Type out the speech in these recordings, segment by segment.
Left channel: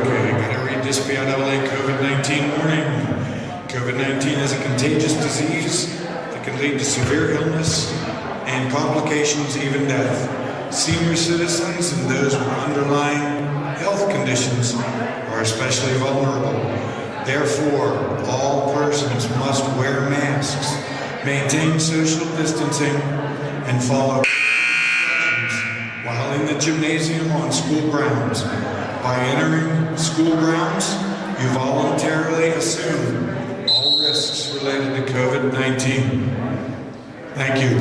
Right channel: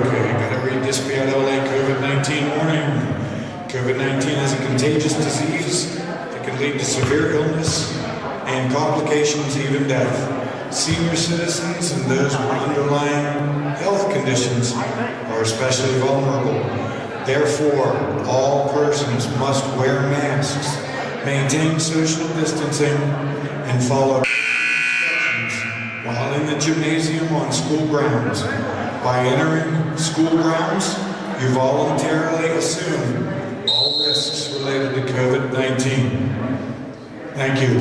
Okay, gotta read this PIAA COVID-19 warning. COVID-19 is a contagious disease that can lead to severe illness and complications, even death. Senior citizens and those with underlying health conditions are especially vulnerable. Therefore, all persons must wear masks, maintain social distancing, and follow instructions while in the gymnasium on school grounds. By entering school grounds, you voluntarily assume all risks related to COVID-19. Thank you.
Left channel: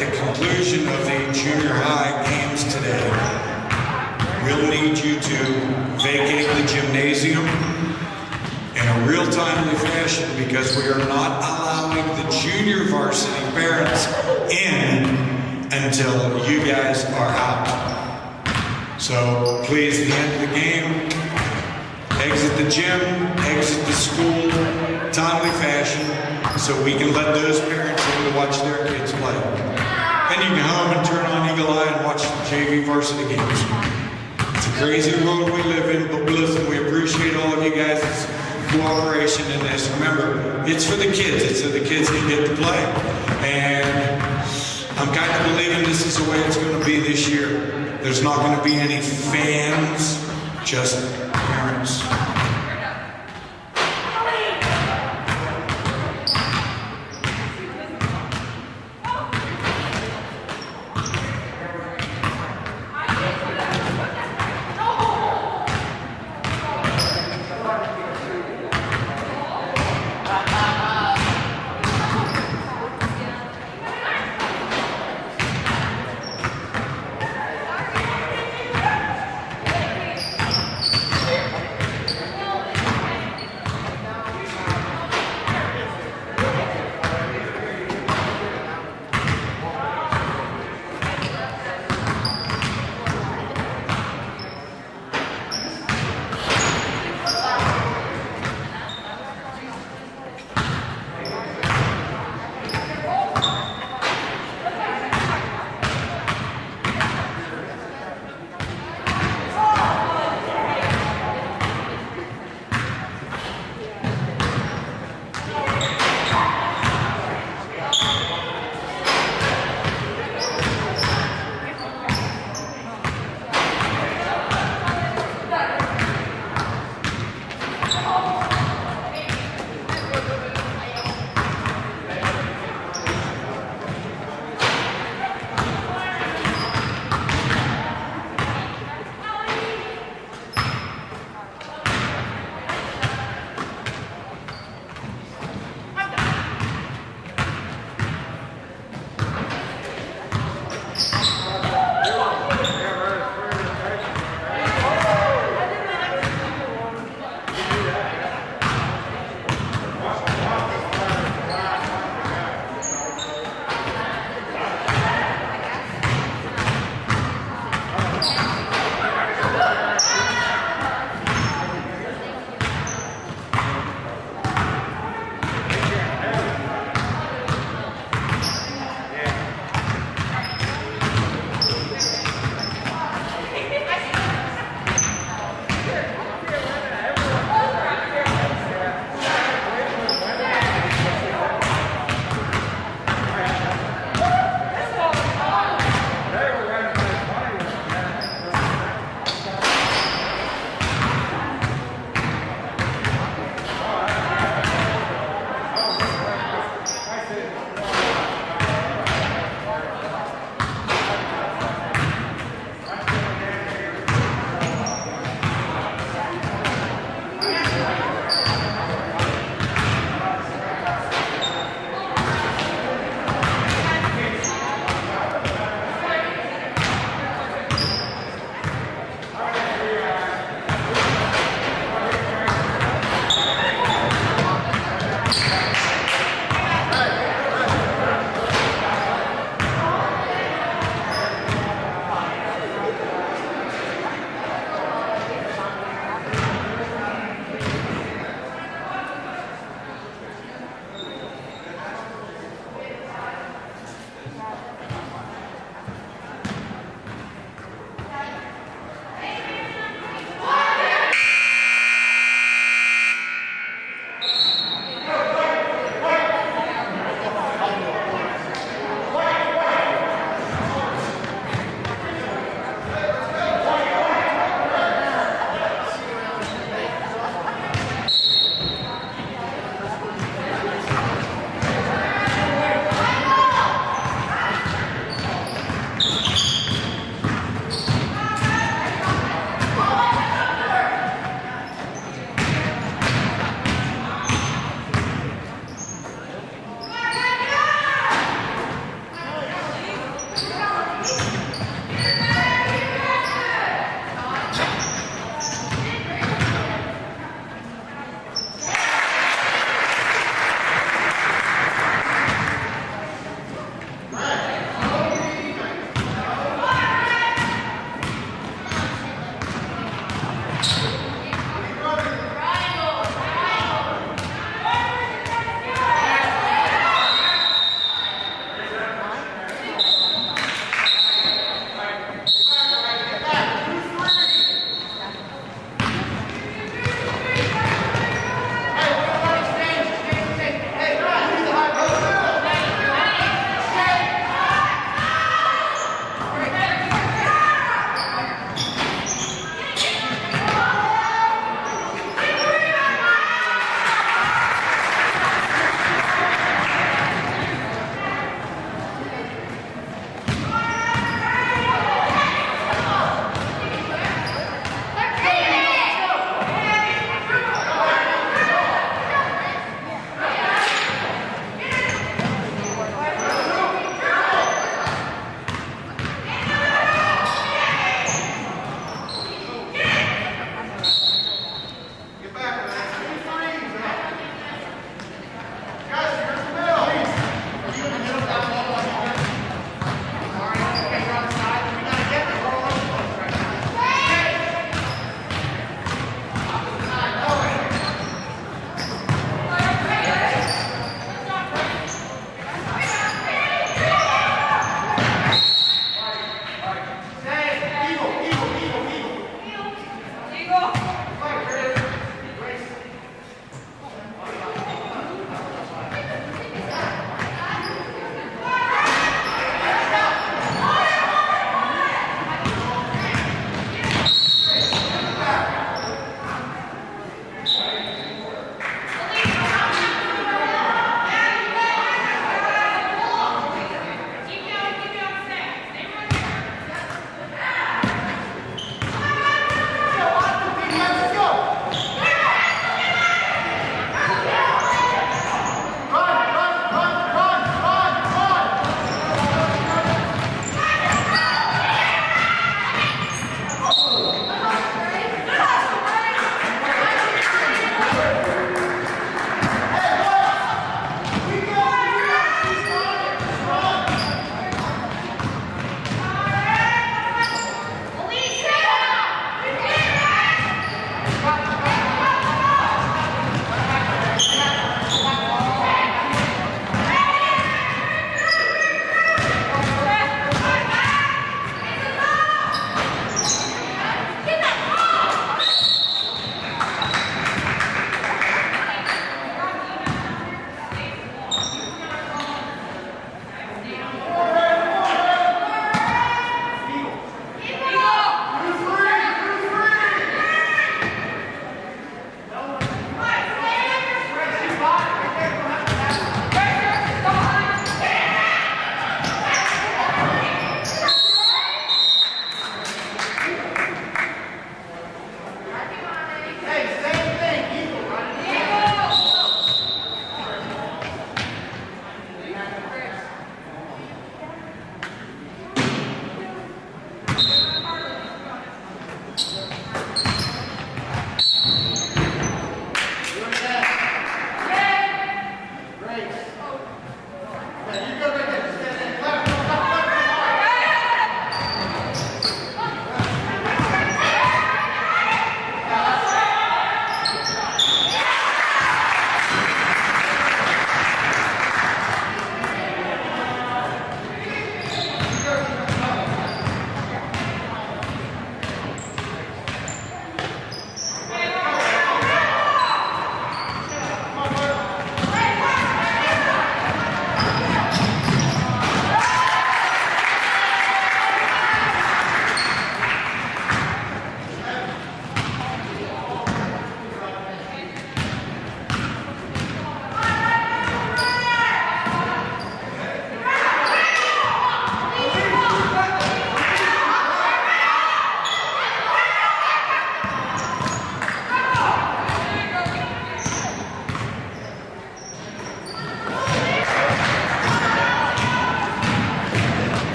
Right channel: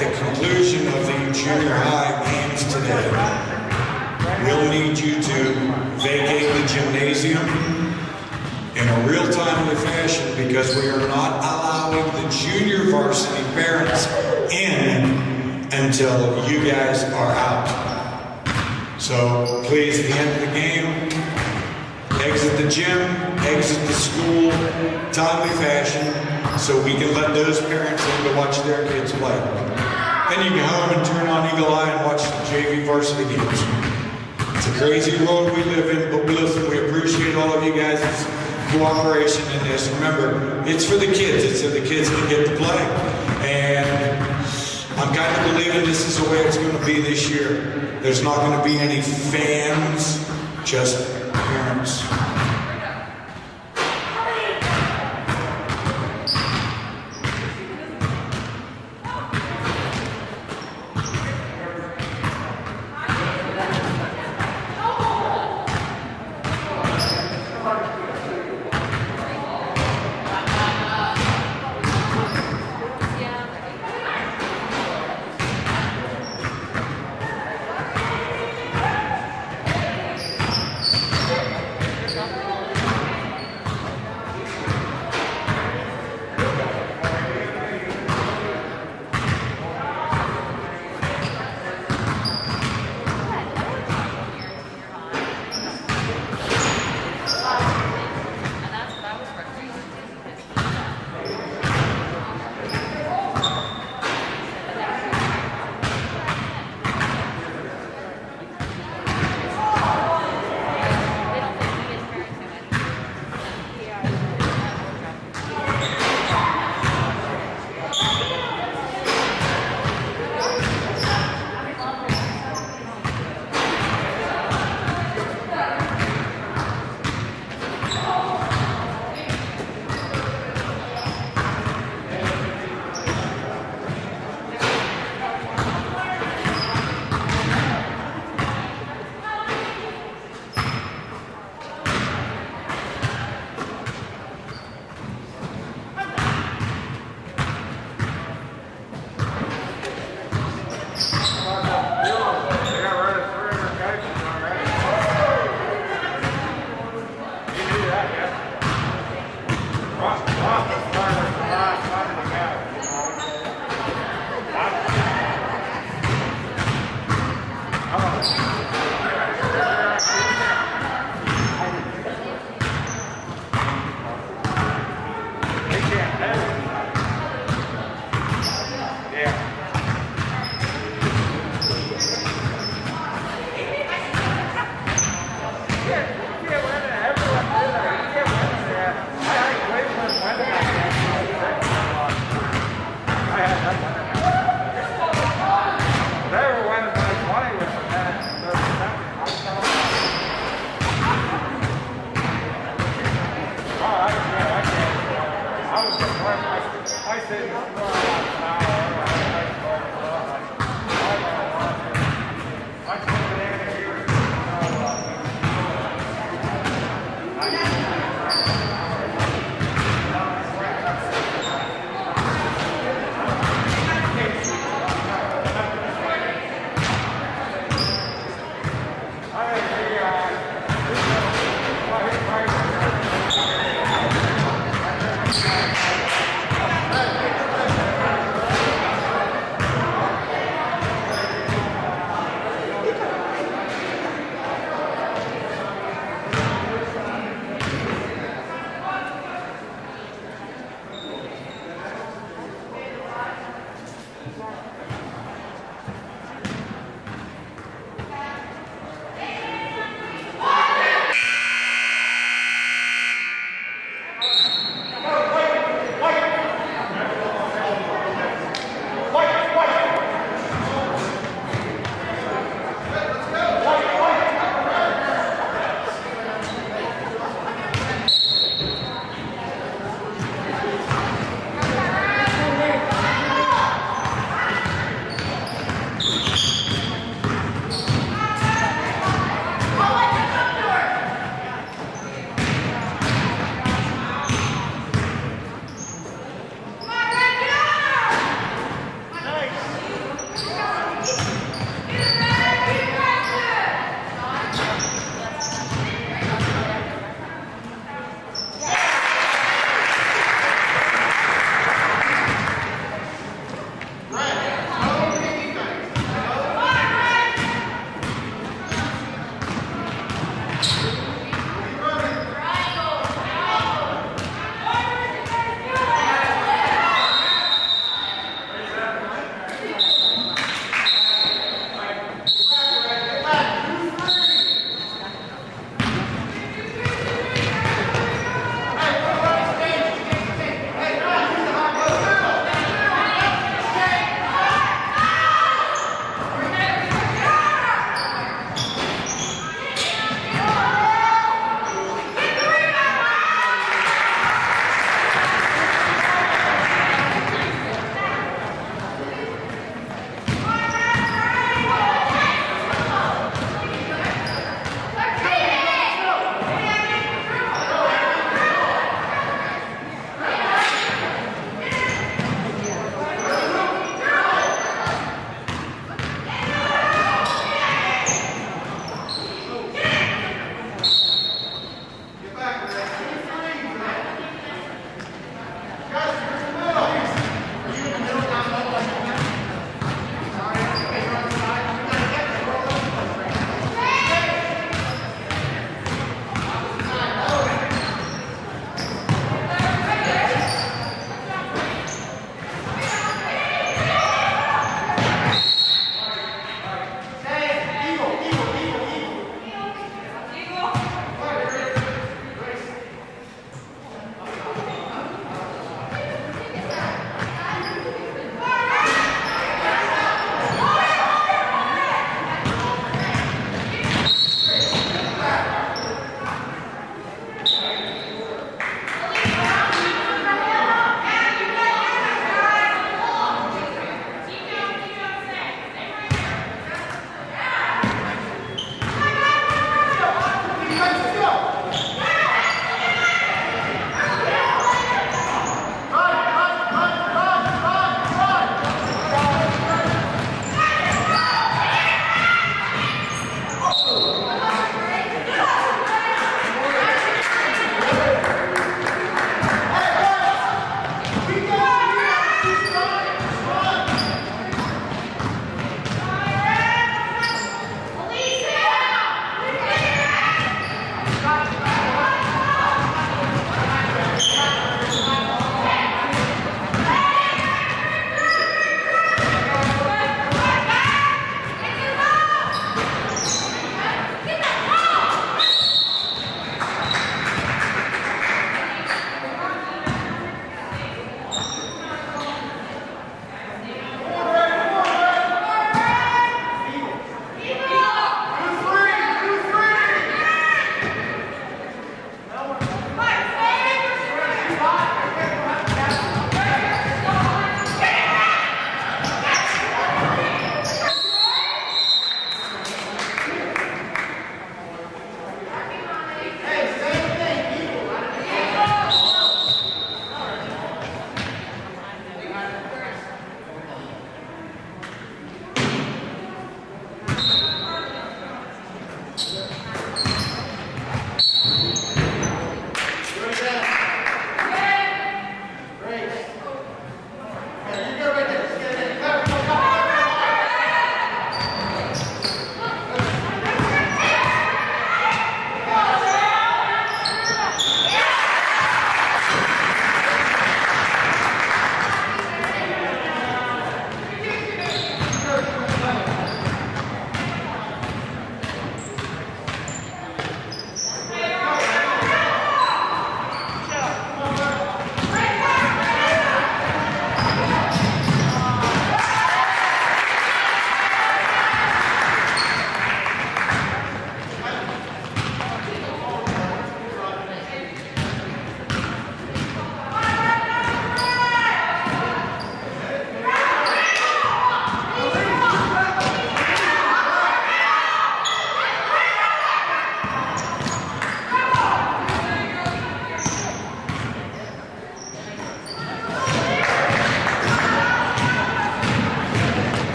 at the conclusion of the junior high games today, we'll need you to vacate the gymnasium in a real timely fashion, because we are not allowing the junior varsity parents in until you guys are out. So please, at the end of the game, exit the gym, exit the school, timely fashion, so we can let those parents in to watch their kids play. Then you can go home and turn on Eagle Eye and watch the JV varsity games. It's a crazy world we live in, but listen, we appreciate all of you guys' cooperation in this. Remember, it's for the kids. It's so the kids can get to play. And I'm kind of believing this is the way it's going to be this year. There's not going to be any fans, just parents.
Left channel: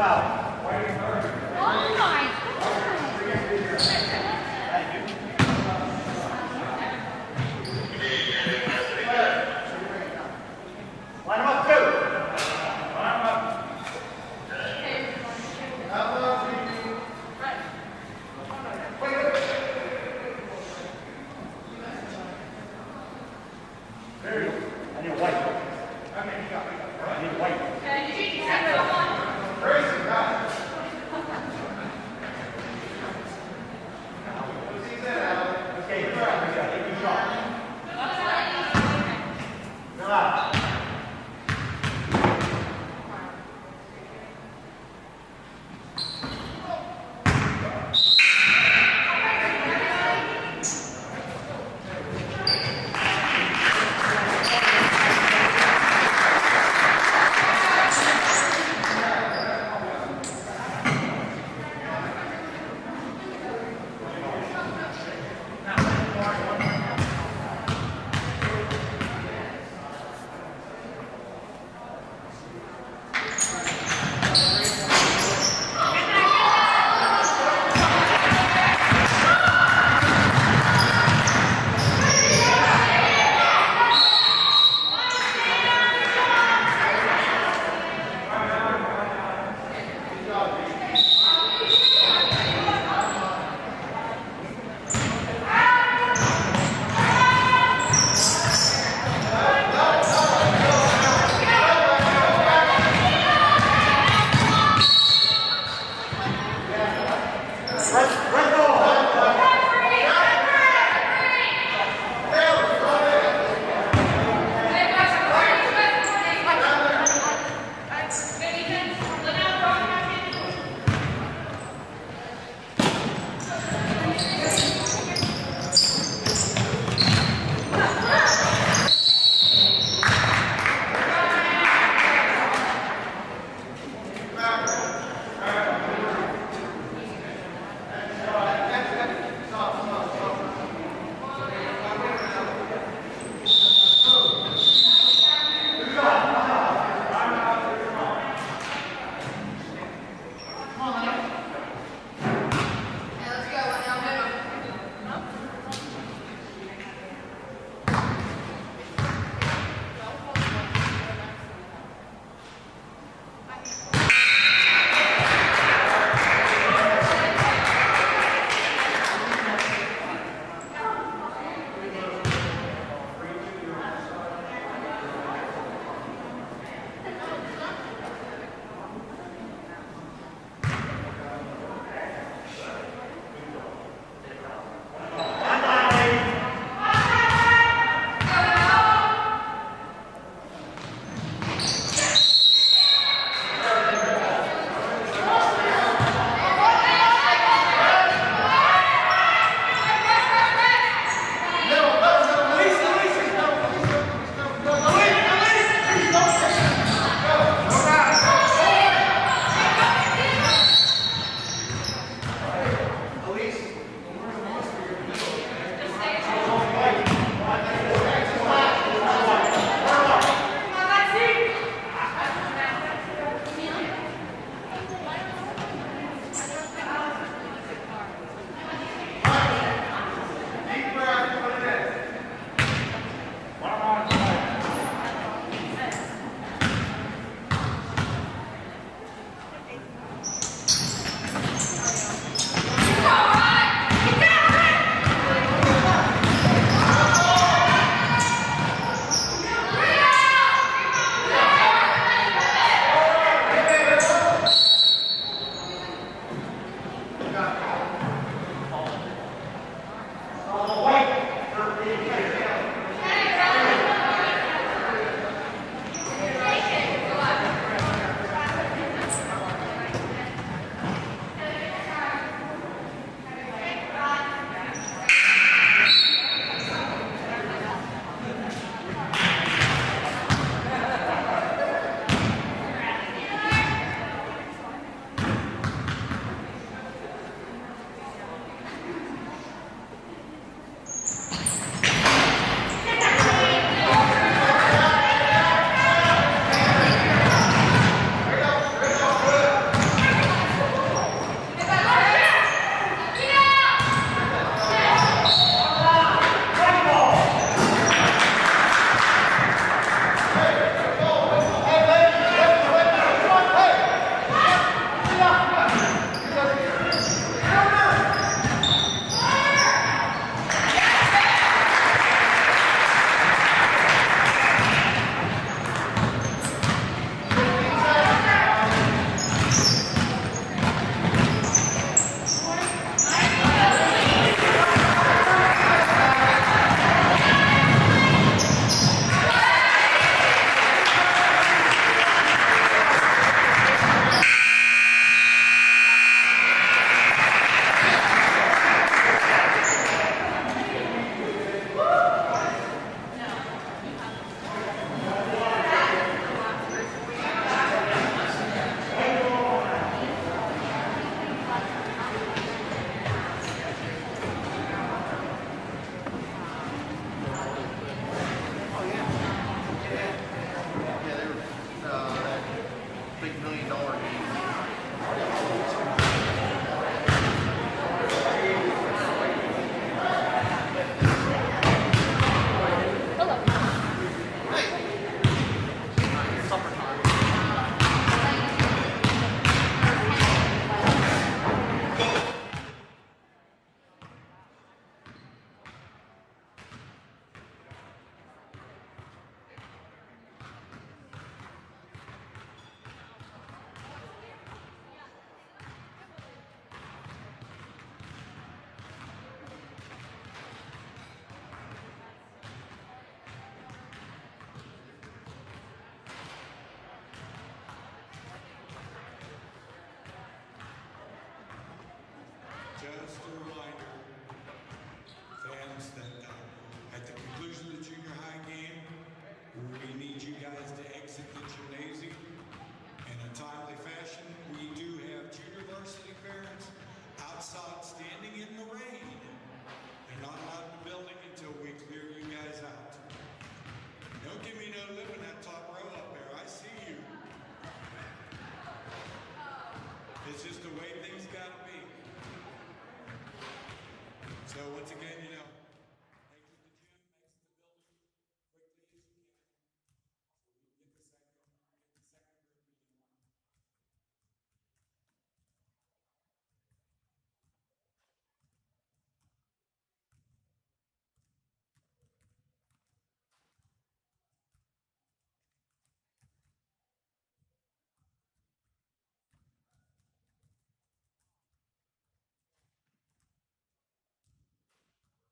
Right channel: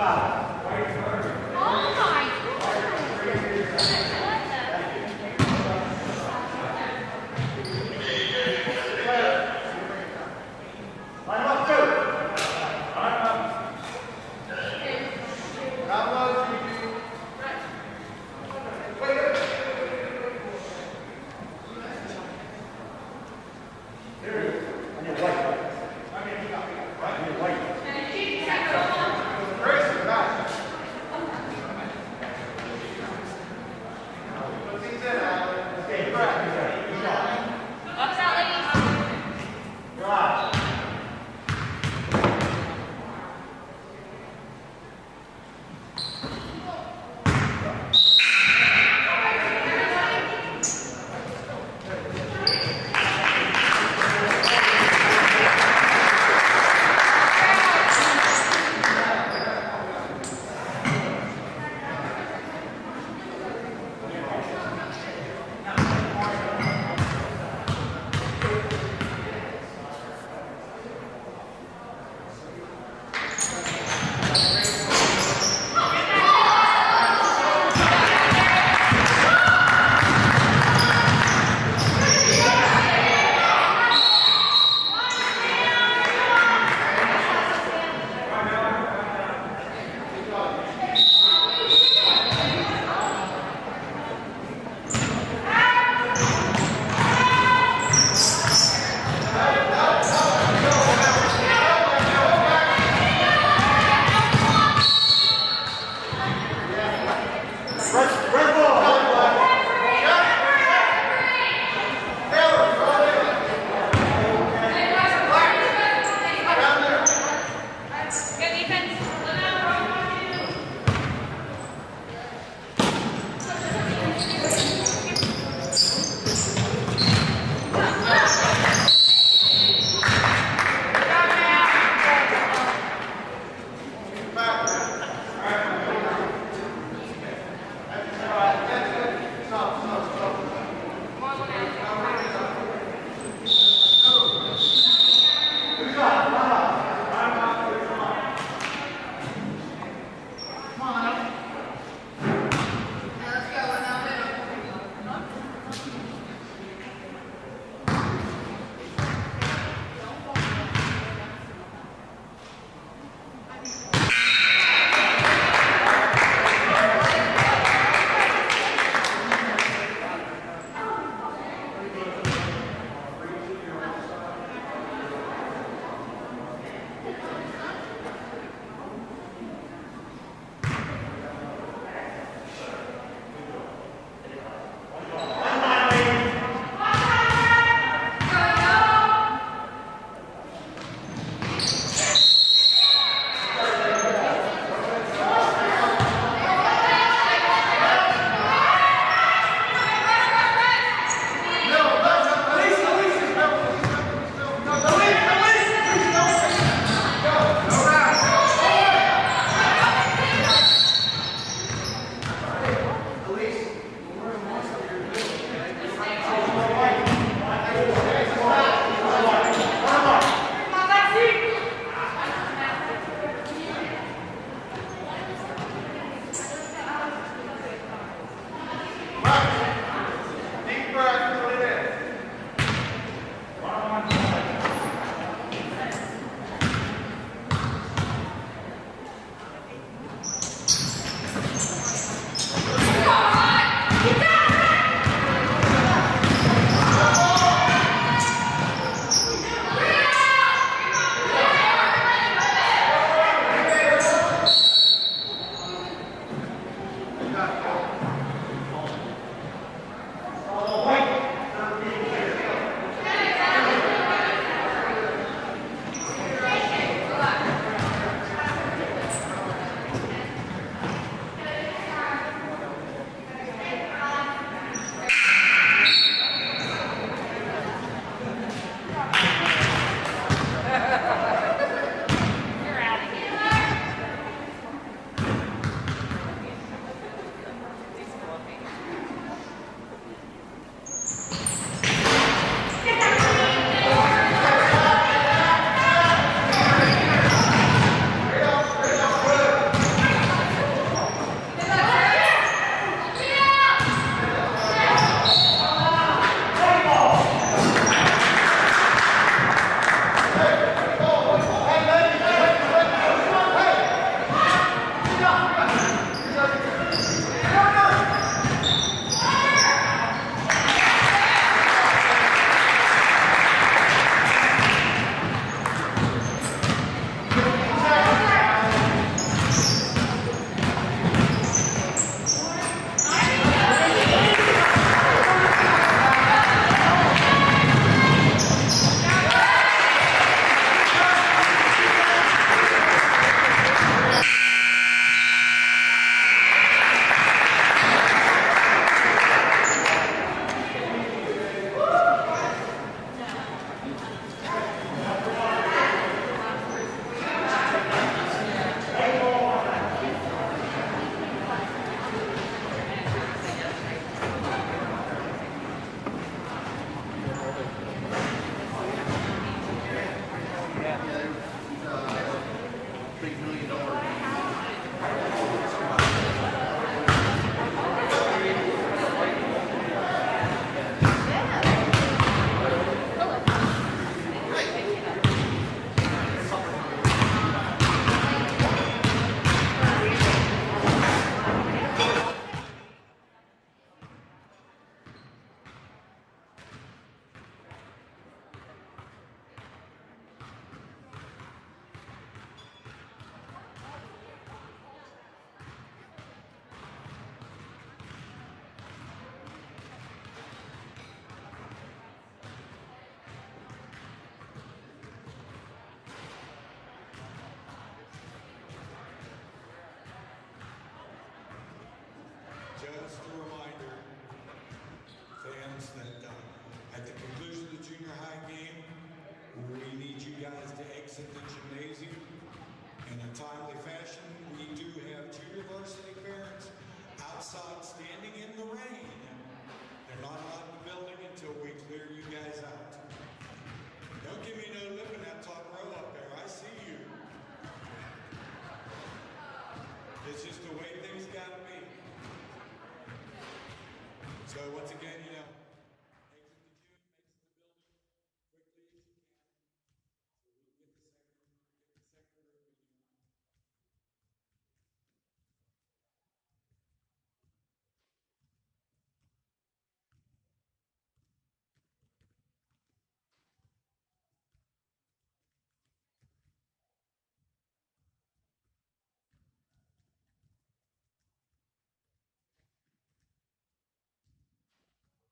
Oh my God. big $1 million game. Just a reminder, fans, that at the conclusion of the junior high game, we need you guys to exit the gymnasium in a timely fashion. We do have junior varsity parents outside standing in the rain. They're not allowed in the building until we clear you guys out. Don't give me no lip in that top row up there. I see you. It's just the way things gotta be. So once again, exit the gym, exit the building quickly as you can, so we can get the second group in.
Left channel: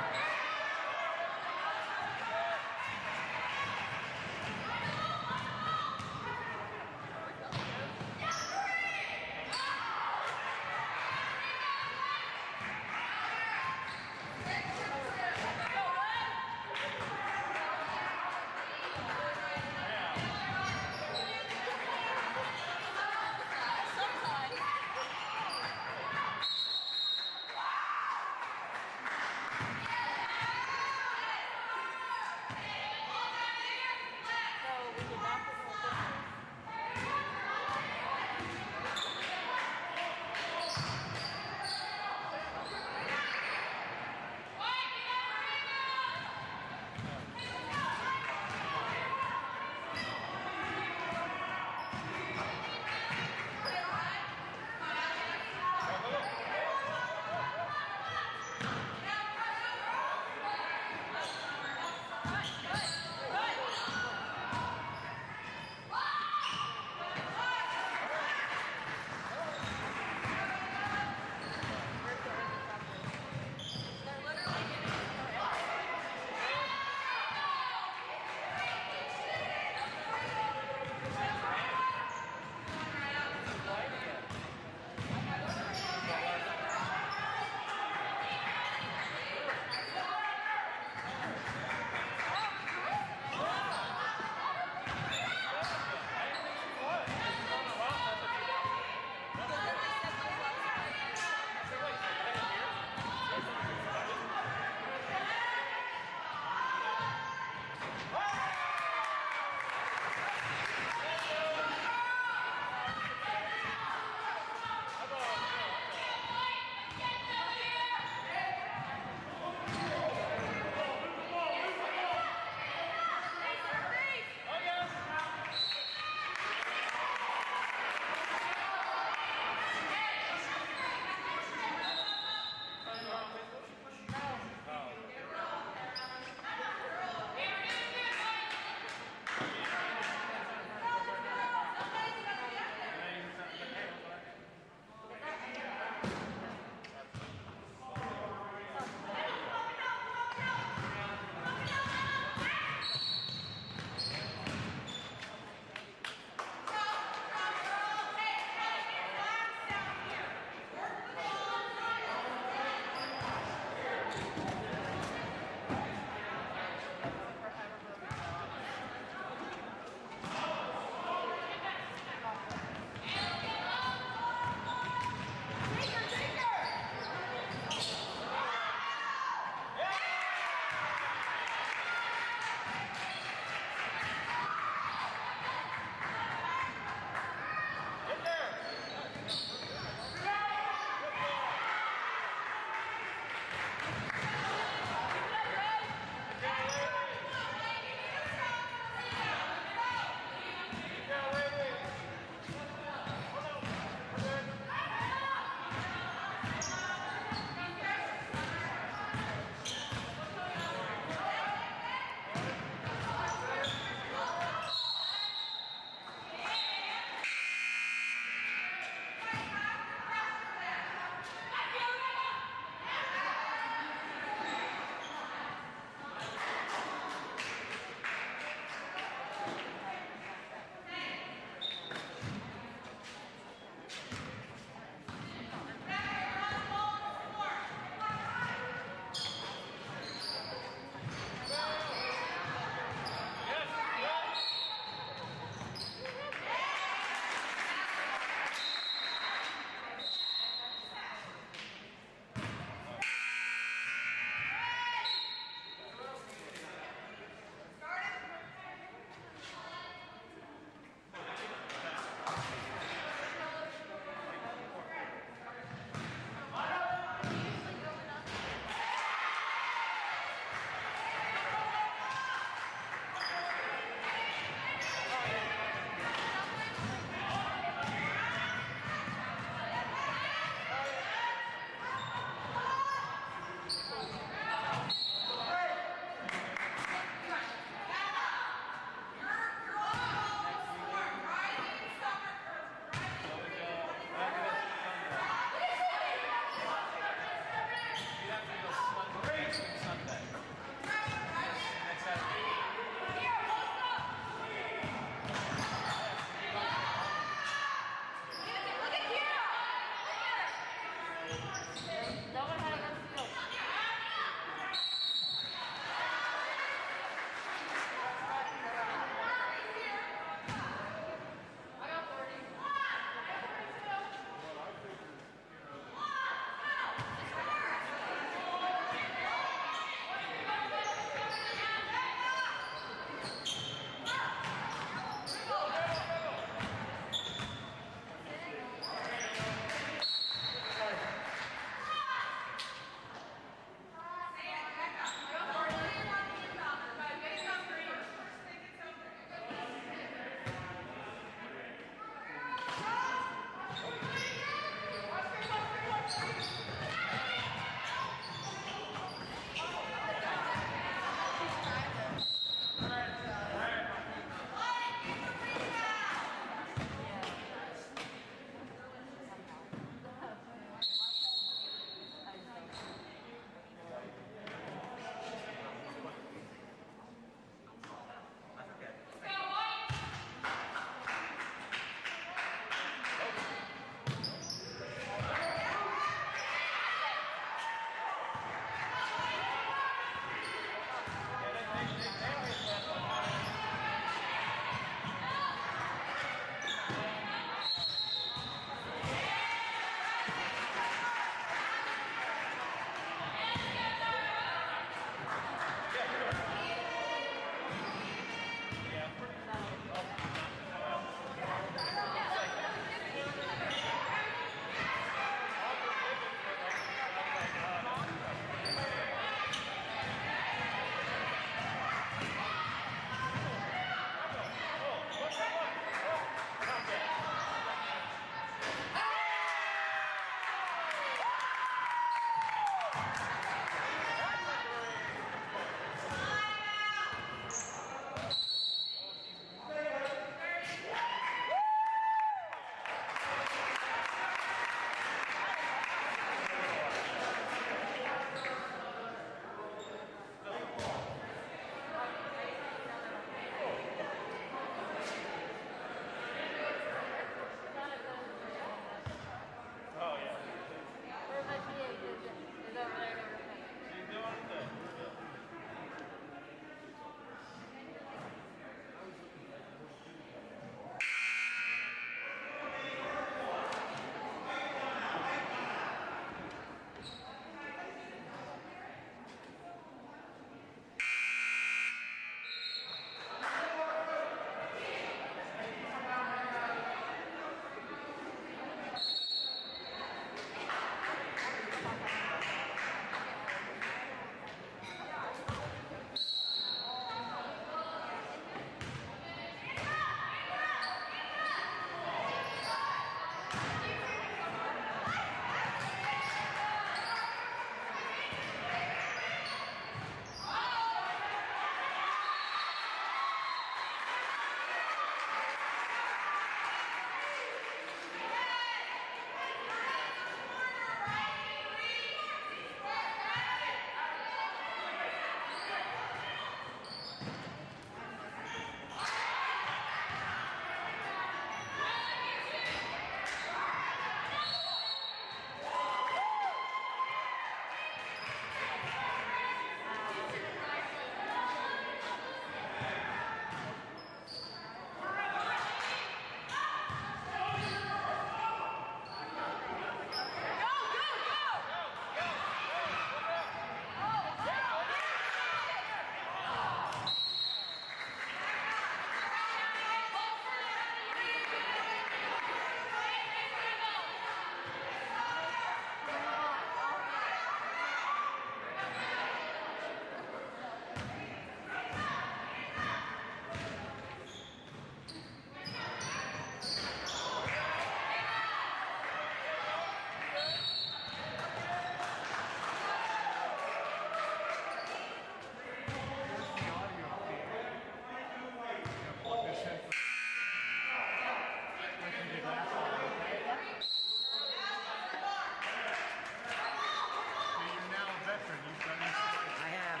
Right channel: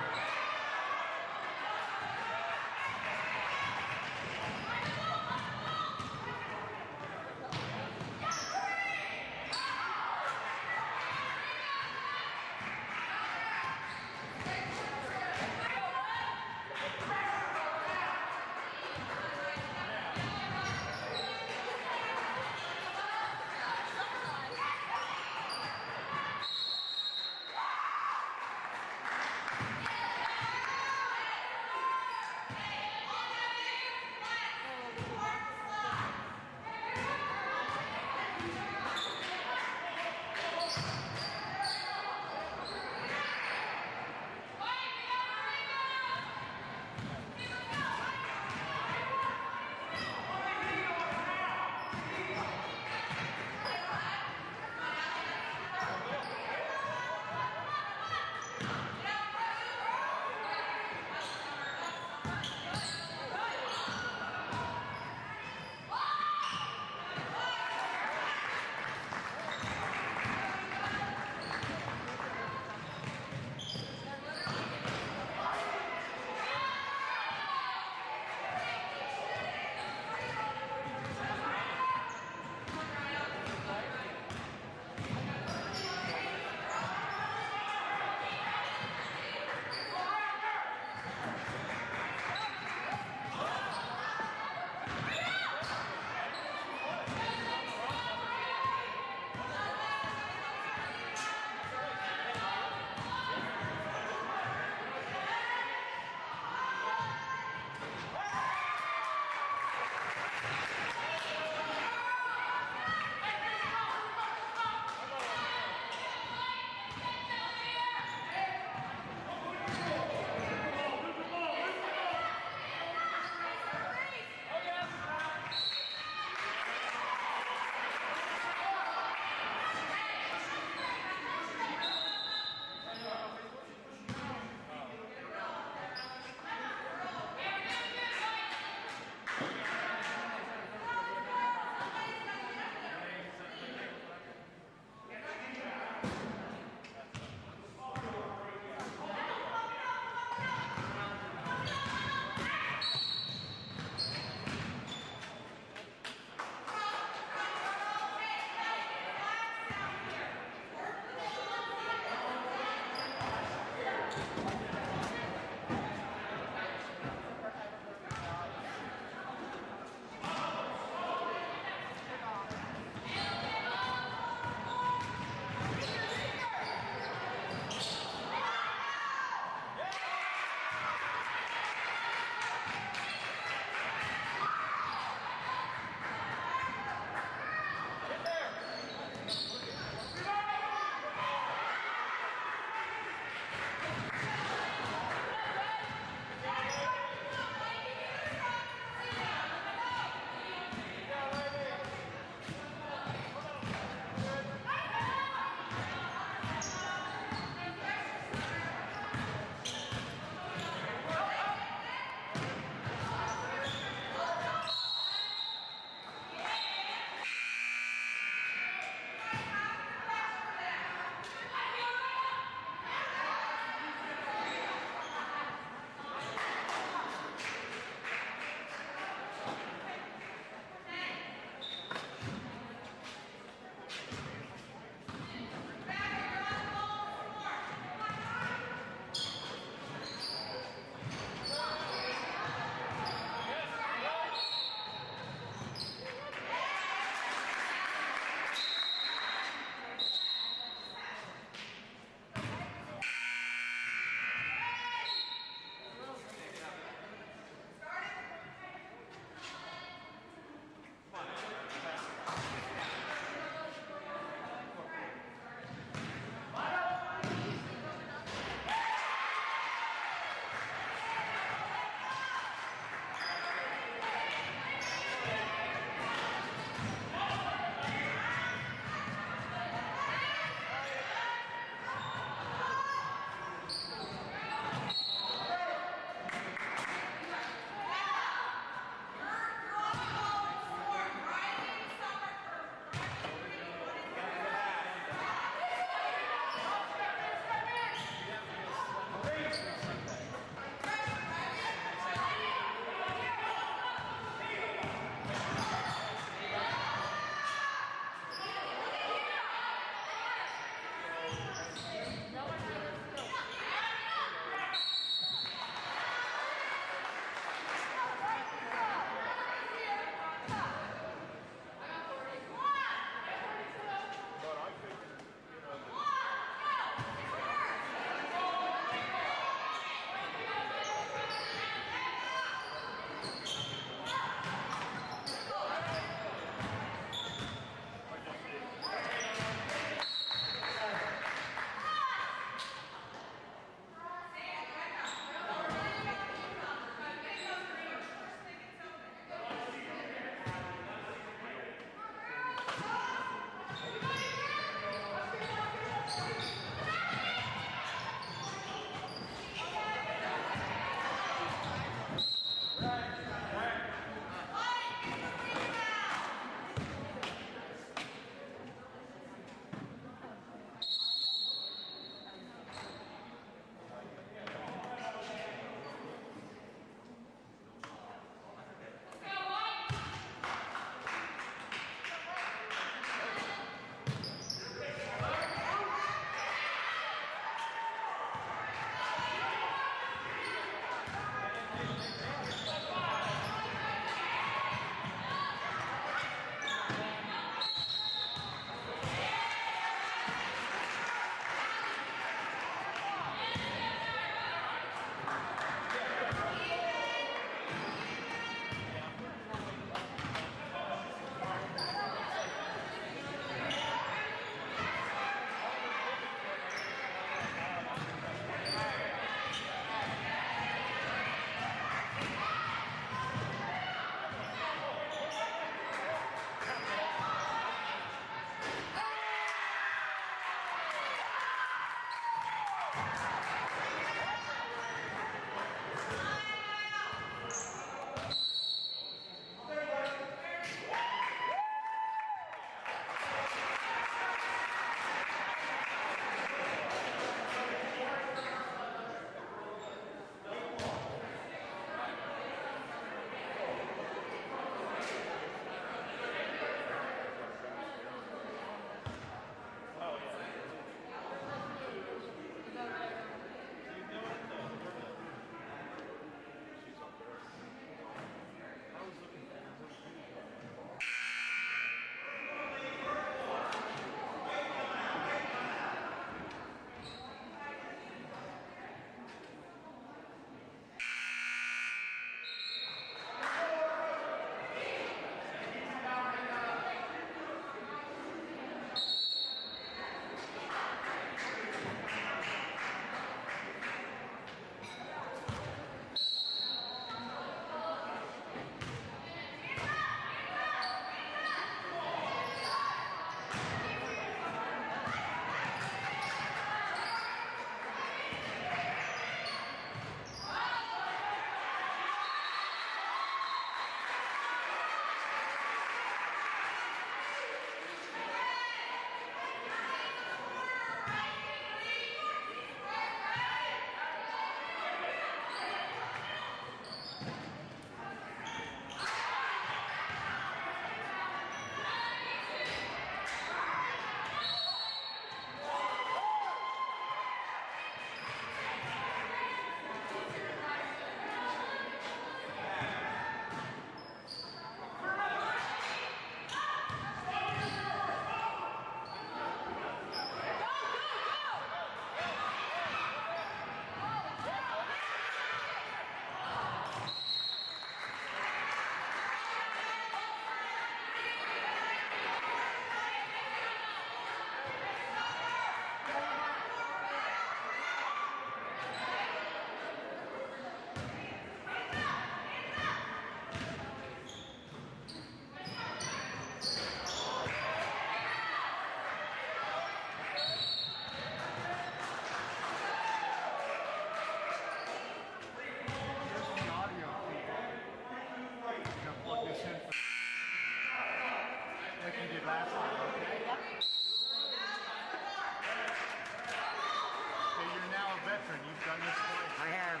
I have.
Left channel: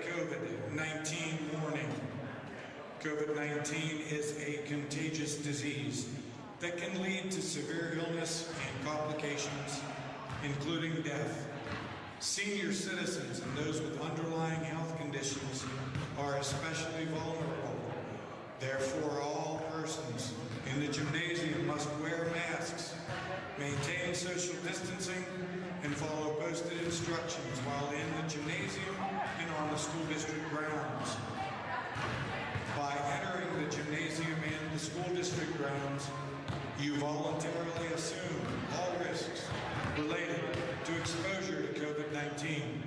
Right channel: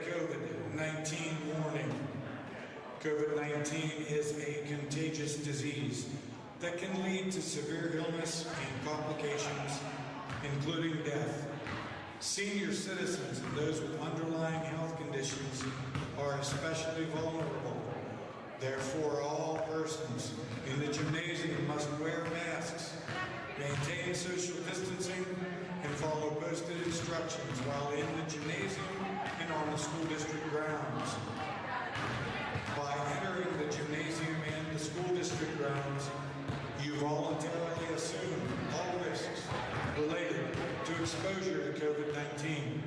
COVID-19 warning. COVID-19 is a contagious disease that can lead to severe illness and complications, including death. Senior citizens and those with underlying health conditions are especially vulnerable. Therefore, all persons in the gymnasium must wear masks, maintain social distancing, and follow posted instructions while in the gymnasium and on the school district grounds. By entering the gymnasium and the school district grounds, you voluntarily assume all risks related to exposure to COVID-19.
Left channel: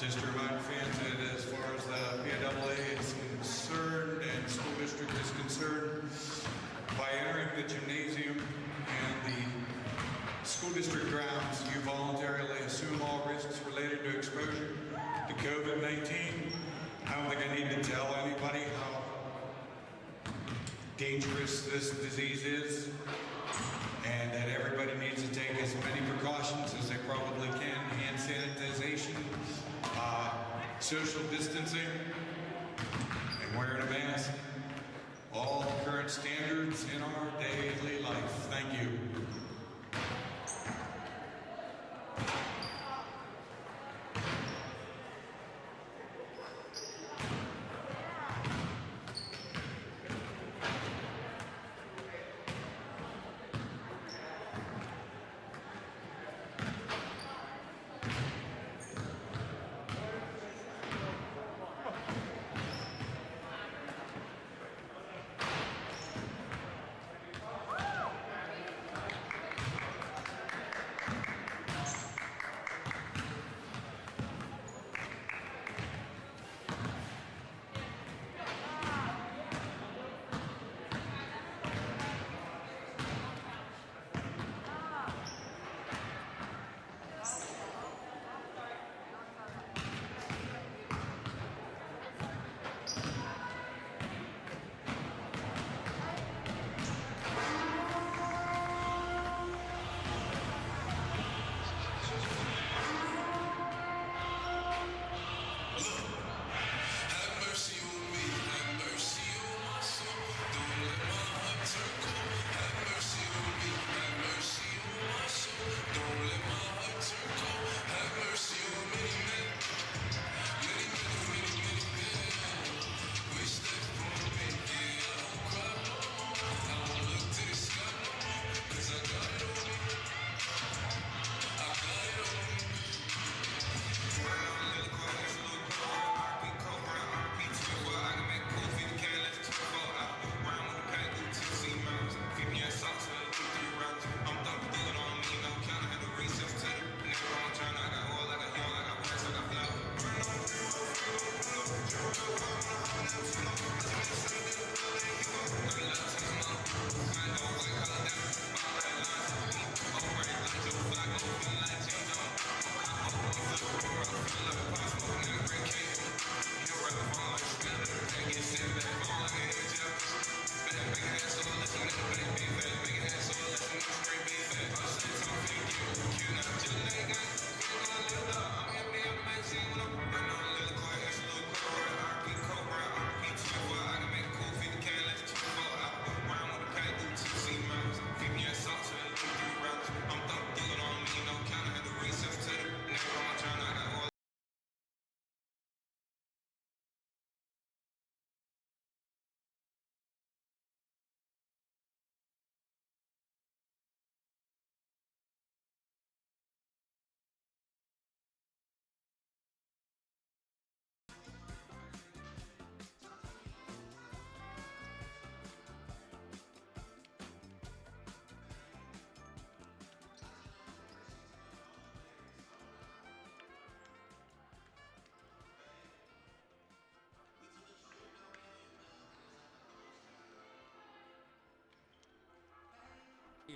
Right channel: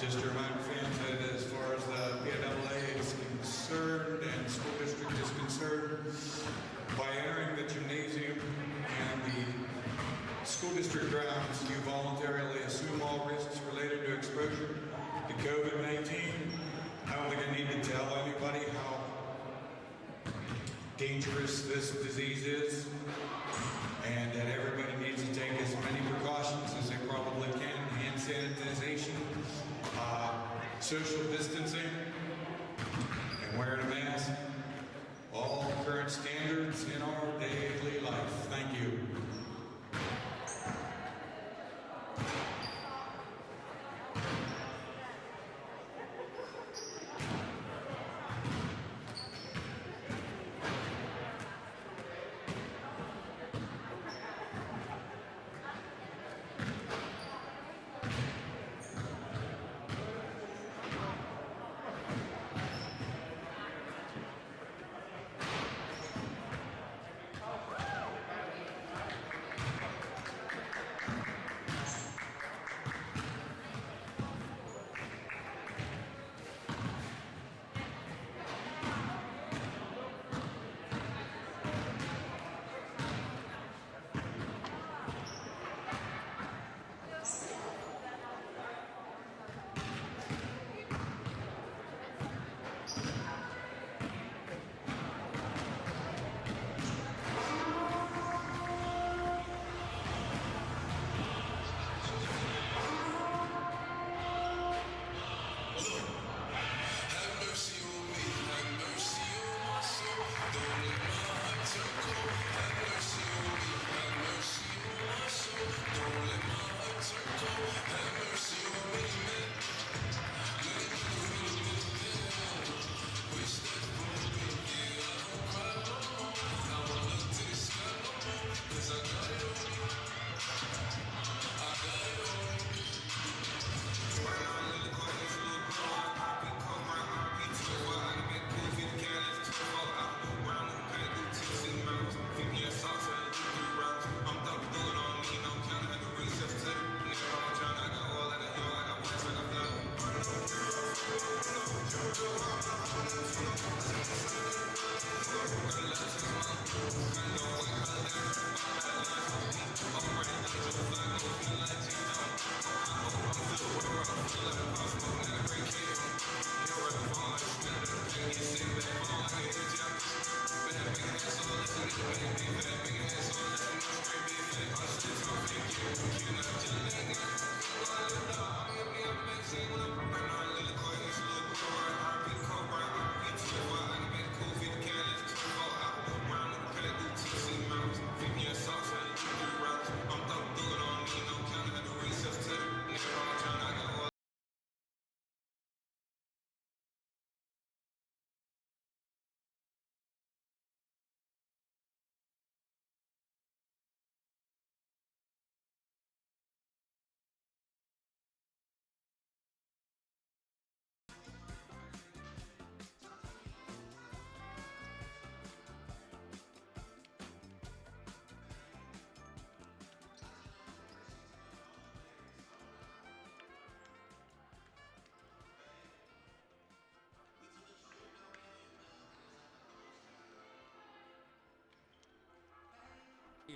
Just to remind fans that as far as the PIAA is concerned and the school district is concerned, by entering the gymnasium and the school district grounds, you voluntarily assume all risks related to exposure to COVID-19. I don't think I need to tell anybody how dangerous this disease is, and that everybody needs to take as many precautions as they probably can. Hand sanitization, social distancing, and wearing a mask. All the current standards in our daily life. Thank you.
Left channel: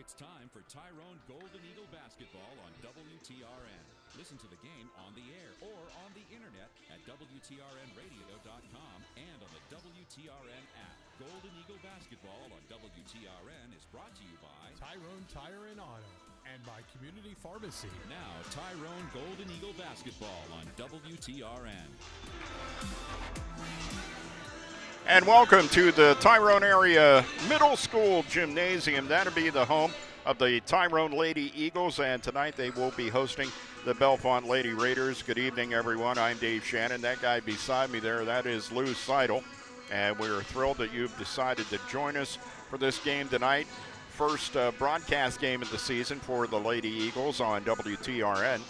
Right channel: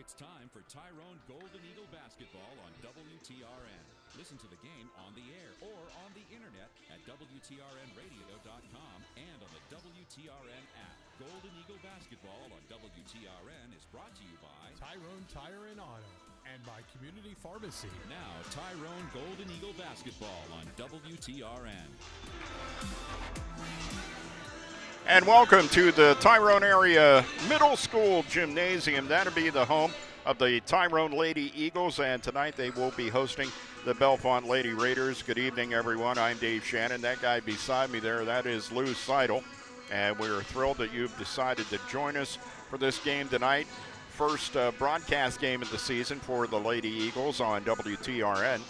It's time for Tyrone Golden Eagle basketball on WTRN. Listen to the game on the air or on the internet at WTRNradio.com and on the WTRN app. Golden Eagle basketball on WTRN is brought to you by Tyrone Tire and Auto and by Community Pharmacy. Now, Tyrone Golden Eagle basketball on WTRN. And welcome to the Tyrone area middle school gymnasium. That'll be the home of the Tyrone Lady Eagles, and tonight they will be hosting the Bellefonte Lady Raiders. Good evening, everyone. I'm Dave Shannon. That guy beside me there, that is Lou Seidel. And we're thrilled that you've decided to join us for this game tonight. First broadcast game of the season for the Lady Eagles on WTRN,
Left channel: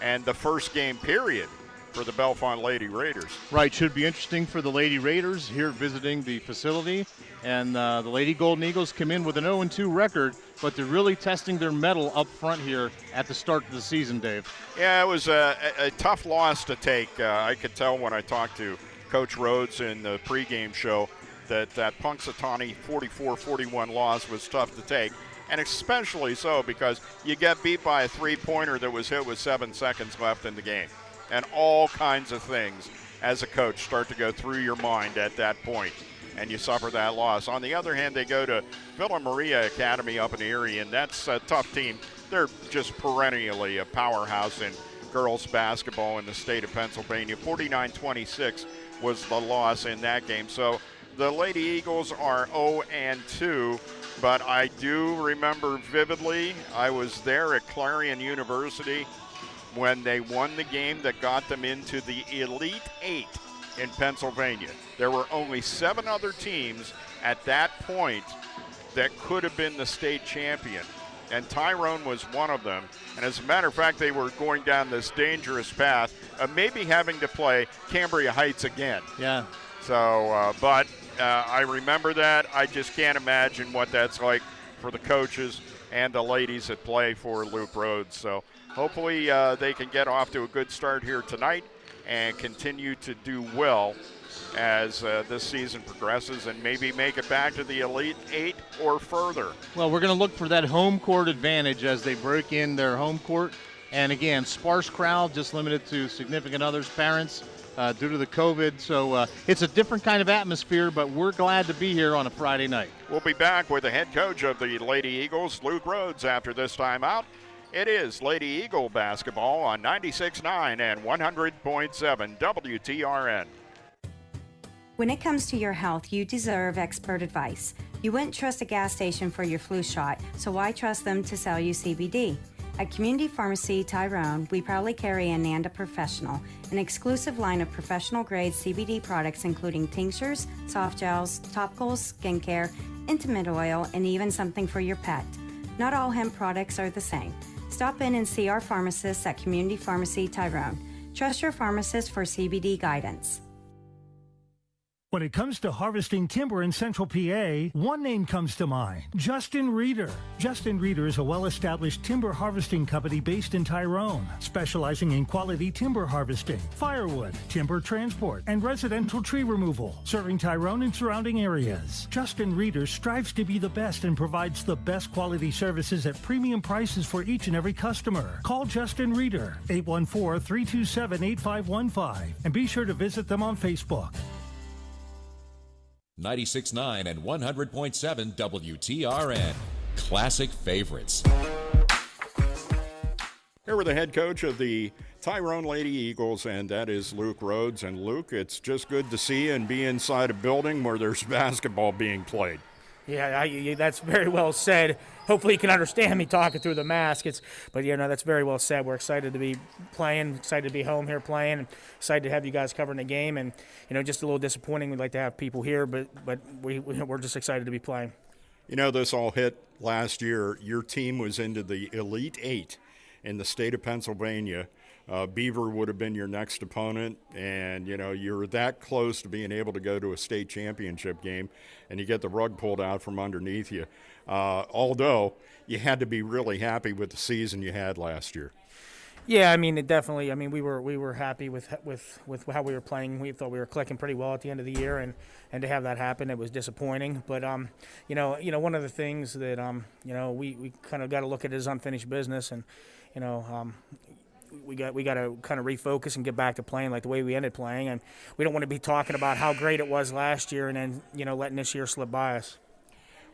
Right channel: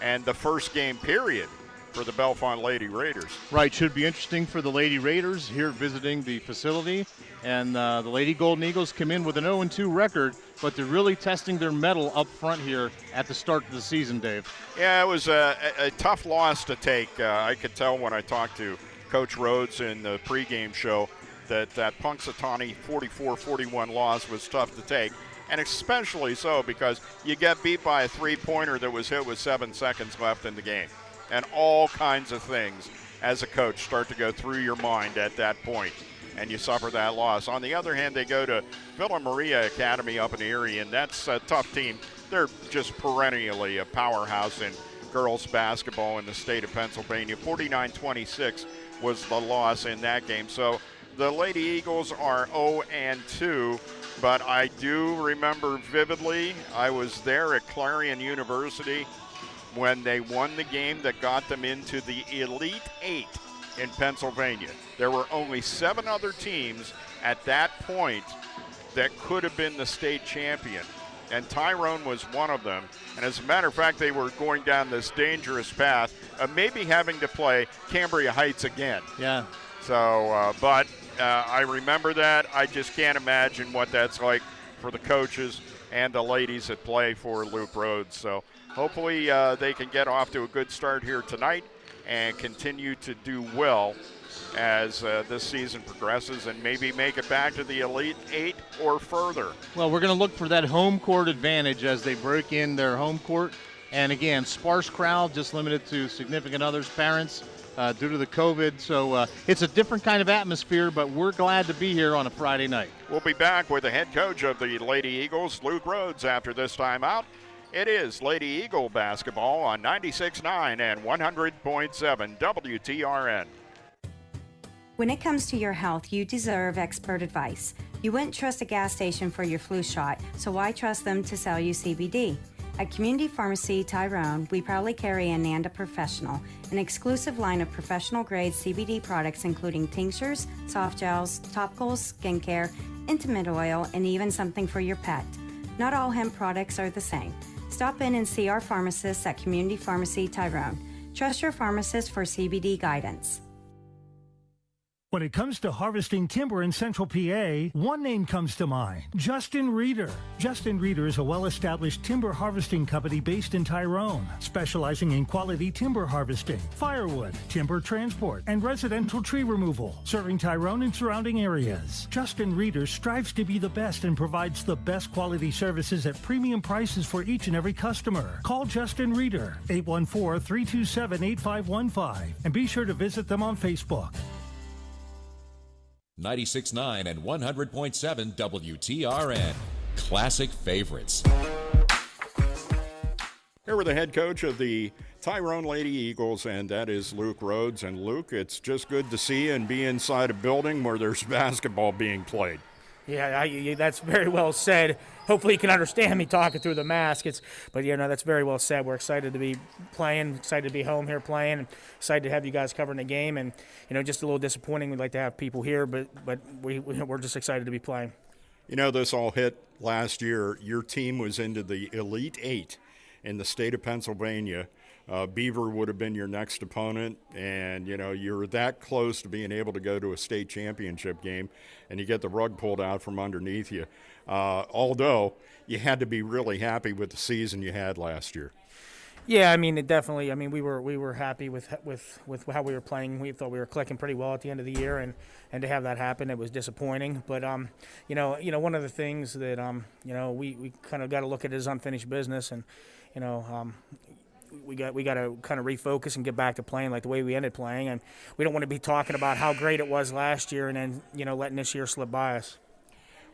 and the first game period for the Bellefonte Lady Raiders. Right, should be interesting for the Lady Raiders here visiting the facility. And the Lady Golden Eagles come in with an 0-2 record, but they're really testing their mettle up front here at the start of the season, Dave. Yeah, it was a tough loss to take. I could tell when I talked to Coach Rhodes in the pregame show that Punxsutawney 44-41 loss was tough to take, and especially so because you get beat by a three-pointer that was hit with 7 seconds left in the game. And all kinds of things as a coach start to go through your mind at that point, and you suffer that loss. On the other hand, they go to Villa Maria Academy up in Erie, and that's a tough team. They're just perennially a powerhouse in girls basketball in the state of Pennsylvania. 49-26 was the loss in that game. So the Lady Eagles are 0-2, but I do remember vividly, I was there at Clarion University when they won the game that got them into the Elite Eight in Pennsylvania. There were only 7 other teams at that point that could have been the state champion, and Tyrone was one of them. And as a matter of fact, they were going down this dangerous path of maybe having to play Cambria Heights again. Yeah. So, but I remember that. I just can't imagine what that's like for the coaches and the ladies that play for Luke Rhodes. So hopefully they can get off to a good start here tonight and continue to do well as this season progresses and maybe make it back to the Elite Eight or further. Well, we're going to look for that home court advantage as they break in their home court. And again, sparse crowd, just limited to significant others, parents, due to the COVID. So it's a different kind of atmosphere, but we're glad to be here on a Friday night. We'll be back with the head coach of the Lady Eagles, Luke Rhodes, after this timeout. It is Lady Eagle basketball on 96.9 and 100.7 WTRN. When it comes to your health, you deserve expert advice. You wouldn't trust a gas station for your flu shot, so why trust them to sell you CBD? At Community Pharmacy Tyrone, we proudly carry Ananda Professional, an exclusive line of professional-grade CBD products including tinctures, soft gels, topicals, skincare, intimate oil, and even something for your pet. Not all hemp products are the same. Stop in and see our pharmacists at Community Pharmacy Tyrone. Trust your pharmacist for CBD guidance. When it comes to harvesting timber in Central PA, one name comes to mind, Justin Reeder. Justin Reeder is a well-established timber harvesting company based in Tyrone, specializing in quality timber harvesting, firewood, timber transport, and residential tree removal, serving Tyrone and surrounding areas. Justin Reeder strives to be the best and provides the best quality services at premium prices for each and every customer. Call Justin Reeder, 814-327-8515, and be sure to visit them on Facebook. 96.9 and 100.7 WTRN. Classic favorites. Here with the head coach of the Tyrone Lady Eagles, and that is Luke Rhodes. And Luke, it's just good to see you and be inside a building where there's basketball being played. Yeah, that's very well said. Hopefully you can understand me talking through the mask. But that's very well said. We're excited to be playing, excited to be home here playing, and excited to have you guys covering the game. And just a little disappointing. We'd like to have people here, but we're just excited to be playing. This all hit last year. Your team was into the Elite Eight in the state of Pennsylvania. Beaver would have been your next opponent, and you're that close to being able to go to a state championship game, and you get the rug pulled out from underneath you. Although you had to be really happy with the season you had last year. Yeah, it definitely. We were happy with how we were playing. We thought we were clicking pretty well at the end of the year, and to have that happen, it was disappointing. But one of the things that we kind of got to look at is unfinished business, and we got to kind of refocus and get back to playing like the way we ended playing, and we don't want to be talking about how great it was last year and then letting this year slip by us.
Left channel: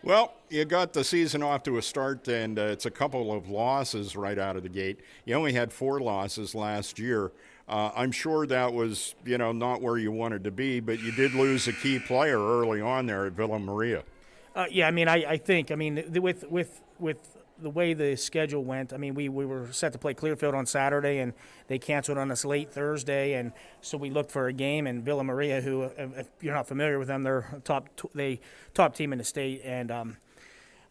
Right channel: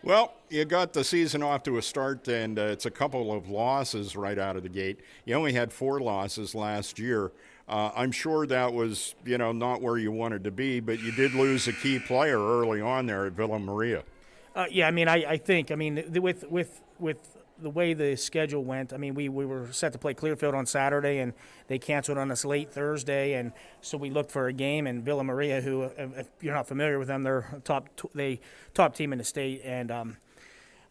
Well, you got the season off to a start, and it's a couple of losses right out of the gate. You only had 4 losses last year. I'm sure that was not where you wanted to be, but you did lose a key player early on there at Villa Maria. I think with the way the schedule went, we were set to play Clearfield on Saturday, and they canceled on us late Thursday, and so we looked for a game. And Villa Maria, who, if you're not familiar with them, they're top team in the state, and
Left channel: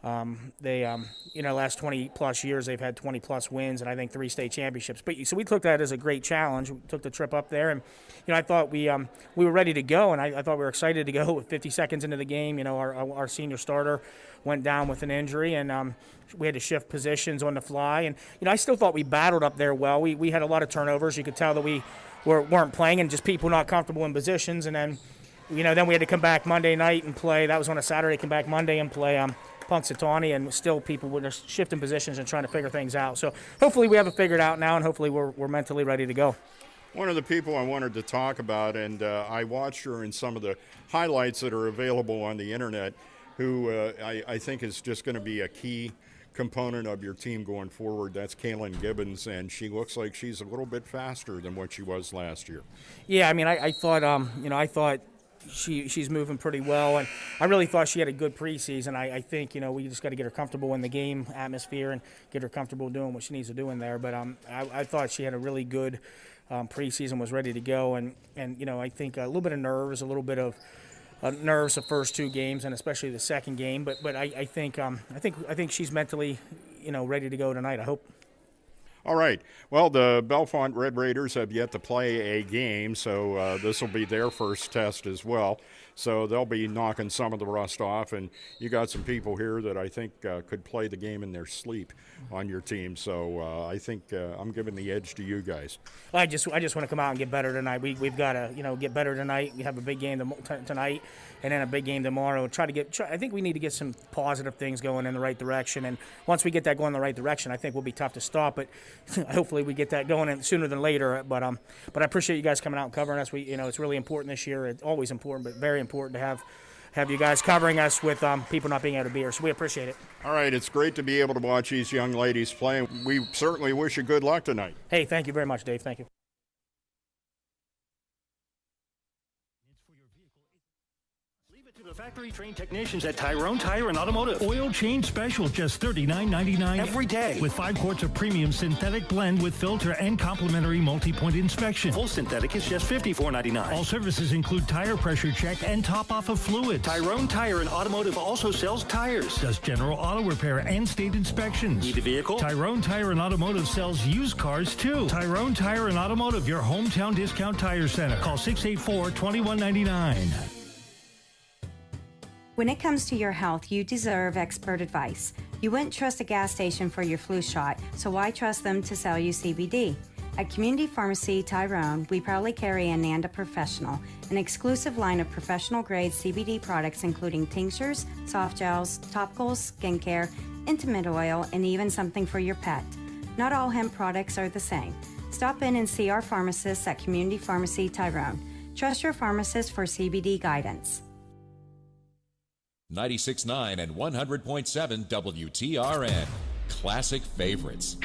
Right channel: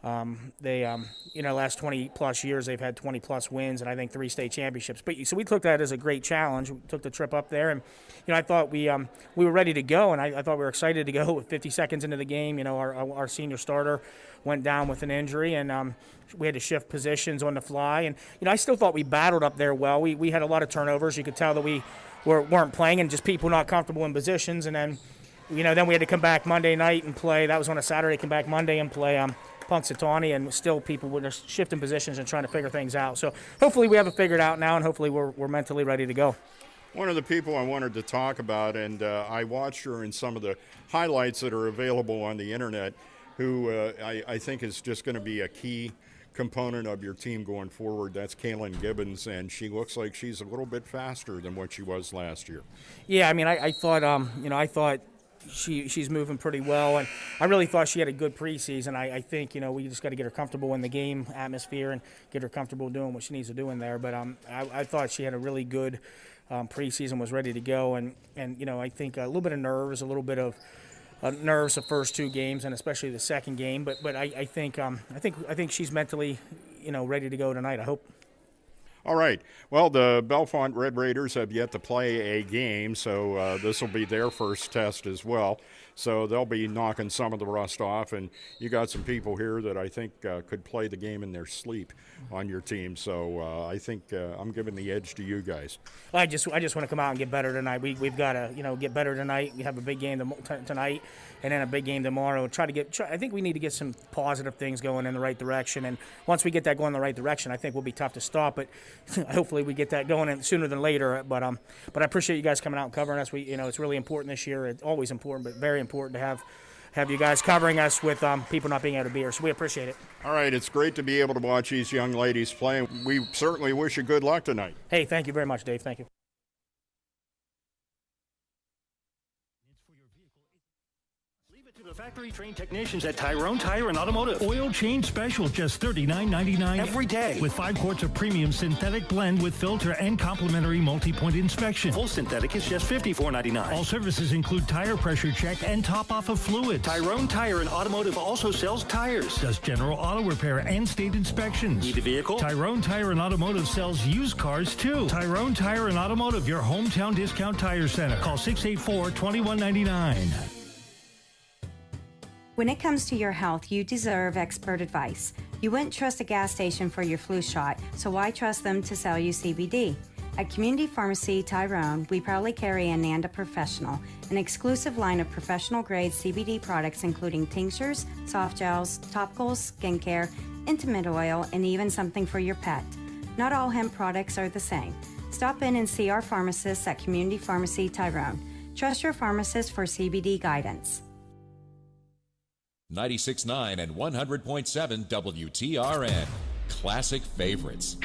Last 20-plus years, they've had 20-plus wins and I think 3 state championships. So we took that as a great challenge. We took the trip up there, and I thought we were ready to go, and I thought we were excited to go. With 50 seconds into the game, our senior starter went down with an injury, and we had to shift positions on the fly. And I still thought we battled up there well. We had a lot of turnovers. You could tell that we weren't playing, and just people not comfortable in positions. And then then we had to come back Monday night and play. That was on a Saturday. Come back Monday and play Punxsutawney, and still people were just shifting positions and trying to figure things out. So hopefully we have it figured out now, and hopefully we're mentally ready to go. One of the people I wanted to talk about, and I watched her in some of the highlights that are available on the internet, who I think is just going to be a key component of your team going forward. That's Kaylin Gibbons, and she looks like she's a little bit faster than what she was last year. Yeah, I mean, I thought she's moving pretty well, and I really thought she had a good preseason. I think we just got to get her comfortable in the game atmosphere and get her comfortable doing what she needs to do in there. But I thought she had a really good preseason, was ready to go, and I think a little bit of nerves, a little bit of nerves the first 2 games, and especially the second game. But I think she's mentally ready to go tonight. I hope. All right. Well, the Bellefonte Red Raiders have yet to play a game, so this will be their first test as well. So they'll be knocking some of the rust off, and you got some people here that I think could play the game in their sleep on your team. So I think I'm giving the edge to you guys. I just want to come out and get better tonight. We've got to get better tonight. We have a big game tonight, and then a big game tomorrow. I think we need to get some positive things going in the right direction. And once we get that going in the right direction, I think we'll be tough to stop. But hopefully we get that going sooner than later. But I appreciate you guys coming out and covering us. It's really important this year. It's always important, but very important to have you guys covering us with people not being able to be here. So we appreciate it. All right, it's great to be able to watch these young ladies play. We certainly wish you good luck tonight. Hey, thank you very much, Dave. Thank you. The factory-trained technicians at Tyrone Tire and Automotive. Oil change special, just $39.99 every day. With 5 quarts of premium synthetic blend with filter and complimentary multi-point inspection. Full synthetic is just $54.99. All services include tire pressure check and top-off of fluids. Tyrone Tire and Automotive also sells tires. Does general auto repair and state inspections. Need a vehicle? Tyrone Tire and Automotive sells used cars, too. Tyrone Tire and Automotive, your hometown discount tire center. Call 684-2199. When it comes to your health, you deserve expert advice. You wouldn't trust a gas station for your flu shot, so why trust them to sell you CBD? At Community Pharmacy Tyrone, we proudly carry Ananda Professional, an exclusive line of professional-grade CBD products including tinctures, soft gels, topicals, skincare, intimate oil, and even something for your pet. Not all hemp products are the same. Stop in and see our pharmacists at Community Pharmacy Tyrone. Trust your pharmacist for CBD guidance. 96.9 and 100.7 WTRN. Classic favorites.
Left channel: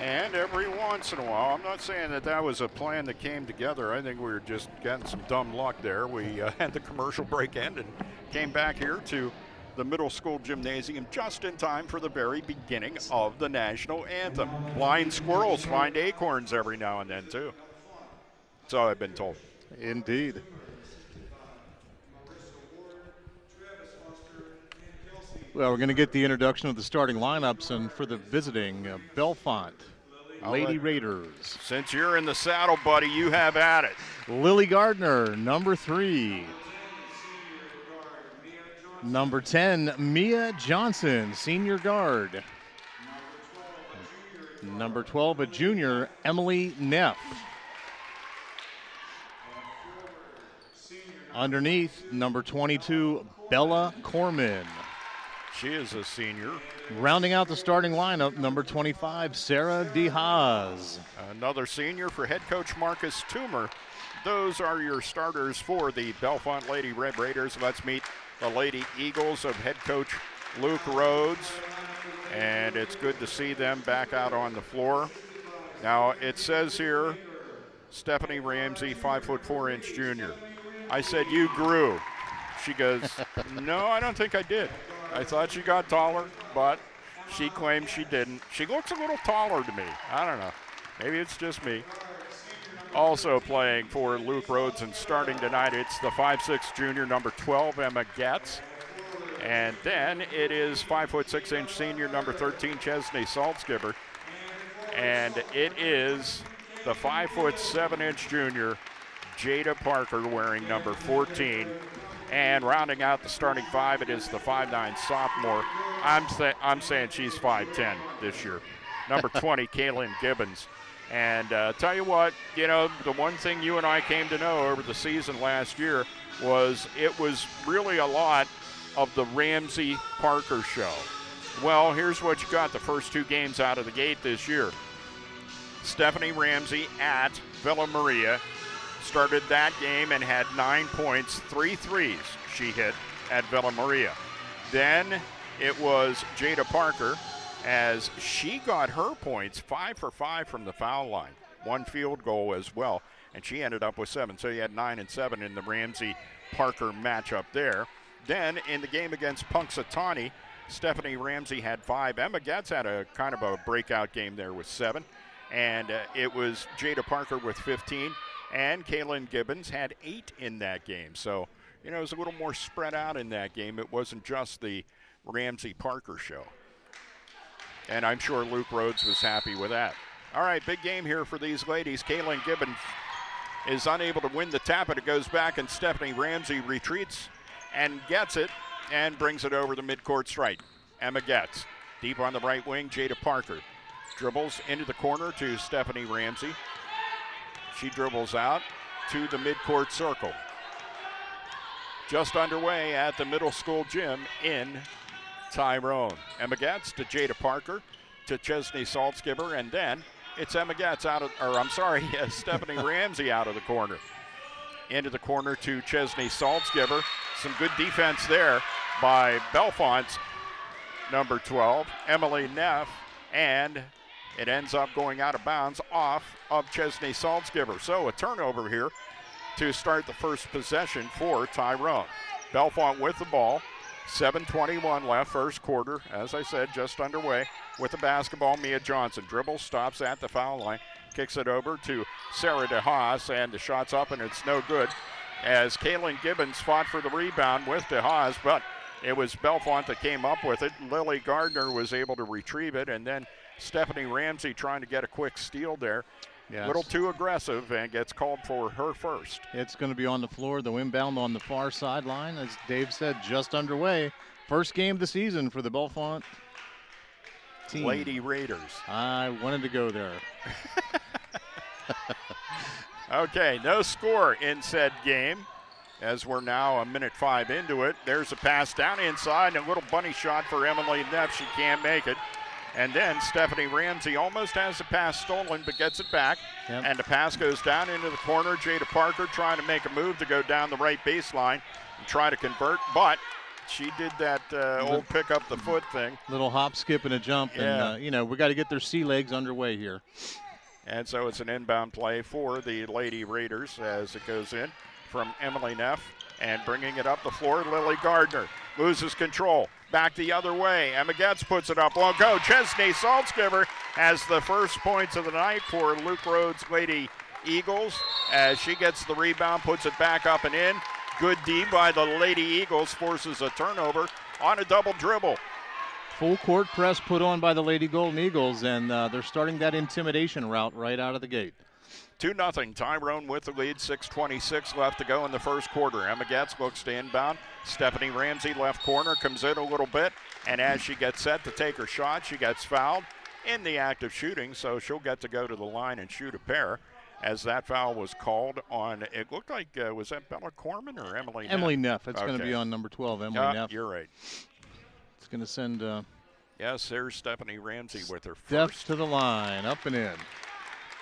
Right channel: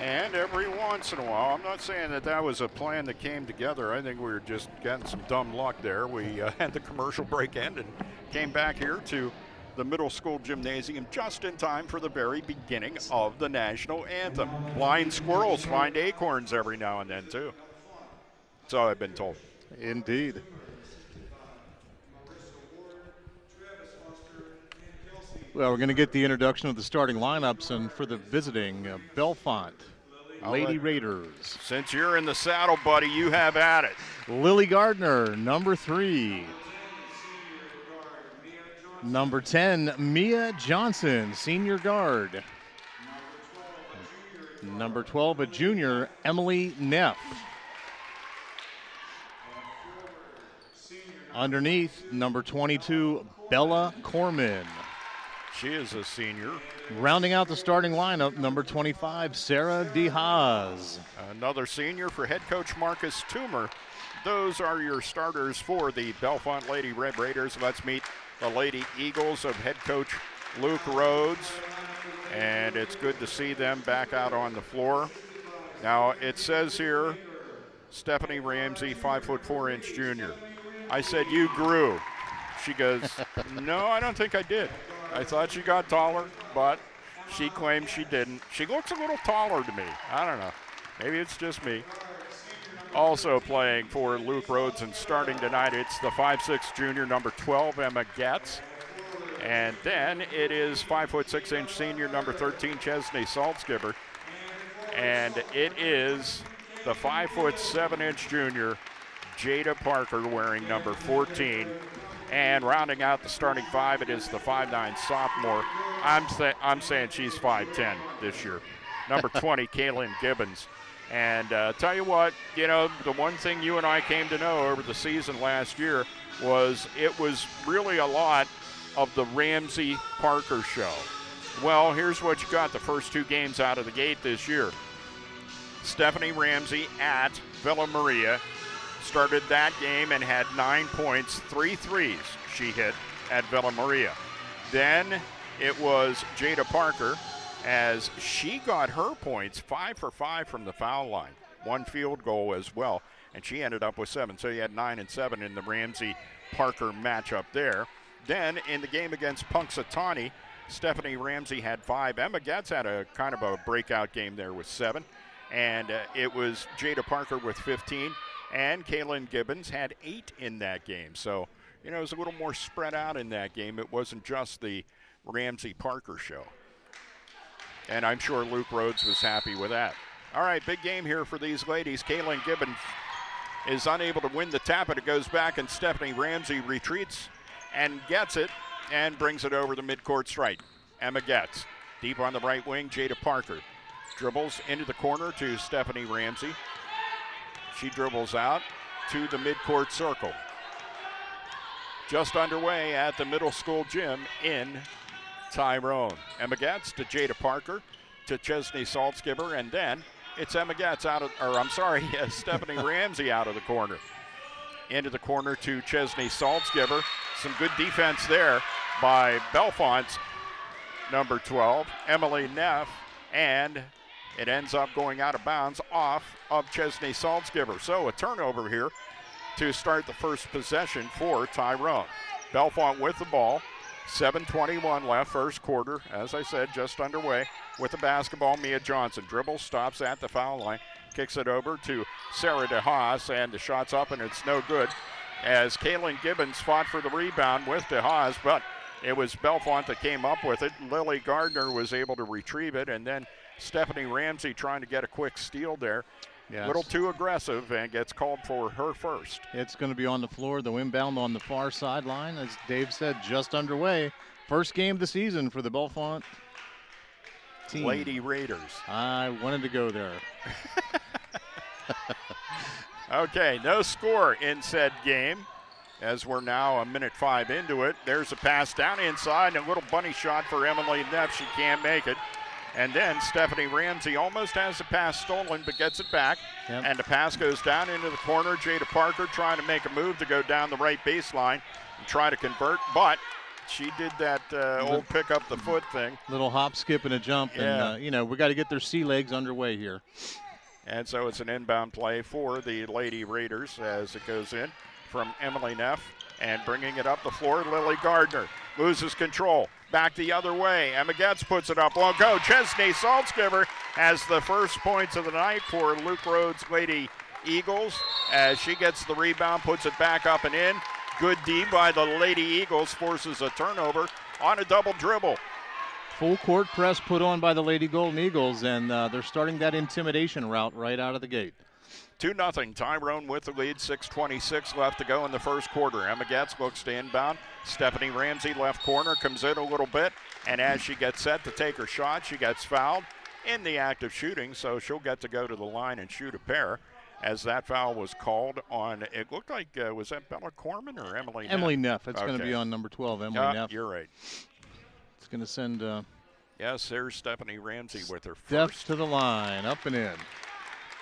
And every once in a while, I'm not saying that was a plan that came together. I think we were just getting some dumb luck there. We had the commercial break end and came back here to the middle school gymnasium just in time for the very beginning of the national anthem. Blind squirrels find acorns every now and then, too. So I've been told. Indeed. Well, we're going to get the introduction of the starting lineups, and for the visiting Bellefonte, Lady Raiders. Since you're in the saddle, buddy, you have at it. Lily Gardner, number 3. Number 10, Mia Johnson, senior guard. Number 12, a junior, Emily Neff. Underneath, number 22, Bella Corman. She is a senior. Rounding out the starting lineup, number 25, Sarah DeHaas. Another senior for head coach Marcus Toomer. Those are your starters for the Bellefonte Lady Red Raiders. Let's meet the Lady Eagles of head coach Luke Rhodes. And it's good to see them back out on the floor. Now, it says here, Stephanie Ramsey, 5'4" junior. I said, you grew. She goes, no, I don't think I did. I thought she got taller, but she claims she didn't. She looks a little taller to me. I don't know. Maybe it's just me. Also playing for Luke Rhodes and starting tonight, it's the 5'6" junior, number 12, Emma Getz. And then it is 5'6" senior, number 13, Chesney Saltzgiver. And it is the 5'7" junior, Jada Parker, wearing number 14. And rounding out the starting 5, it is the 5'9" sophomore. I'm saying she's 5'10" this year. Number 20, Kaylin Gibbons. And tell you what, you know, the one thing you and I came to know over the season last year was it was really a lot of the Ramsey Parker show. Well, here's what you got the first 2 games out of the gate this year. Stephanie Ramsey at Villa Maria started that game and had 9 points, 3 threes she hit at Villa Maria. Then it was Jada Parker as she got her points, 5 for 5 from the foul line, 1 field goal as well, and she ended up with 7. So you had 9 and 7 in the Ramsey-Parker matchup there. Then in the game against Punxsutawney, Stephanie Ramsey had 5. Emma Getz had a kind of a breakout game there with 7. And it was Jada Parker with 15. And Kaylin Gibbons had 8 in that game. So, you know, it was a little more spread out in that game. It wasn't just the Ramsey-Parker show. And I'm sure Luke Rhodes was happy with that. All right, big game here for these ladies. Kaylin Gibbons is unable to win the tap, and it goes back, and Stephanie Ramsey retreats and gets it and brings it over the midcourt stripe. Emma Getz, deep on the right wing, Jada Parker dribbles into the corner to Stephanie Ramsey. She dribbles out to the midcourt circle. Just underway at the middle school gym in Tyrone. Emma Getz to Jada Parker to Chesney Saltzgiver, and then it's Emma Getz Stephanie Ramsey out of the corner. Into the corner to Chesney Saltzgiver. Some good defense there by Bellefonte's number 12, Emily Neff, and it ends up going out of bounds off of Chesney Saltzgiver. So a turnover here to start the first possession for Tyrone. Bellefonte with the ball. 7:21 left, first quarter. As I said, just underway with the basketball. Mia Johnson dribbles, stops at the foul line, kicks it over to Sarah DeHaas, and the shot's up, and it's no good as Kaylin Gibbons fought for the rebound with DeHaas, but it was Bellefonte that came up with it. Lily Gardner was able to retrieve it, and then Stephanie Ramsey trying to get a quick steal there. A little too aggressive and gets called for her first. It's going to be on the floor, the inbound on the far sideline. As Dave said, just underway. First game of the season for the Bellefonte team. Lady Raiders. I wanted to go there. Okay, no score in said game as we're now 1:05 into it. There's a pass down inside and a little bunny shot for Emily Neff. She can't make it. And then Stephanie Ramsey almost has the pass stolen but gets it back. Yep. And the pass goes down into the corner. Jada Parker trying to make a move to go down the right baseline and try to convert, but she did that old pick up the foot thing. Little hop, skip, and a jump. Yeah. And, we got to get their sea legs underway here. And so it's an inbound play for the Lady Raiders as it goes in from Emily Neff. And bringing it up the floor, Lily Gardner loses control. Back the other way. Emma Getz puts it up. Won't go. Chesney Saltzgiver has the first points of the night for Luke Rhodes' Lady Eagles as she gets the rebound, puts it back up and in. Good D by the Lady Eagles, forces a turnover on a double dribble. full court press put on by the Lady Golden Eagles, and they're starting that intimidation route right out of the gate. 2-0 Tyrone with the lead, 6:26 left to go in the first quarter. Emma Getz looks to inbound. Stephanie Ramsey, left corner, comes in a little bit, and as she gets set to take her shot, she gets fouled in the act of shooting, so she'll get to go to the line and shoot a pair, as that foul was called on, it looked like, was that Bella Corman or Emily Neff? Emily Neff. It's going to Okay. be on number 12, Emily Neff. You're right. It's going to send Yes, there's Stephanie Ramsey with her Steph first. to the line, up and in.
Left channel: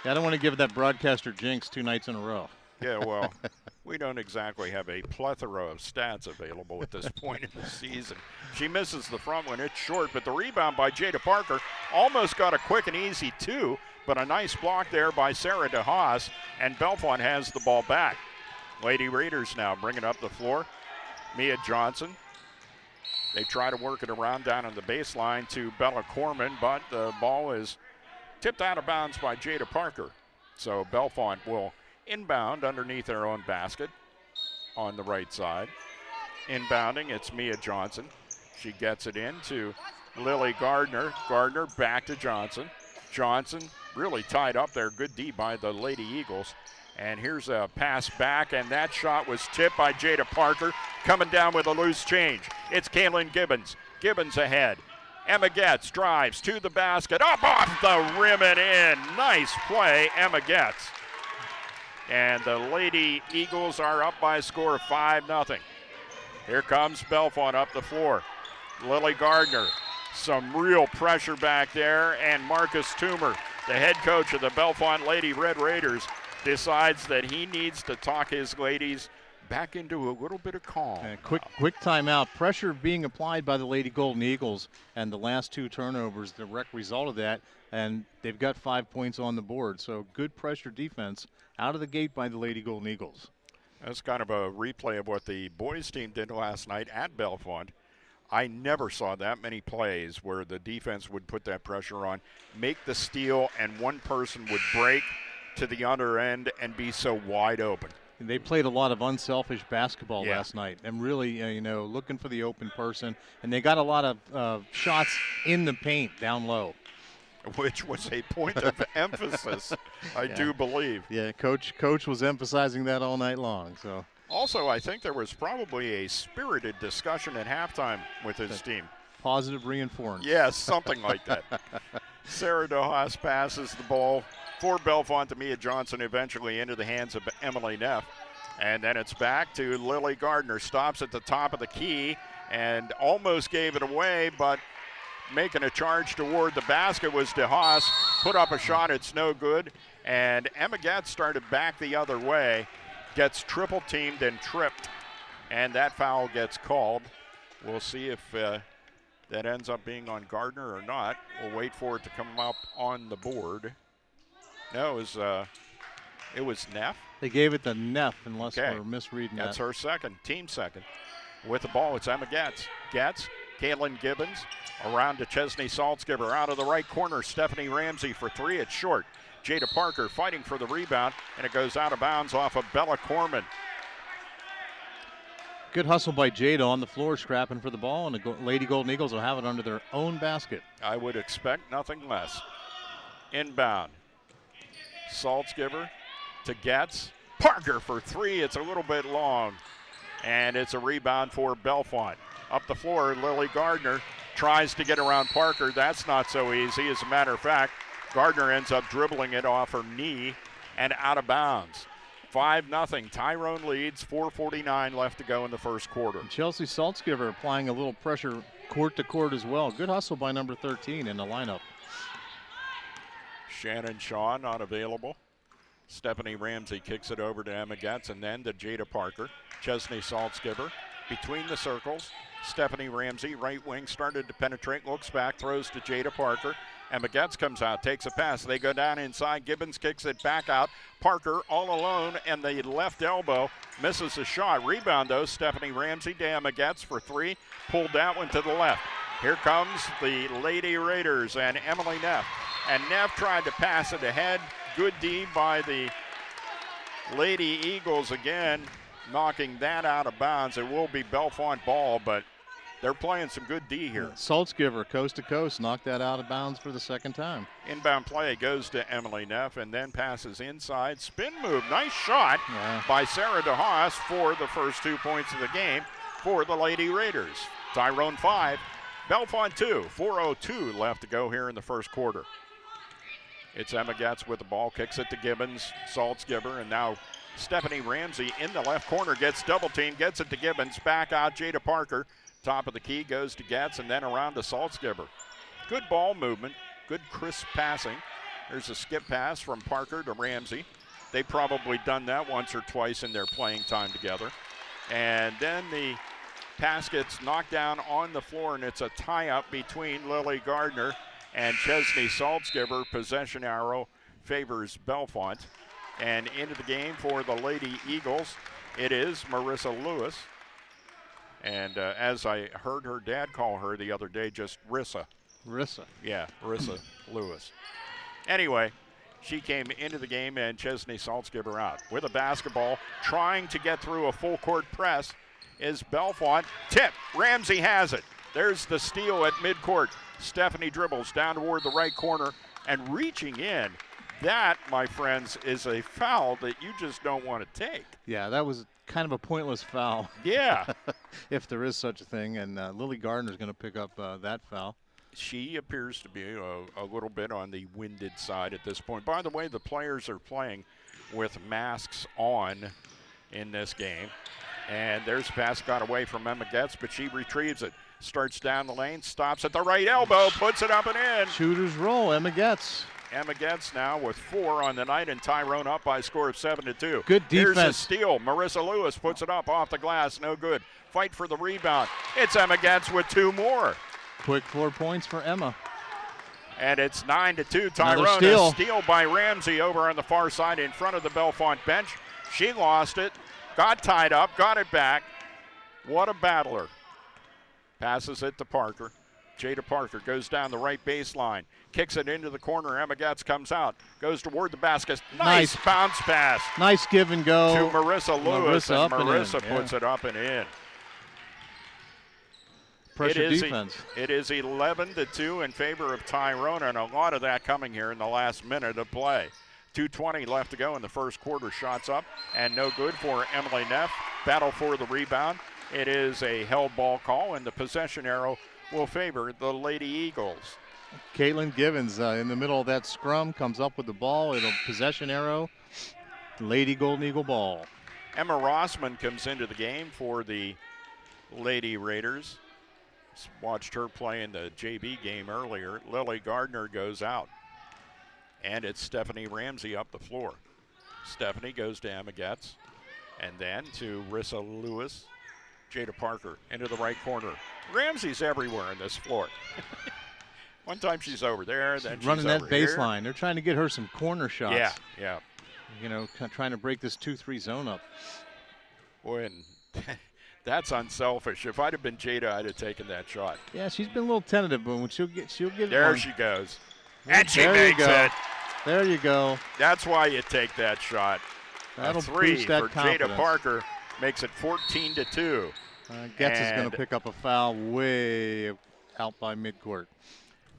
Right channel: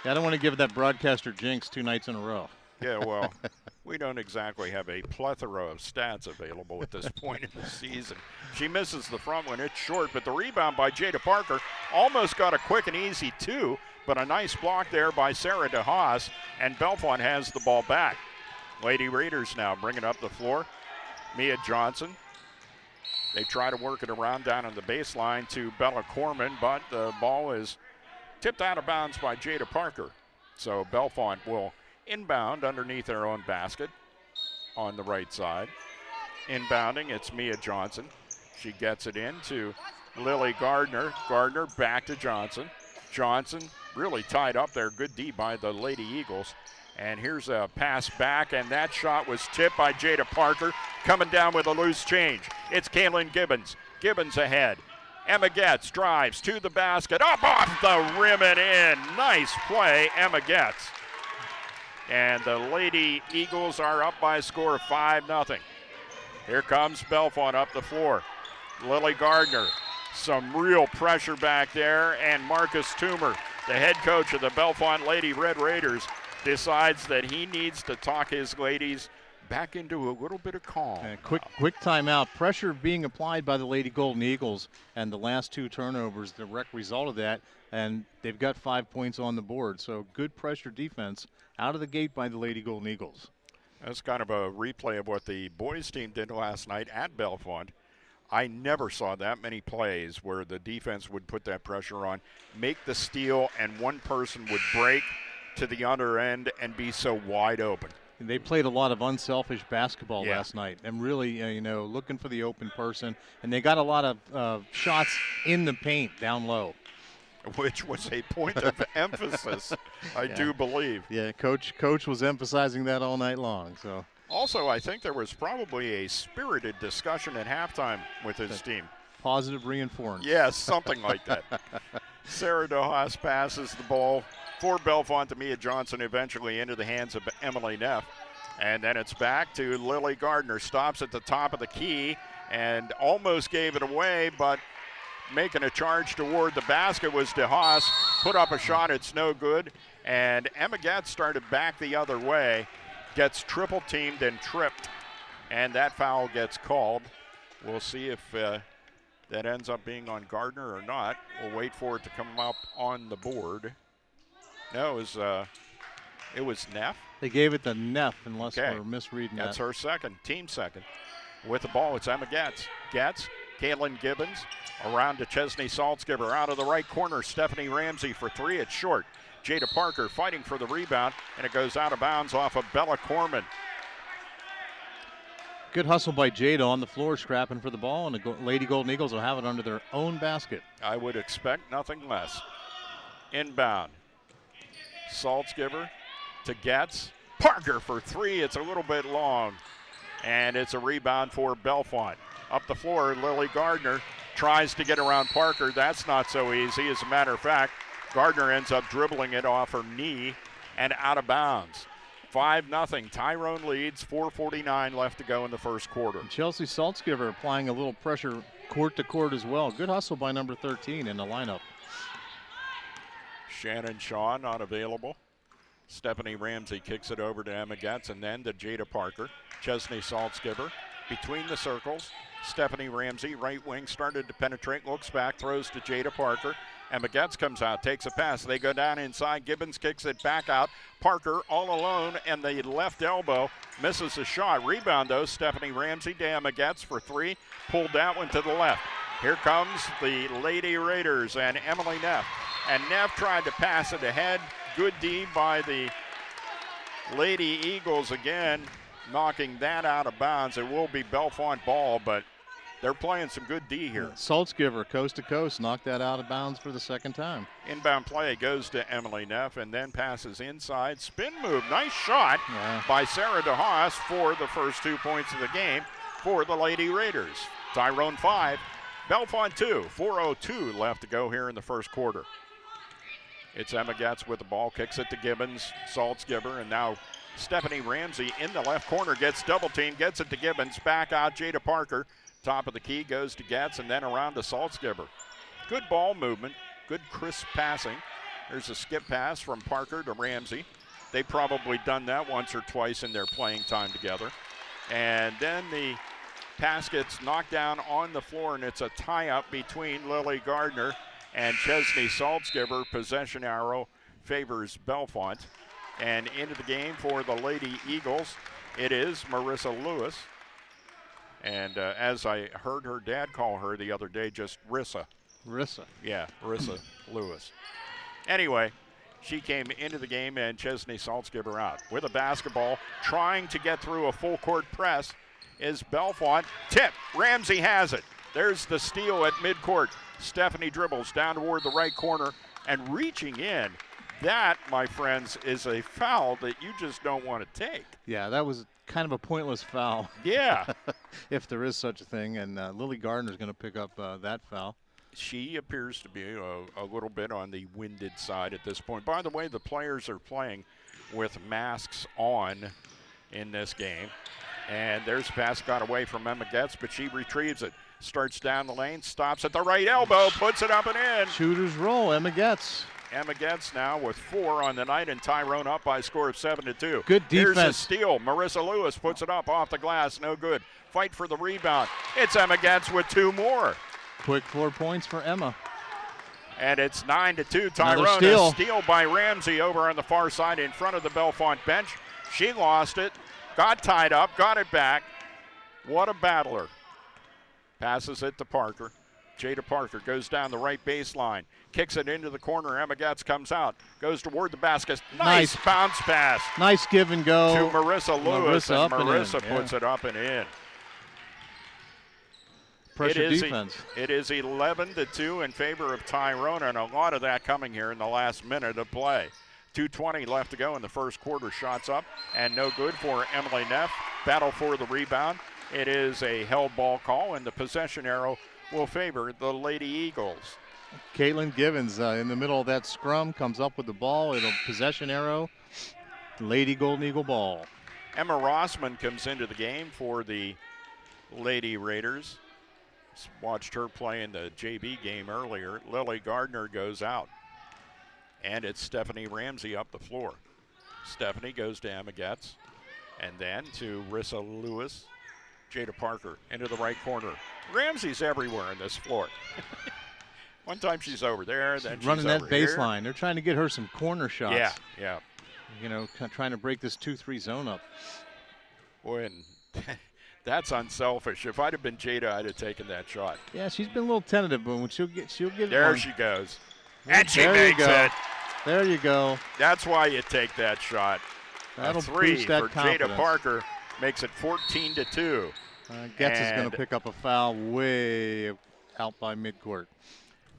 Yeah, I don't want to give that broadcaster jinx 2 nights in a row. Yeah, well, we don't exactly have a plethora of stats available at this point in the season. She misses the front one. It's short, but the rebound by Jada Parker almost got a quick and easy 2, but a nice block there by Sarah DeHaas, and Bellefonte has the ball back. Lady Raiders now bringing up the floor. Mia Johnson. They try to work it around down on the baseline to Bella Corman, but the ball is tipped out of bounds by Jada Parker. So Bellefonte will inbound underneath their own basket on the right side. Inbounding, it's Mia Johnson. She gets it in to Lily Gardner. Gardner back to Johnson. Johnson really tied up there. Good D by the Lady Eagles. And here's a pass back, and that shot was tipped by Jada Parker. Coming down with a loose change. It's Kaylin Gibbons. Gibbons ahead. Emma Getz drives to the basket, up off the rim and in. Nice play, Emma Getz. And the Lady Eagles are up by a score of 5-0. Here comes Bellefonte up the floor. Lily Gardner, some real pressure back there, and Marcus Toomer, the head coach of the Bellefonte Lady Red Raiders, decides that he needs to talk his ladies back into a little bit of calm. Quick timeout. Pressure being applied by the Lady Golden Eagles, and the last 2 turnovers, the direct result of that, and they've got 5 points on the board. So good pressure defense out of the gate by the Lady Golden Eagles. That's kind of a replay of what the boys team did last night at Bellefonte. I never saw that many plays where the defense would put that pressure on, make the steal, and one person would break to the other end and be so wide open. They played a lot of unselfish basketball last night, and really, looking for the open person. And they got a lot of shots in the paint down low, which was a point of emphasis, I do believe. Yeah, Coach was emphasizing that all night long. So also, I think there was probably a spirited discussion at halftime with his team. Positive reinforcement. Yes, something like that. Sarah DeHaas passes the ball for Bellefonte to Mia Johnson, eventually into the hands of Emily Neff. And then it's back to Lily Gardner. Stops at the top of the key and almost gave it away, but making a charge toward the basket was DeHaas. Put up a shot, it's no good. And Emma Getz started back the other way, gets triple teamed and tripped, and that foul gets called. We'll see if that ends up being on Gardner or not. We'll wait for it to come up on the board. No, it was Neff. They gave it to Neff, unless we're misreading that. That's her second, team second. With the ball, it's Emma Getz. Getz, Kaylin Gibbons, around to Chesney Saltzgiver. Out of the right corner, Stephanie Ramsey for 3. It's short. Jada Parker fighting for the rebound, and it goes out of bounds off of Bella Corman. Good hustle by Jada on the floor, scrapping for the ball, and the Lady Golden Eagles will have it under their own basket. I would expect nothing less. Inbound. Saltzgiver to Getz. Parker for 3. It's a little bit long. And it's a rebound for Bellefonte. Up the floor, Lily Gardner tries to get around Parker. That's not so easy. As a matter of fact, Gardner ends up dribbling it off her knee and out of bounds. 5-0. Tyrone leads. 4:49 left to go in the first quarter. And Chelsea Saltzgiver applying a little pressure court to court as well. Good hustle by number 13 in the lineup. Shannon Shaw not available. Stephanie Ramsey kicks it over to Emma Getz and then to Jada Parker. Chesney Saltzgiver between the circles. Stephanie Ramsey, right wing, started to penetrate, looks back, throws to Jada Parker. Emma Getz comes out, takes a pass. They go down inside. Gibbons kicks it back out. Parker all alone, and the left elbow misses a shot. Rebound, though, Stephanie Ramsey to Emma Getz for 3. Pulled that one to the left. Here comes the Lady Raiders and Emily Neff. And Neff tried to pass it ahead. Good D by the Lady Eagles again, knocking that out of bounds. It will be Bellefonte ball, but They're playing some good D here. Saltzgiver, coast to coast, knocked that out of bounds for the second time. Inbound play goes to Emily Neff and then passes inside. Spin move. Nice shot by Sarah DeHaas for the first 2 points of the game for the Lady Raiders. Tyrone 5, Bellefonte 2. 4:02 left to go here in the first quarter. It's Emma Getz with the ball, kicks it to Gibbons, Saltzgiver, and now Stephanie Ramsey in the left corner gets double teamed, gets it to Gibbons, back out Jada Parker. Top of the key goes to Getz and then around to Saltzgiver. Good ball movement, good crisp passing. There's a skip pass from Parker to Ramsey. They've probably done that once or twice in their playing time together. And then the pass gets knocked down on the floor, and it's a tie-up between Lily Gardner and Chesney Saltzgiver. Possession arrow favors Bellefonte. And into the game for the Lady Eagles, it is Marissa Lewis. And as I heard her dad call her the other day, just Rissa. Rissa. Yeah, Marissa Lewis. Anyway, she came into the game and Chesney Saltzgiver out. With a basketball, trying to get through a full court press is Bellefonte. Tip, Ramsey has it. There's the steal at midcourt. Stephanie dribbles down toward the right corner and reaching in. That, my friends, is a foul that you just don't want to take. Yeah, that was kind of a pointless foul. Yeah. If there is such a thing, and Lily Gardner's going to pick up that foul. She appears to be a little bit on the winded side at this point. By the way, the players are playing with masks on in this game. And there's a pass got away from Emma Getz, but she retrieves it. Starts down the lane, stops at the right elbow, puts it up and in. Shooters roll, Emma Getz. Emma Getz now with 4 on the night, and Tyrone up by a score of 7-2. Good defense. Here's a steal. Marissa Lewis puts it up off the glass. No good. Fight for the rebound. It's Emma Getz with 2 more. Quick 4 points for Emma. And it's 9-2. Tyrone, a steal by Ramsey over on the far side in front of the Bellefonte bench. She lost it, got tied up, got it back. What a battler. Passes it to Parker. Jada Parker goes down the right baseline, kicks it into the corner. Emma Getz comes out, goes toward the basket. Nice bounce pass. Nice give and go. To Marissa Lewis, and Marissa puts it up and in. Pressure defense. It is 11-2 in favor of Tyrone, and a lot of that coming here in the last minute of play. 2:20 left to go in the first quarter. Shots up and no good for Emily Neff. Battle for the rebound. It is a held ball call, and the possession arrow will favor the Lady Eagles. Caitlin Givens in the middle of that scrum comes up with the ball. It'll possession arrow. Lady Golden Eagle ball. Emma Rossman comes into the game for the Lady Raiders. Watched her play in the JV game earlier. Lily Gardner goes out. And it's Stephanie Ramsey up the floor. Stephanie goes to Emma Getz. And then to Rissa Lewis. Jada Parker into the right corner. Ramsey's everywhere in this floor. One time she's over there, then she's running that over here. baseline. They're trying to get her some corner shots. Yeah. You know, trying to break this 2-3 zone up. Boy, and that's unselfish. If I'd have been Jada, I'd have taken that shot. Yeah, she's been a little tentative, but when she'll get there one. She goes. And she there makes you go. it. There you go. That's why you take that shot. That'll a 3 boost that for confidence. Jada Parker makes it 14-2. Getz is going to pick up a foul way out by midcourt.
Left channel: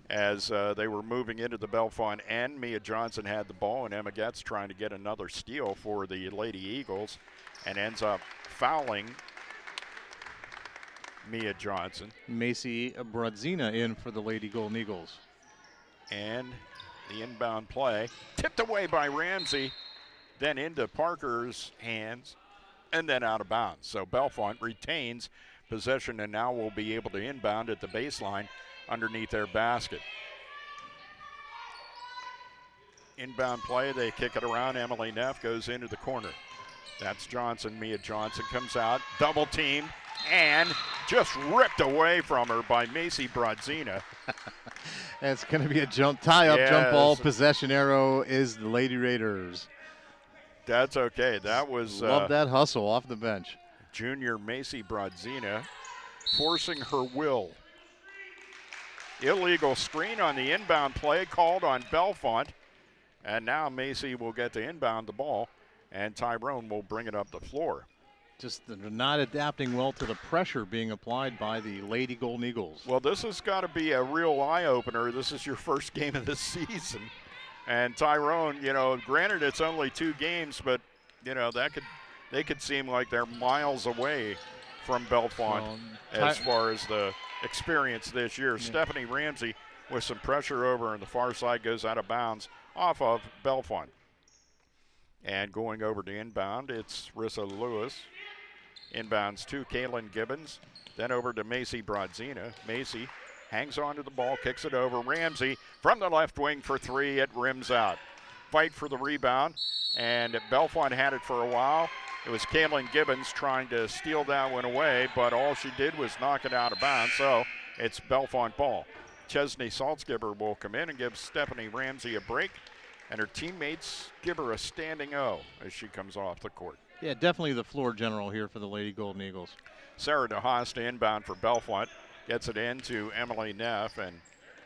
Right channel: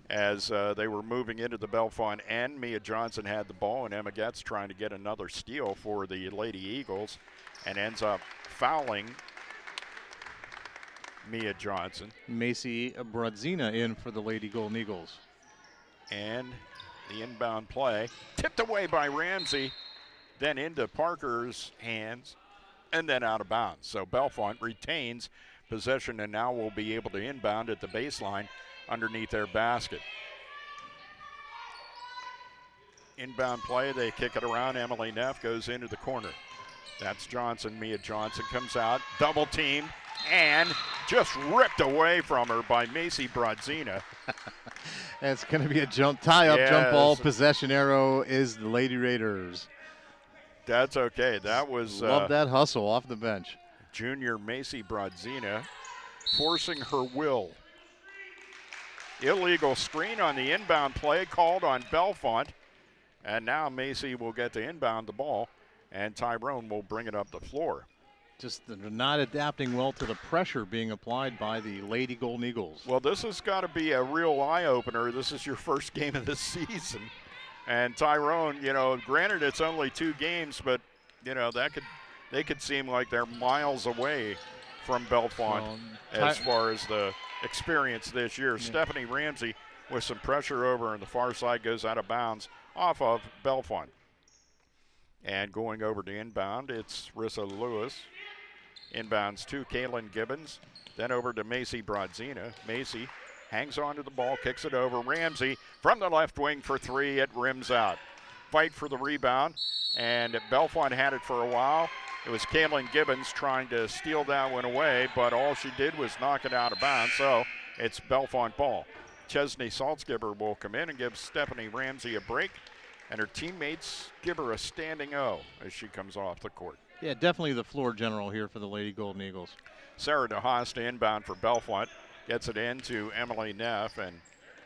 As they were moving into the Bellefonte end, Mia Johnson had the ball, and Emma Getz trying to get another steal for the Lady Eagles, and ends up fouling Mia Johnson. Macy Bradzina in for the Lady Golden Eagles. And the inbound play tipped away by Ramsey, then into Parker's hands, and then out of bounds. So Bellefonte retains possession and now will be able to inbound at the baseline underneath their basket. Inbound play, they kick it around. Emily Neff goes into the corner. That's Johnson. Mia Johnson comes out, double teamed, and just ripped away from her by Macy Bradzina. It's going to be a jump ball. Possession arrow is the Lady Raiders. That's okay. That was love that hustle off the bench. Junior Macy Bradzina forcing her will. Illegal screen on the inbound play called on Bellefonte. And now Macy will get to inbound the ball, and Tyrone will bring it up the floor. just not adapting well to the pressure being applied by the Lady Golden Eagles. Well, this has got to be a real eye-opener. This is your first game of the season. And Tyrone, granted it's only 2 games, but, they could seem like they're miles away from Bellefonte as far as the experience this year. Yeah. Stephanie Ramsey with some pressure over on the far side goes out of bounds off of Bellefonte. And going over to inbound, it's Rissa Lewis. Inbounds to Kaylin Gibbons. Then over to Macy Brodzina. Macy hangs on to the ball, kicks it over. Ramsey from the left wing for 3. It rims out. Fight for the rebound. And Bellefonte had it for a while. It was Kaylin Gibbons trying to steal that one away, but all she did was knock it out of bounds, so it's Bellefonte ball. Chesney Saltzgiver will come in and give Stephanie Ramsey a break, and her teammates give her a standing O as she comes off the court. Yeah, definitely the floor general here for the Lady Golden Eagles. Sarah DeHaas to inbound for Bellefonte, gets it in to Emily Neff, and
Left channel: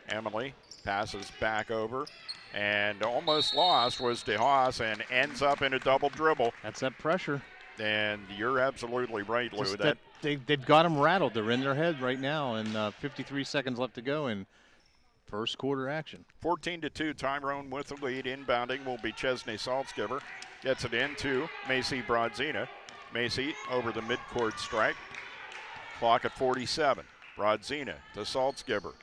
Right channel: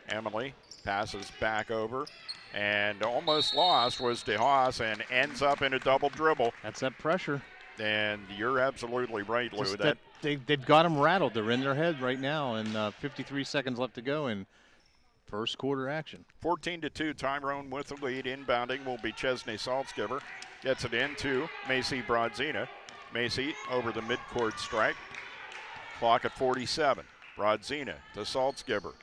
Emily passes back over. And almost lost was DeHaas and ends up in a double dribble. That's that pressure. And you're absolutely right, Lou. They've got them rattled. They're in their head right now, and 53 seconds left to go in first quarter action. 14-2, Tyrone with the lead. Inbounding will be Chesney Saltzgiver. Gets it into Macy Brodzina. Macy over the midcourt strike. Clock at 47. Brodzina to Saltzgiver.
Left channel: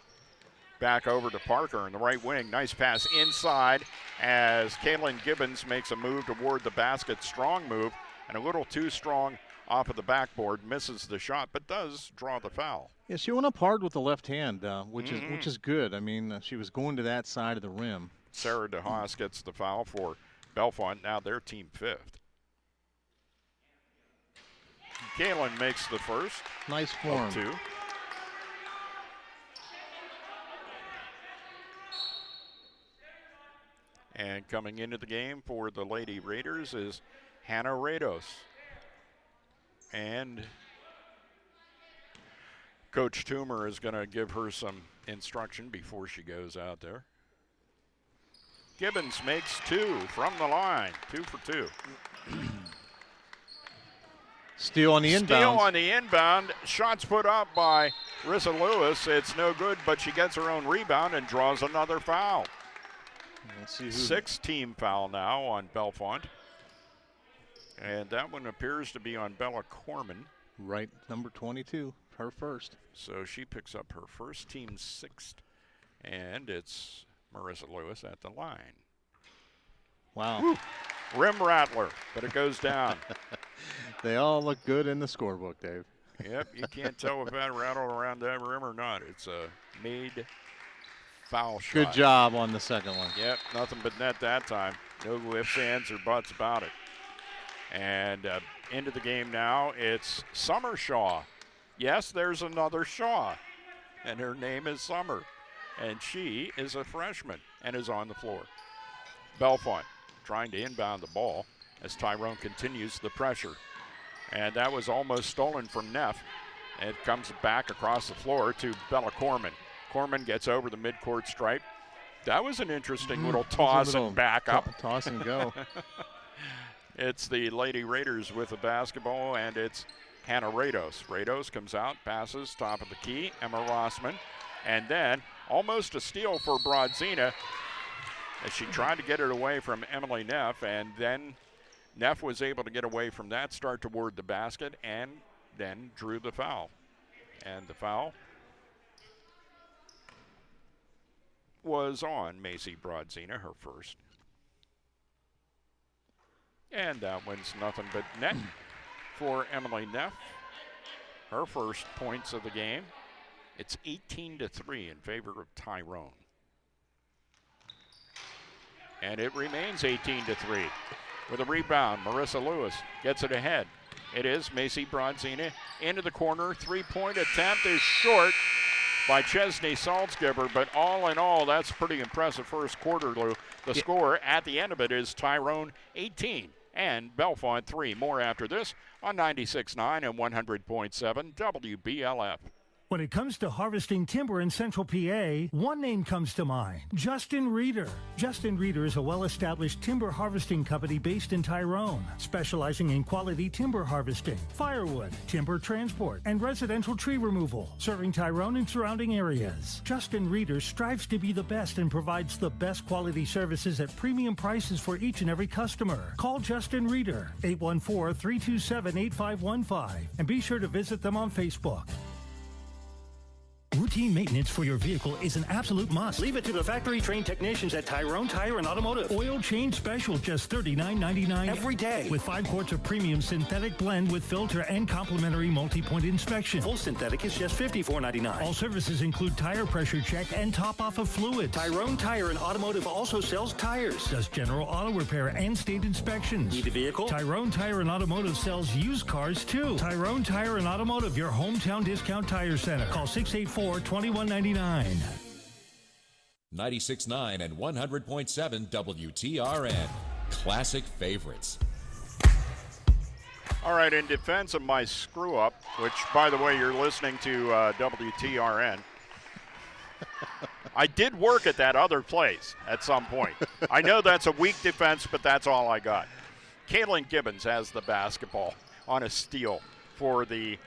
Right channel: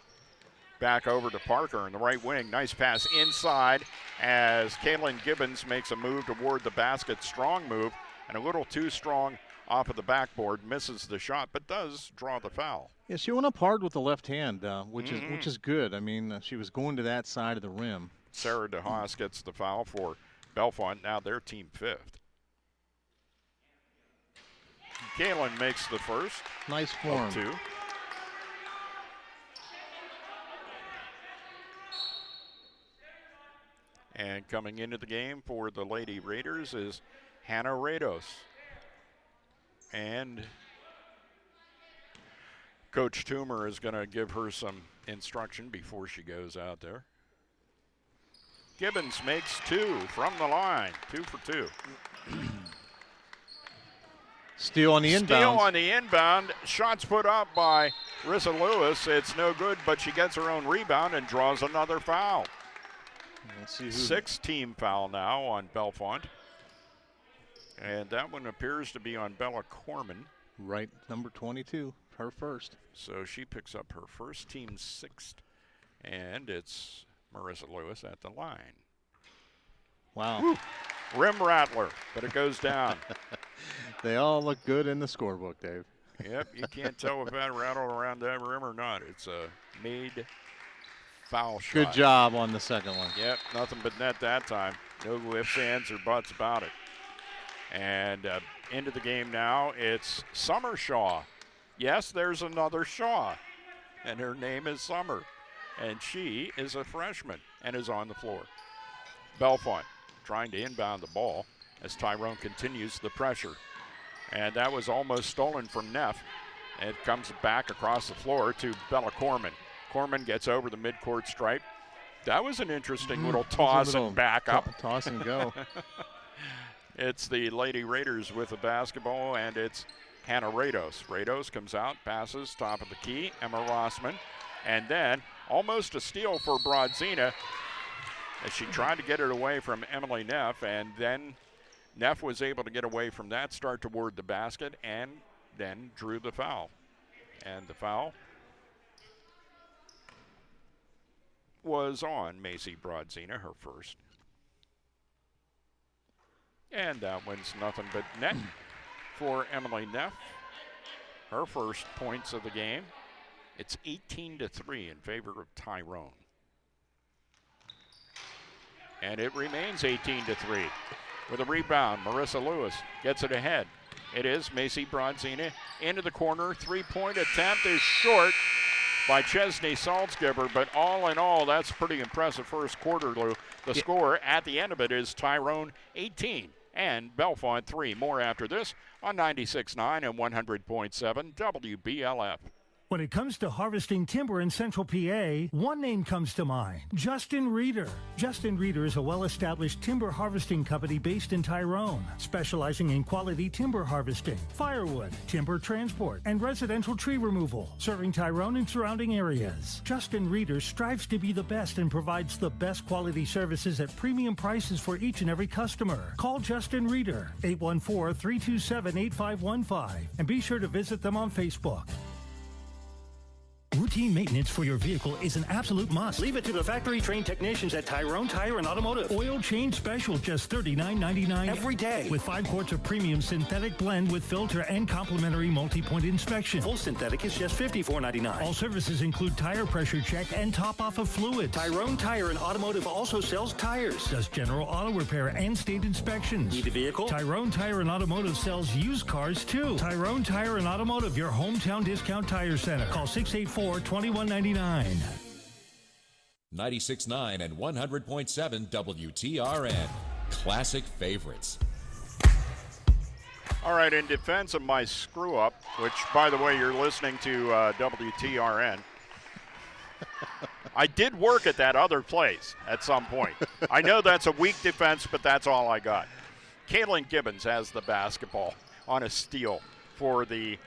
Back over to Parker in the right wing. Nice pass inside as Kaylin Gibbons makes a move toward the basket. Strong move, and a little too strong off of the backboard. Misses the shot, but does draw the foul. Yeah, she went up hard with the left hand, which is good. I mean, she was going to that side of the rim. Sarah DeHaas gets the foul for Bellefonte. Now they're team 5th. Kaylin makes the first. Nice form. 2. And coming into the game for the Lady Raiders is Hannah Rados. And Coach Toomer is going to give her some instruction before she goes out there. Gibbons makes 2 from the line. 2 for 2. Steal on the inbound. Steal on the inbound. Shots put up by Rissa Lewis. It's no good, but she gets her own rebound and draws another foul. Let's see who. 6-team foul now on Bellefonte. And that one appears to be on Bella Corman. Right, number 22, her first. So she picks up her first, team 6th. And it's Marissa Lewis at the line. Wow. Woo. Rim rattler, but it goes down. They all look good in the scorebook, Dave. Yep, you can't tell if that rattled around that rim or not. It's a made foul shot. Good job on the second one. Yep, nothing but net that time. No ifs, ands, or buts about it. And into the game now, it's Summer Shaw. Yes, there's another Shaw, and her name is Summer. And she is a freshman and is on the floor. Bellefonte trying to inbound the ball as Tyrone continues the pressure. And that was almost stolen from Neff. It comes back across the floor to Bella Corman. Corman gets over the midcourt stripe. That was an interesting little toss and back up. Toss and go. It's the Lady Raiders with the basketball, and it's Hannah Rados. Rados comes out, passes, top of the key, Emma Rossman. And then almost a steal for Brodzina as she tried to get it away from Emily Neff, and then Neff was able to get away from that, start toward the basket, and then drew the foul. And the foul was on Macy Brodzina, her first. And that one's nothing but net for Emily Neff. Her first points of the game. It's 18-3 in favor of Tyrone. And it remains 18-3. With a rebound, Marissa Lewis gets it ahead. It is Macy Brodzina into the corner. Three-point attempt is short by Chesney Saltzgiver, but all in all, that's pretty impressive first quarter, Lou. The score at the end of it is Tyrone 18 and Bellefonte 3. More after this on 96.9 and 100.7 WBLF. When it comes to harvesting timber in Central PA, one name comes to mind, Justin Reeder. Justin Reeder is a well-established timber harvesting company based in Tyrone, specializing in quality timber harvesting, firewood, timber transport, and residential tree removal, serving Tyrone and surrounding areas. Justin Reeder strives to be the best and provides the best quality services at premium prices for each and every customer. Call Justin Reeder, 814-327-8515, and be sure to visit them on Facebook. Routine maintenance for your vehicle is an absolute must. Leave it to the factory-trained technicians at Tyrone Tire and Automotive. Oil change special, just $39.99 every day. With 5 quarts of premium synthetic blend with filter and complimentary multi-point inspection. Full synthetic is just $54.99. All services include tire pressure check and top-off of fluids. Tyrone Tire and Automotive also sells tires, does general auto repair and state inspections. Need a vehicle? Tyrone Tire and Automotive sells used cars, too. Tyrone Tire and Automotive, your hometown discount tire center. Call 684-2199. 96.9 and 100.7 WTRN. Classic favorites. All right, in defense of my screw-up, which, by the way, you're listening to WTRN, I did work at that other place at some point. I know that's a weak defense, but that's all I got. Kaylin Gibbons has the basketball on a steal for the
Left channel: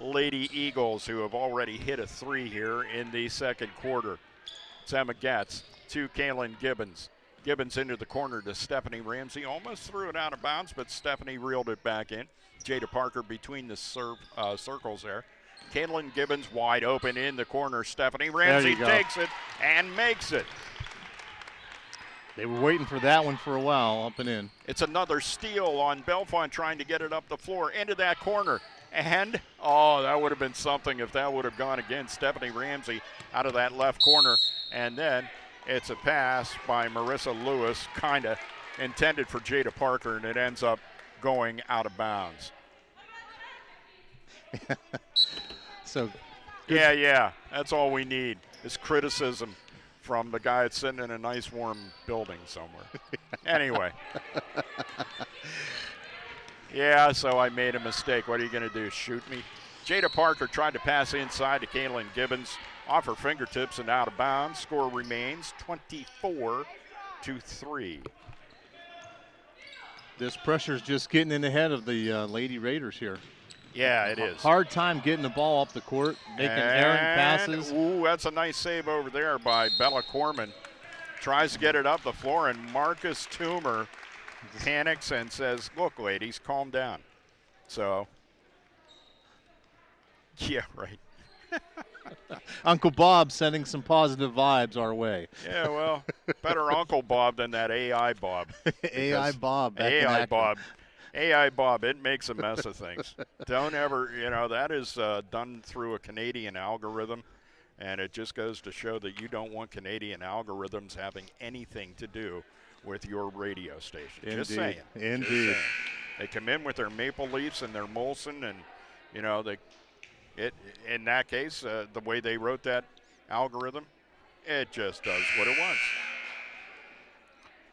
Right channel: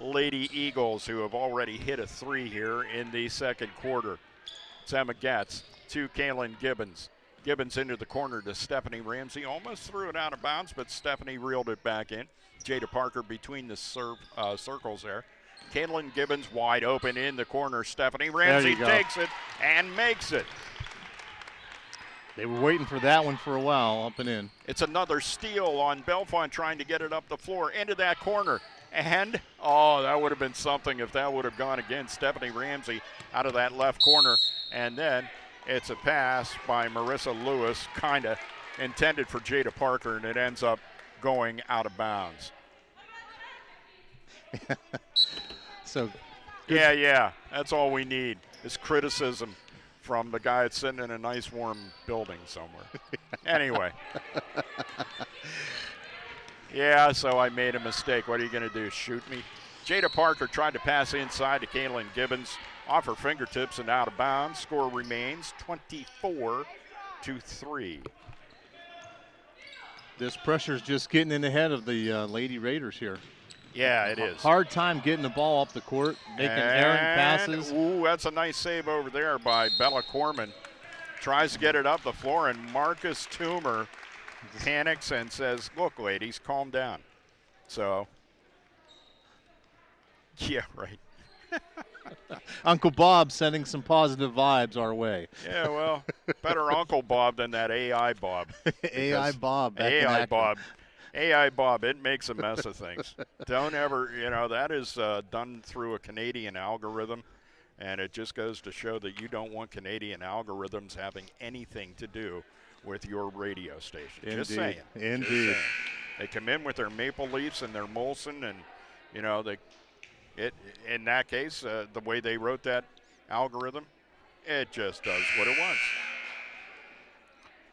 Lady Eagles, who have already hit a 3 here in the second quarter. It's Emma Getz to Kaylin Gibbons. Gibbons into the corner to Stephanie Ramsey. Almost threw it out of bounds, but Stephanie reeled it back in. Jada Parker between the circles there. Kaylin Gibbons wide open in the corner. Stephanie Ramsey takes it and makes it. They were waiting for that one for a while, up and in. It's another steal on Bellefonte trying to get it up the floor into that corner. And, oh, that would have been something if that would have gone again. Stephanie Ramsey out of that left corner. And then it's a pass by Marissa Lewis, kind of intended for Jada Parker, and it ends up going out of bounds. So, yeah, that's all we need is criticism from the guy that's sitting in a nice warm building somewhere. Anyway. Yeah, so I made a mistake. What are you going to do, shoot me? Jada Parker tried to pass inside to Kaylin Gibbons, off her fingertips and out of bounds. Score remains 24-3. This pressure's just getting in the head of the Lady Raiders here. Yeah, it is. Hard time getting the ball up the court, making errant passes. Ooh, that's a nice save over there by Bella Corman. Tries to get it up the floor, and Marcus Toomer panics and says, look, ladies, calm down. So, yeah, right. Uncle Bob sending some positive vibes our way. Yeah, well, better Uncle Bob than that AI Bob. AI Bob. AI Bob. AI Bob, it makes a mess of things. Don't ever, that is done through a Canadian algorithm, and it just goes to show that you don't want Canadian algorithms having anything to do with your radio station. Indeed. Just saying. Indeed. Just saying. They come in with their Maple Leafs and their Molson, and, in that case, the way they wrote that algorithm, it just does what it wants.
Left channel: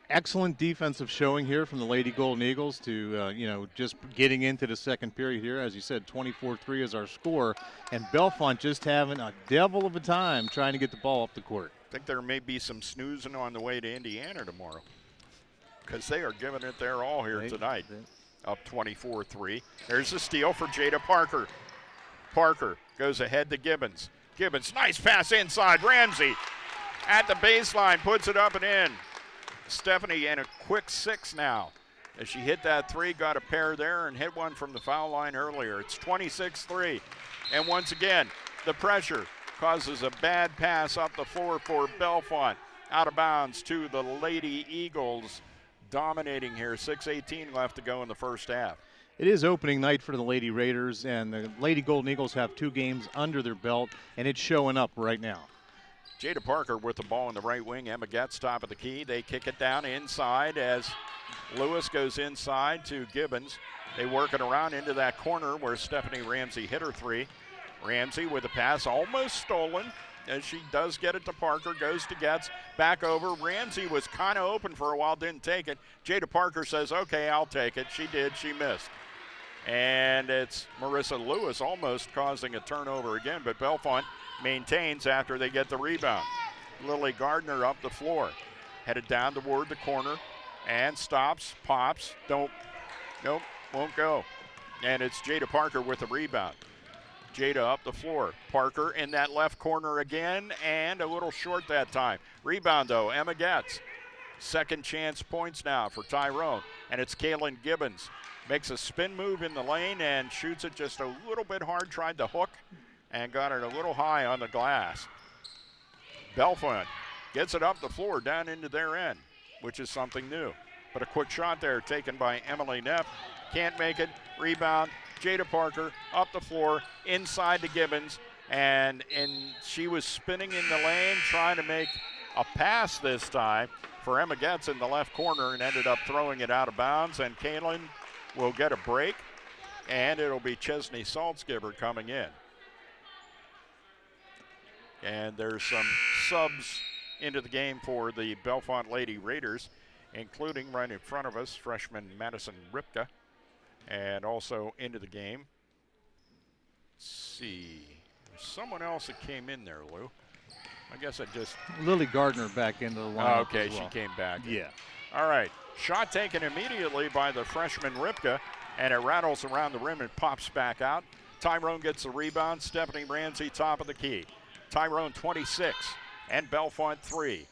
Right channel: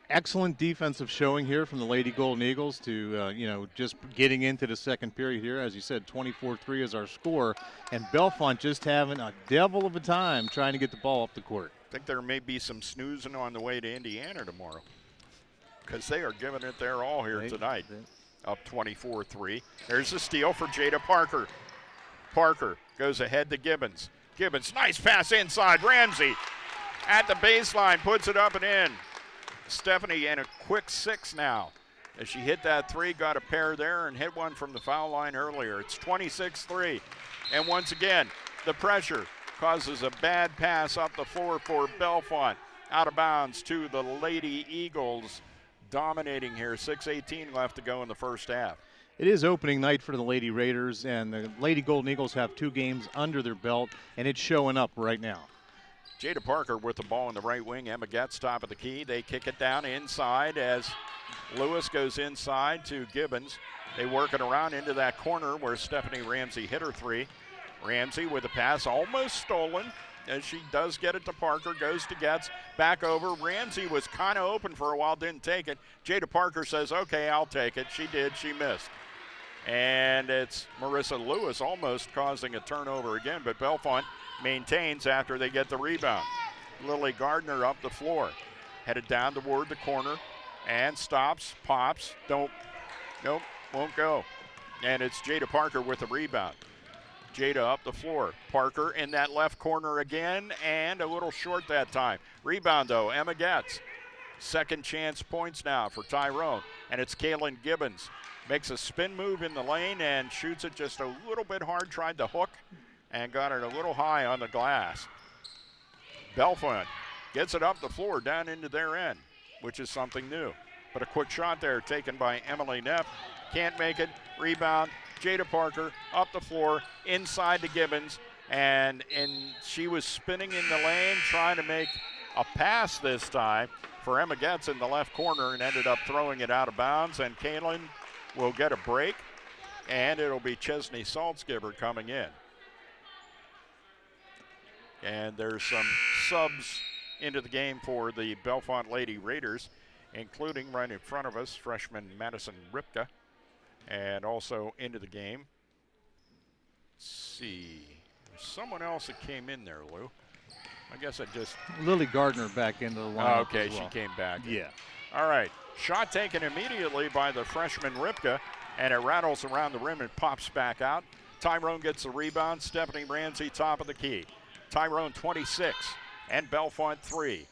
Excellent defensive showing here from the Lady Golden Eagles to, just getting into the second period here. As you said, 24-3 is our score. And Bellefonte just having a devil of a time trying to get the ball up the court. I think there may be some snoozing on the way to Indiana tomorrow, because they are giving it their all here tonight. Up 24-3. There's a steal for Jada Parker. Parker goes ahead to Gibbons. Gibbons, nice pass inside. Ramsey at the baseline, puts it up and in. Stephanie in a quick 6 now. As she hit that 3, got a pair there and hit one from the foul line earlier. It's 26-3. And once again, the pressure causes a bad pass up the floor for Bellefonte. Out of bounds to the Lady Eagles, dominating here. 6:18 left to go in the first half. It is opening night for the Lady Raiders, and the Lady Golden Eagles have 2 games under their belt, and it's showing up right now. Jada Parker with the ball in the right wing. Emma Getz top of the key. They kick it down inside as Lewis goes inside to Gibbons. They work it around into that corner where Stephanie Ramsey hit her 3. Ramsey with a pass almost stolen as she does get it to Parker, goes to Getz, back over. Ramsey was kind of open for a while, didn't take it. Jada Parker says, okay, I'll take it. She did, she missed. And it's Marissa Lewis almost causing a turnover again, but Bellefonte maintains after they get the rebound. Lily Gardner up the floor, headed down toward the corner, and stops, pops, nope, won't go. And it's Jada Parker with the rebound. Jada up the floor. Parker in that left corner again, and a little short that time. Rebound, though, Emma Getz. Second chance points now for Tyrone, and it's Kaylin Gibbons. Makes a spin move in the lane and shoots it just a little bit hard, tried to hook, and got it a little high on the glass. Bellefonte gets it up the floor down into their end, which is something new. But a quick shot there taken by Emily Neff. Can't make it. Rebound. Jada Parker up the floor inside to Gibbons. And she was spinning in the lane trying to make a pass this time for Emma Getz in the left corner and ended up throwing it out of bounds. And Kaylin will get a break. And it'll be Chesney Saltzgiver coming in. And there's some subs into the game for the Bellefonte Lady Raiders, including right in front of us, freshman Madison Ripka. And also into the game, let's see, there's someone else that came in there, Lou. I guess I just... Lily Gardner back into the lineup. Oh, okay, as well. she came back. Yeah. All right, shot taken immediately by the freshman Ripka, and it rattles around the rim and pops back out. Tyrone gets the rebound. Stephanie Ramsey, top of the key. Tyrone 26 and Bellefonte 3.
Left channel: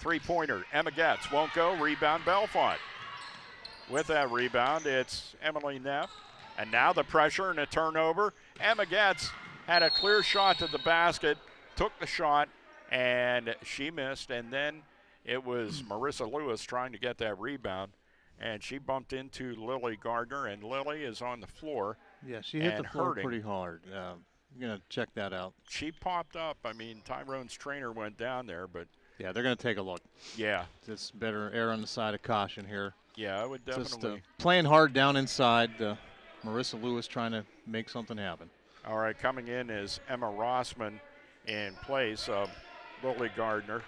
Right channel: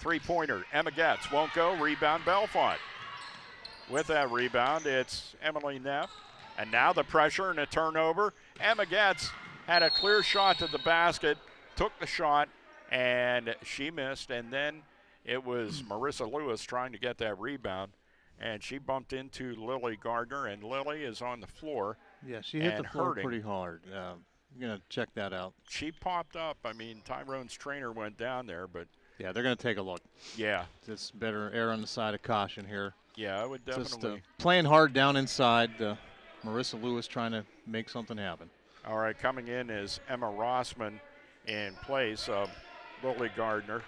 Three-pointer, Emma Getz won't go. Rebound, Bellefonte. With that rebound, it's Emily Neff. And now the pressure and a turnover. Emma Getz had a clear shot to the basket, took the shot, and she missed. And then it was Marissa Lewis trying to get that rebound, and she bumped into Lily Gardner, and Lily is on the floor. Yeah, she hit the floor hurting. pretty hard. You're going to check that out. She popped up. I mean, Tyrone's trainer went down there, but... Yeah, they're going to take a look. Yeah. It's better err on the side of caution here. Yeah, I would definitely. Just playing hard down inside. Marissa Lewis trying to make something happen. All right, coming in is Emma Rossman in place of Lily Gardner.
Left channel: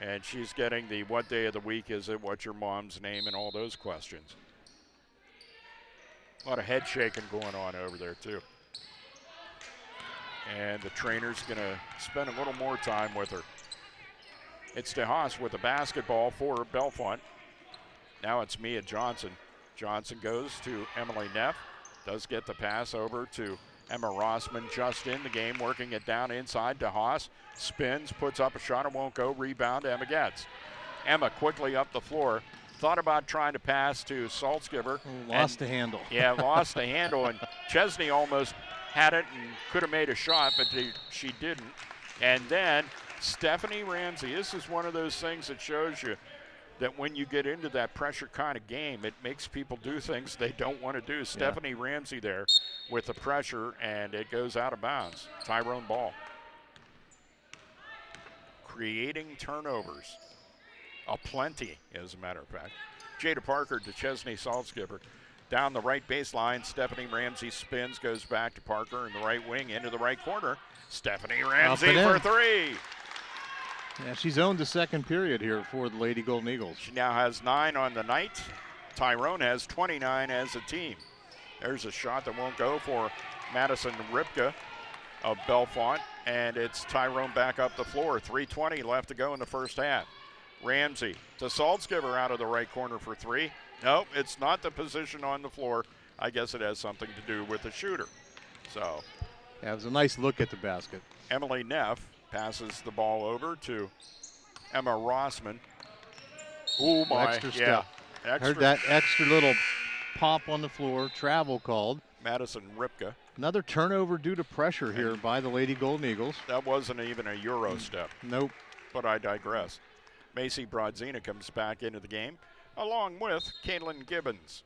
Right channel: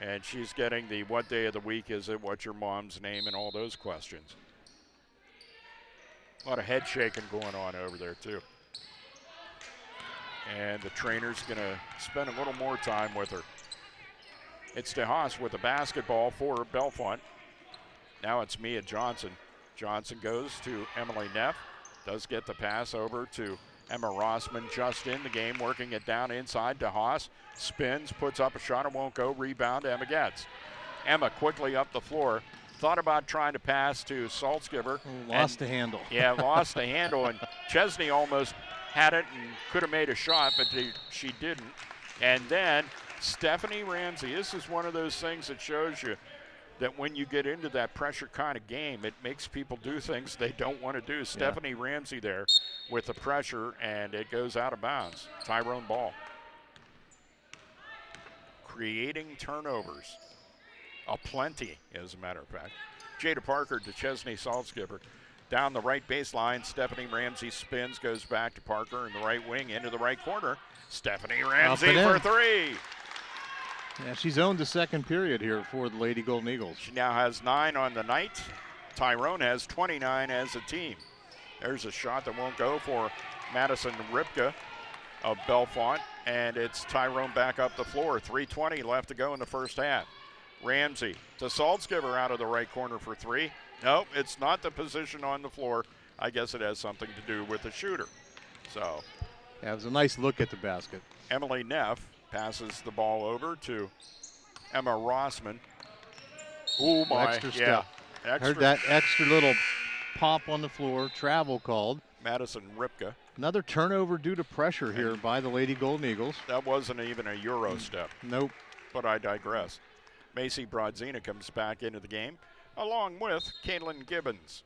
And she's getting the what day of the week is it, what's your mom's name, and all those questions. A lot of head shaking going on over there, too. And the trainer's going to spend a little more time with her. It's DeHaas with the basketball for Bellefonte. Now it's Mia Johnson. Johnson goes to Emily Neff. Does get the pass over to Emma Rossman just in the game, working it down inside. DeHaas spins, puts up a shot, it won't go. Rebound, Emma Getz. Emma quickly up the floor. Thought about trying to pass to Saltzgiver. Lost the handle. Yeah, lost the handle, and Chesney almost had it and could have made a shot, but she didn't. And then Stephanie Ramsey, this is one of those things that shows you that when you get into that pressure kind of game, it makes people do things they don't want to do. Stephanie Ramsey there with the pressure, and it goes out of bounds. Tyrone ball. Creating turnovers. Aplenty, as a matter of fact. Jada Parker to Chesney Saltzgiver. Down the right baseline, Stephanie Ramsey spins, goes back to Parker in the right wing, into the right corner. Stephanie Ramsey for three. Yeah, she's owned the second period here for the Lady Golden Eagles. She now has 9 on the night. Tyrone has 29 as a team. There's a shot that won't go for Madison Ripka of Bellefonte, and it's Tyrone back up the floor. 3:20 left to go in the first half. Ramsey to Saltzgiver out of the right corner for 3. Nope, it's not the position on the floor. I guess it has something to do with the shooter. So, yeah, it was a nice look at the basket. Emily Neff passes the ball over to Emma Rossman. Oh my, extra step. Extra. Heard that extra little pop on the floor. Travel called. Madison Ripka. Another turnover due to pressure here by the Lady Golden Eagles. That wasn't even a Euro step. Nope. But I digress. Macy Brodzina comes back into the game, along with Caitlin Gibbons.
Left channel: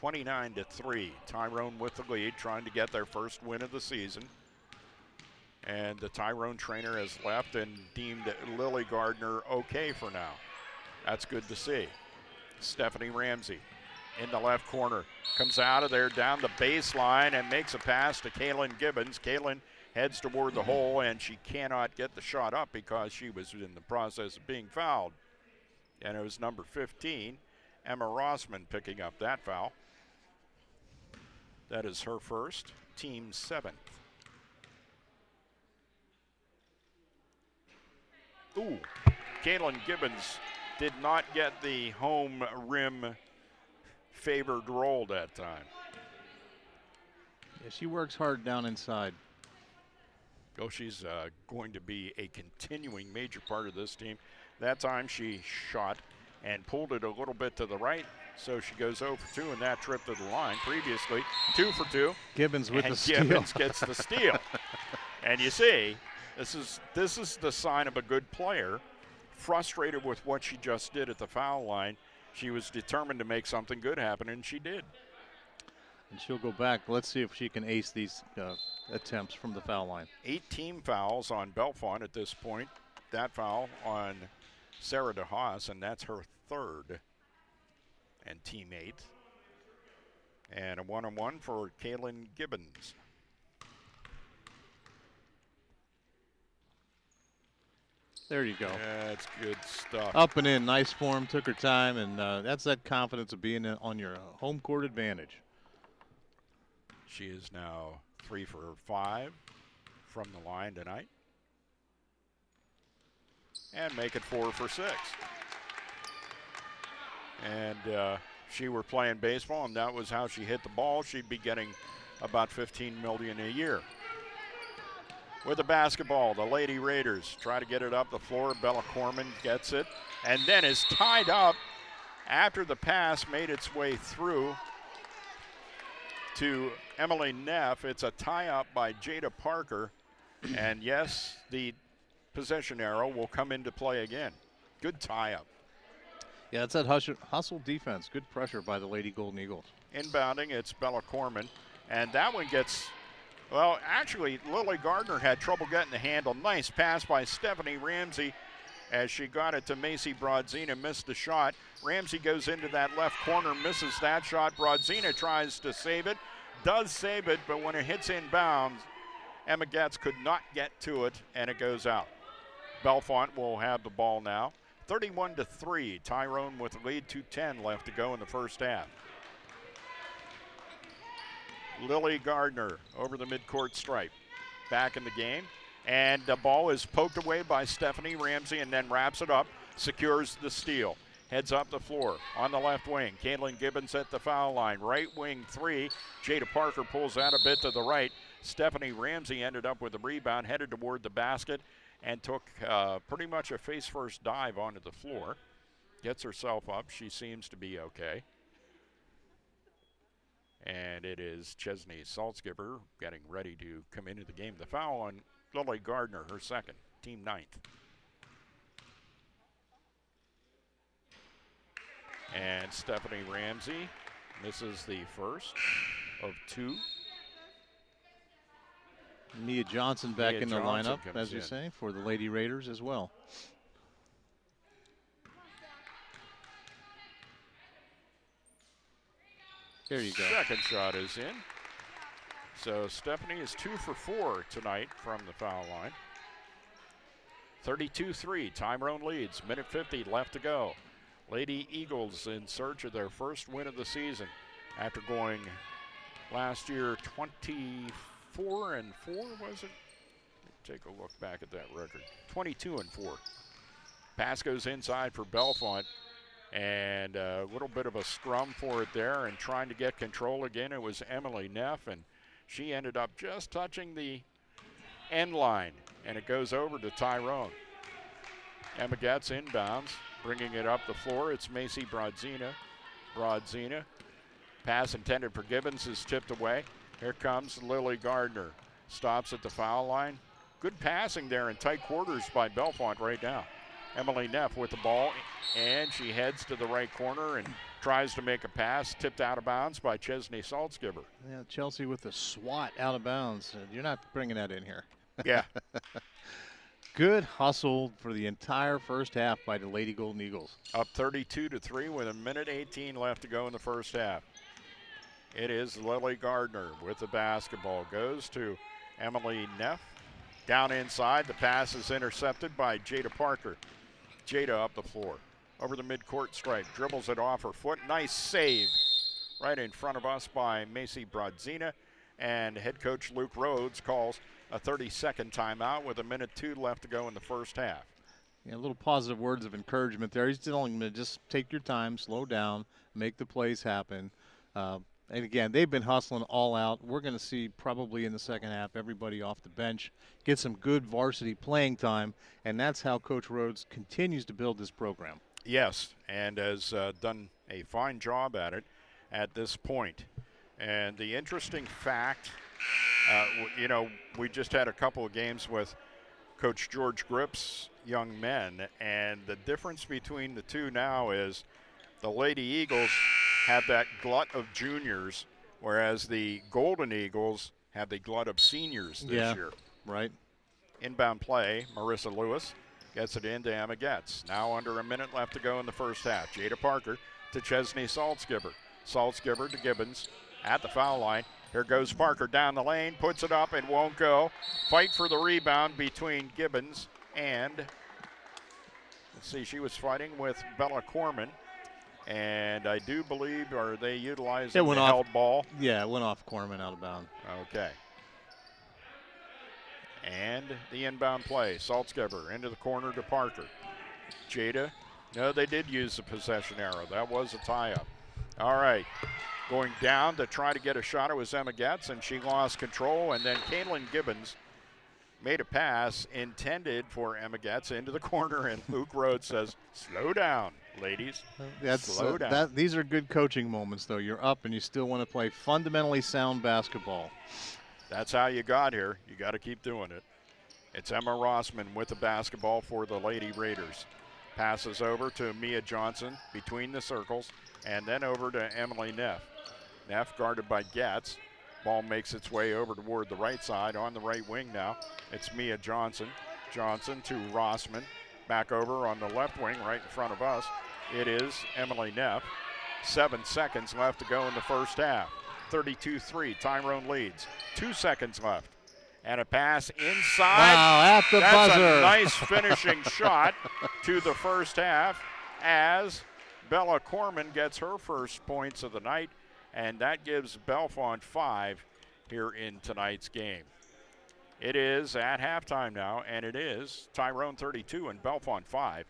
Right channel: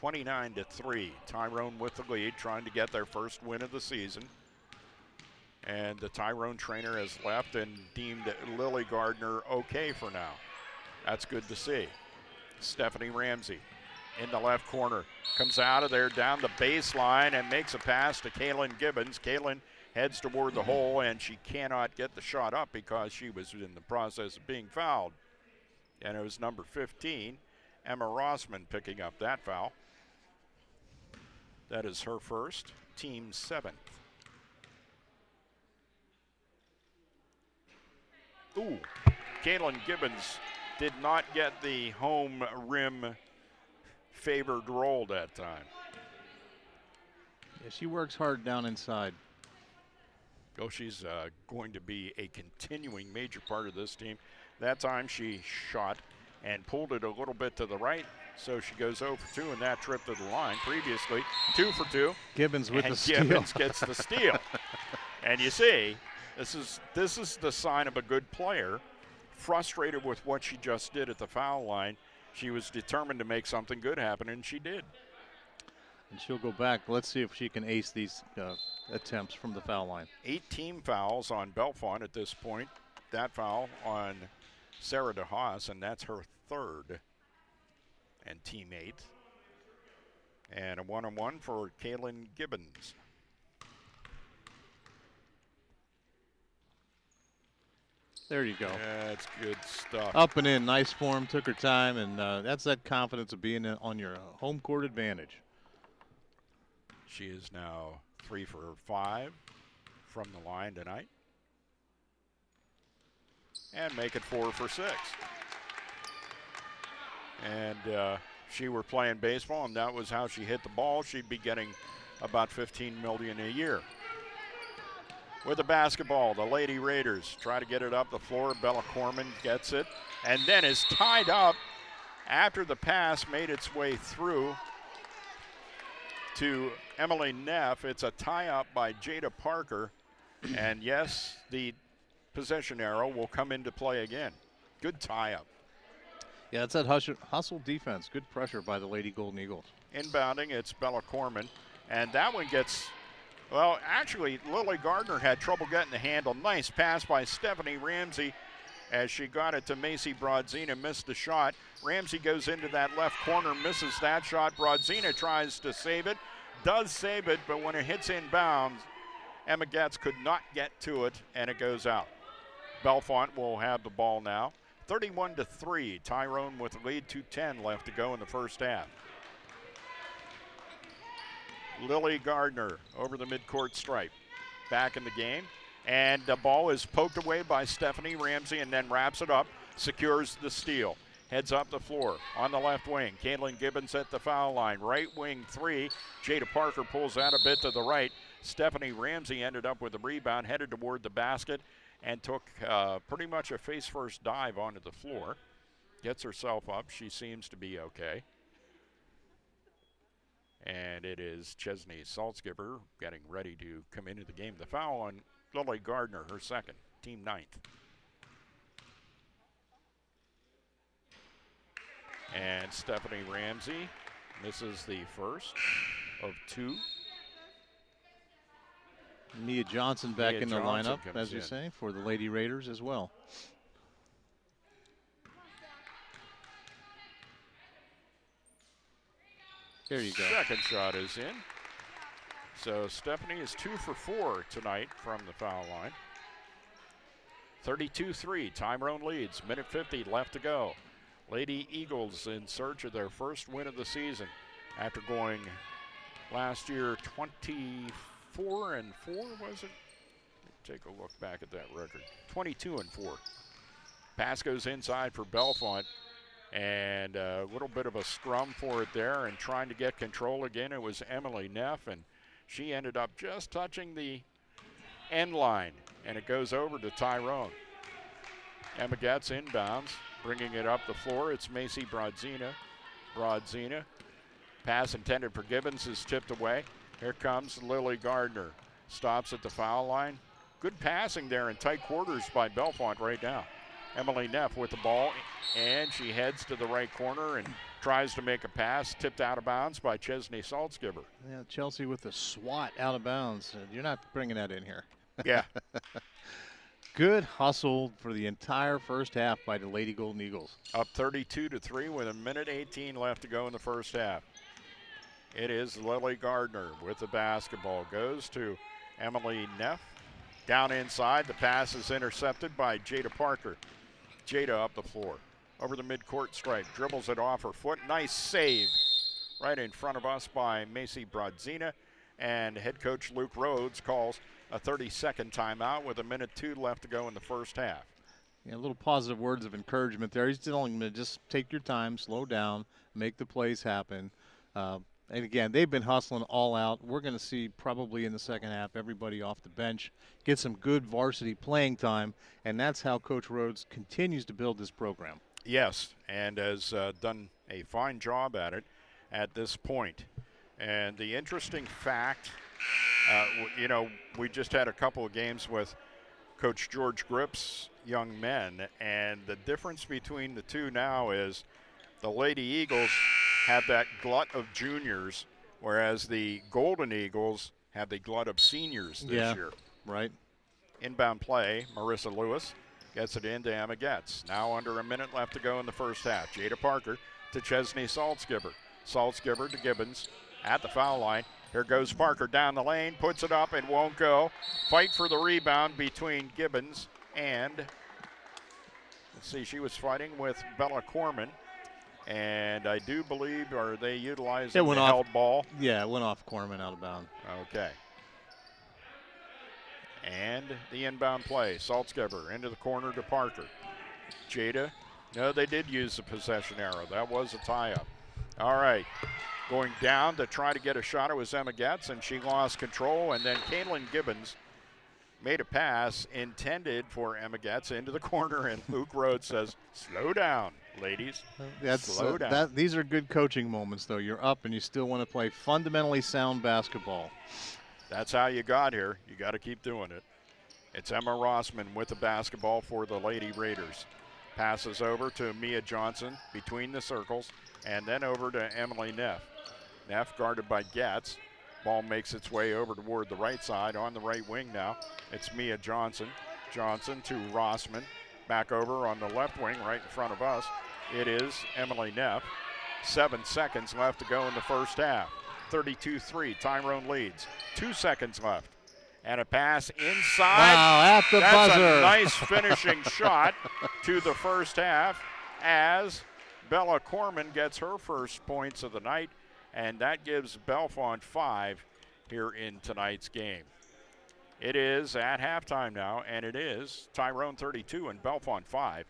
29-3. Tyrone with the lead, trying to get their first win of the season. And the Tyrone trainer has left and deemed Lily Gardner okay for now. That's good to see. Stephanie Ramsey in the left corner. Comes out of there down the baseline and makes a pass to Kaylin Gibbons. Kaylin heads toward the hole, and she cannot get the shot up because she was in the process of being fouled. And it was number 15, Emma Rossman, picking up that foul. That is her first, team 7th. Ooh, Kaylin Gibbons did not get the home rim favored roll that time. Yeah, she works hard down inside. Oh, she's going to be a continuing major part of this team. That time she shot and pulled it a little bit to the right, so she goes 0 for 2 in that trip to the line. Previously, 2 for 2. Gibbons with the steal. Gibbons gets the steal. And you see, this is the sign of a good player. Frustrated with what she just did at the foul line, she was determined to make something good happen, and she did. And she'll go back. Let's see if she can ace these attempts from the foul line. 8 team fouls on Bellefonte at this point. That foul on Sarah DeHaas, and that's her 3rd and team 8th. And a 1-on-1 for Kaylin Gibbons. There you go. That's good stuff. Up and in, nice form, took her time, and that's that confidence of being on your home court advantage. She is now 3 for 5 from the line tonight. And make it 4 for 6. And she were playing baseball, and that was how she hit the ball. She'd be getting about $15 million a year. With the basketball, the Lady Raiders try to get it up the floor. Bella Corman gets it, and then is tied up after the pass made its way through to Emily Neff. It's a tie-up by Jada Parker, and yes, the possession arrow will come into play again. Good tie-up. Yeah, it's that hustle defense. Good pressure by the Lady Golden Eagles. Inbounding, it's Bella Corman, and that one gets, well, actually, Lily Gardner had trouble getting the handle. Nice pass by Stephanie Ramsey as she got it to Macy Brodzina, missed the shot. Ramsey goes into that left corner, misses that shot. Brodzina tries to save it, does save it, but when it hits inbounds, Emma Getz could not get to it, and it goes out. Bellefonte will have the ball now. 31-3, Tyrone with the lead, 2:10 left to go in the first half. Lily Gardner over the midcourt stripe, back in the game, and the ball is poked away by Stephanie Ramsey and then wraps it up, secures the steal. Heads up the floor on the left wing. Kaylin Gibbons at the foul line. Right wing 3. Jada Parker pulls out a bit to the right. Stephanie Ramsey ended up with the rebound, headed toward the basket, and took pretty much a face-first dive onto the floor. Gets herself up. She seems to be okay. And it is Chesney Saltzgiver getting ready to come into the game. The foul on Lily Gardner, her 2nd, team 9th. And Stephanie Ramsey misses the first of 2. Nia Johnson back Nia in the Johnson lineup, as you in. say, for the Lady Raiders as well. There you go. Second shot is in. So Stephanie is 2 for 4 tonight from the foul line. 32-3, Tyrone leads. Minute 50 left to go. Lady Eagles in search of their first win of the season after going last year 24-4, was it? Take a look back at that record. 22-4. Pass goes inside for Bellefonte, and a little bit of a scrum for it there, and trying to get control again. It was Emily Neff, and she ended up just touching the end line, and it goes over to Tyrone. Emma Getz inbounds, bringing it up the floor. It's Macy Brodzina. Brodzina. Pass intended for Gibbons is tipped away. Here comes Lily Gardner. Stops at the foul line. Good passing there in tight quarters by Bellefonte right now. Emily Neff with the ball, and she heads to the right corner and tries to make a pass, tipped out of bounds by Chesney Saltzgiver. Yeah, Chelsea with the swat out of bounds. You're not bringing that in here. Yeah. Good hustle for the entire first half by the Lady Golden Eagles. Up 32-3 with a minute 18 left to go in the first half. It is Lily Gardner with the basketball. Goes to Emily Neff. Down inside, the pass is intercepted by Jada Parker. Jada up the floor. Over the midcourt stripe, dribbles it off her foot. Nice save right in front of us by Macy Brodzina. And head coach Luke Rhodes calls a 30-second timeout with 1:02 left to go in the first half. Yeah, little positive words of encouragement there. He's telling them to just take your time, slow down, make the plays happen. And again, they've been hustling all out. We're going to see probably in the second half everybody off the bench get some good varsity playing time, and that's how Coach Rhodes continues to build this program. Yes, and has done a fine job at it at this point. And the interesting fact, we just had a couple of games with Coach George Gripp's young men, and the difference between the two now is the Lady Eagles have that glut of juniors, whereas the Golden Eagles have the glut of seniors this year. Right. Inbound play, Marissa Lewis gets it into Emma Getz. Now under a minute left to go in the first half. Jada Parker to Chesney Saltzgiver. Saltzgiver to Gibbons at the foul line. Here goes Parker down the lane, puts it up and won't go. Fight for the rebound between Gibbons and, let's see, she was fighting with Bella Corman. And I do believe, are they utilizing the held ball? Yeah, it went off Corman out of bounds. Okay. And the inbound play. Saltzgiver into the corner to Parker. Jada. No, they did use the possession arrow. That was a tie-up. All right. Going down to try to get a shot. It was Emma Getz, and she lost control. And then Kaylin Gibbons made a pass intended for Emma Getz into the corner, and Luke Rhodes says, slow down, ladies. Slow down. These are good coaching moments, though. You're up, and you still want to play fundamentally sound basketball. That's how you got here. You got to keep doing it. It's Emma Rossman with the basketball for the Lady Raiders. Passes over to Mia Johnson between the circles, and then over to Emily Neff. Neff guarded by Getz. Ball makes its way over toward the right side. On the right wing now, it's Mia Johnson. Johnson to Rossman. Back over on the left wing right in front of us. It is Emily Neff. 7 seconds left to go in the first half. 32-3, Tyrone leads. 2 seconds left. And a pass inside. Wow, at the That's buzzer. a nice finishing shot to the first half as Bella Corman gets her first points of the night. And that gives Bellefonte 5 here in tonight's game. It is at halftime now, and it is Tyrone 32 and Bellefonte 5.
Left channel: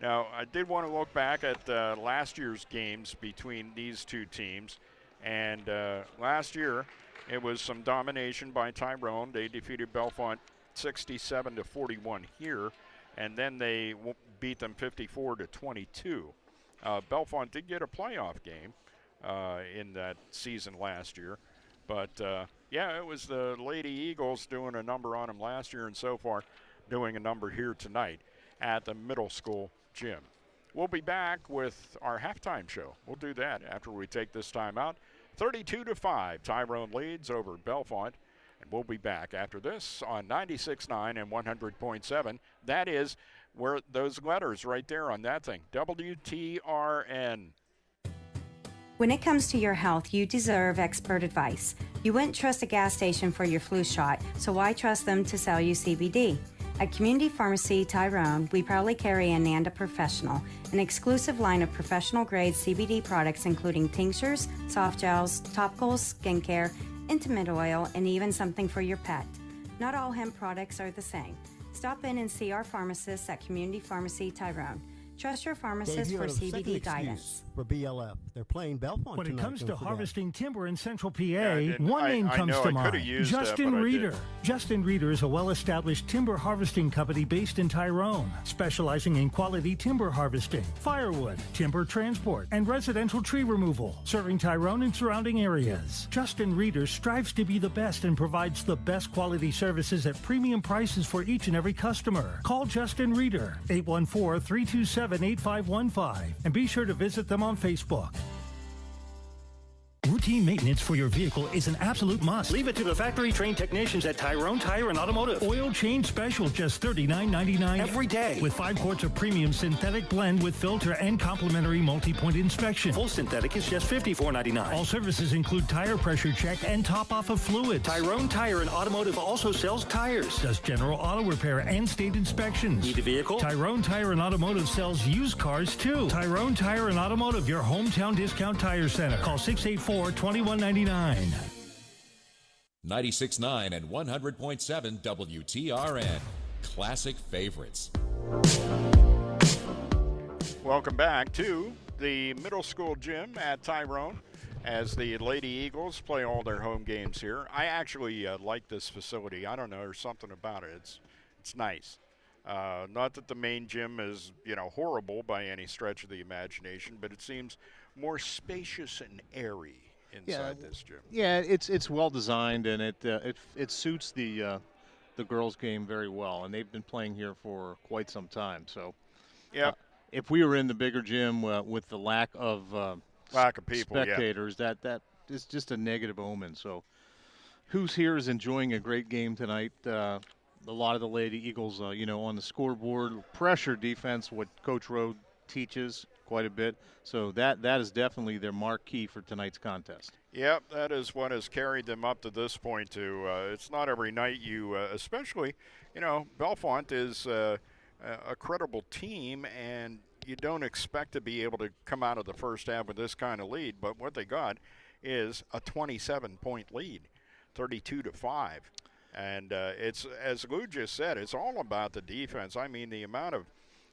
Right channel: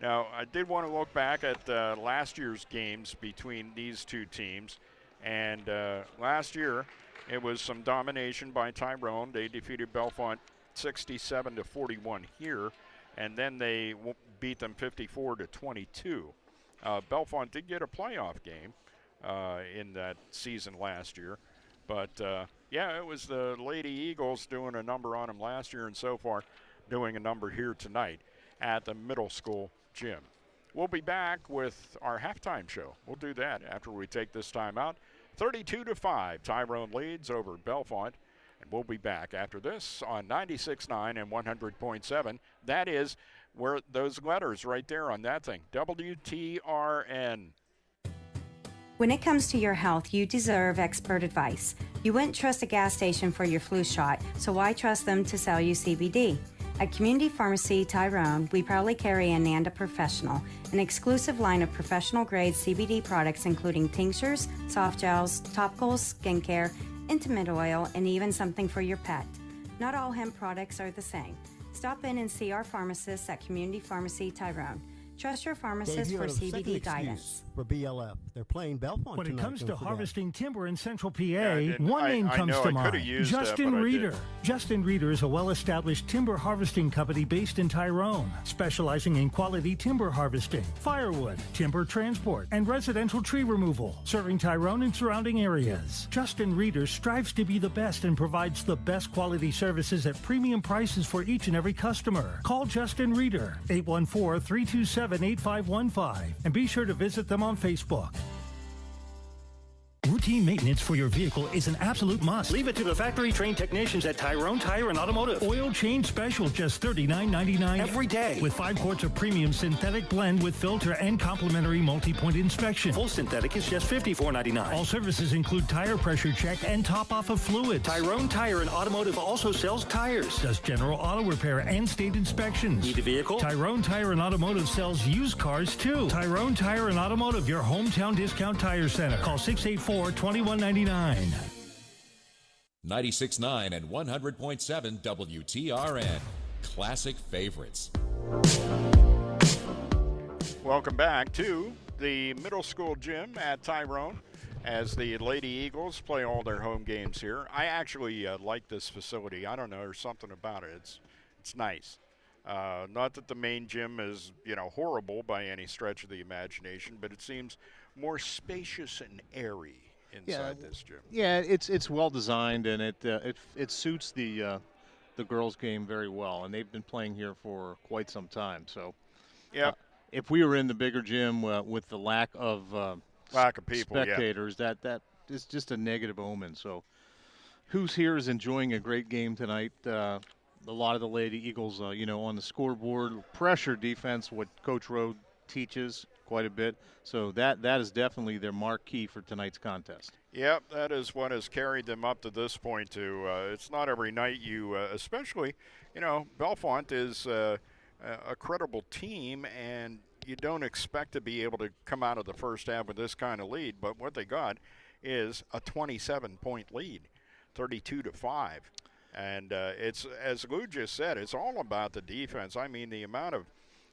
Now, I did want to look back at last year's games between these two teams. And last year, it was some domination by Tyrone. They defeated Bellefonte 67-41 here, and then they beat them 54-22. Bellefonte did get a playoff game in that season last year. But, yeah, it was the Lady Eagles doing a number on them last year and so far doing a number here tonight at the middle school gym. We'll be back with our halftime show. We'll do that after we take this time out. 32-5, Tyrone leads over Bellefonte. And we'll be back after this on 96.9 and 100.7. That is where those letters right there on that thing, WTRN. When it comes to your health, you deserve expert advice. You wouldn't trust a gas station for your flu shot, so why trust them to sell you CBD? At Community Pharmacy Tyrone, we proudly carry Ananda Professional, an exclusive line of professional-grade CBD products including tinctures, soft gels, topicals, skincare, intimate oil, and even something for your pet. Not all hemp products are the same. Stop in and see our pharmacists at Community Pharmacy Tyrone. Trust your pharmacist for CBD guidance. For BLF, they're playing Bellefonte. When it comes to harvesting timber in Central PA, Yeah, one name comes to mind. Justin Reeder. Did. Justin Reeder is a well-established timber harvesting company based in Tyrone, specializing in quality timber harvesting, firewood, timber transport, and residential tree removal, serving Tyrone and surrounding areas. Justin Reeder strives to be the best and provides the best quality services at premium prices for each and every customer. Call Justin Reeder, 814-327-8515, and be sure to visit them on Facebook. routine maintenance for your vehicle is an absolute must. Leave it to the factory-trained technicians at Tyrone Tire and Automotive. Oil change special, just $39.99 every day. With 5 quarts of premium synthetic blend with filter and complimentary multi-point inspection. Full synthetic is just $54.99. All services include tire pressure check and top-off of fluids. Tyrone Tire and Automotive also sells tires, does general auto repair and state inspections. Need a vehicle? Tyrone Tire and Automotive sells used cars too. Tyrone Tire and Automotive, your hometown discount tire center. Call 684-2199. 96.9 and 100.7 WTRN. Classic favorites. Welcome back to the middle school gym at Tyrone as the Lady Eagles play all their home games here. I actually like this facility. I don't know, there's something about it. It's nice. Not that the main gym is, horrible by any stretch of the imagination, but it seems more spacious and airy inside this gym. Yeah, it's well designed, and it suits the girls' game very well, and they've been playing here for quite some time. So, if we were in the bigger gym with the lack of people, spectators, that is just a negative omen. So, who's here is enjoying a great game tonight. A lot of the Lady Eagles, on the scoreboard, pressure defense, what Coach Rode teaches quite a bit. So that is definitely their marquee for tonight's contest. Yep, that is what has carried them up to this point, too. It's not every night especially, Bellefonte is a credible team, and you don't expect to be able to come out of the first half with this kind of lead. But what they got is a 27-point lead, 32-5. And it's, as Lou just said, it's all about the defense. I mean, the amount of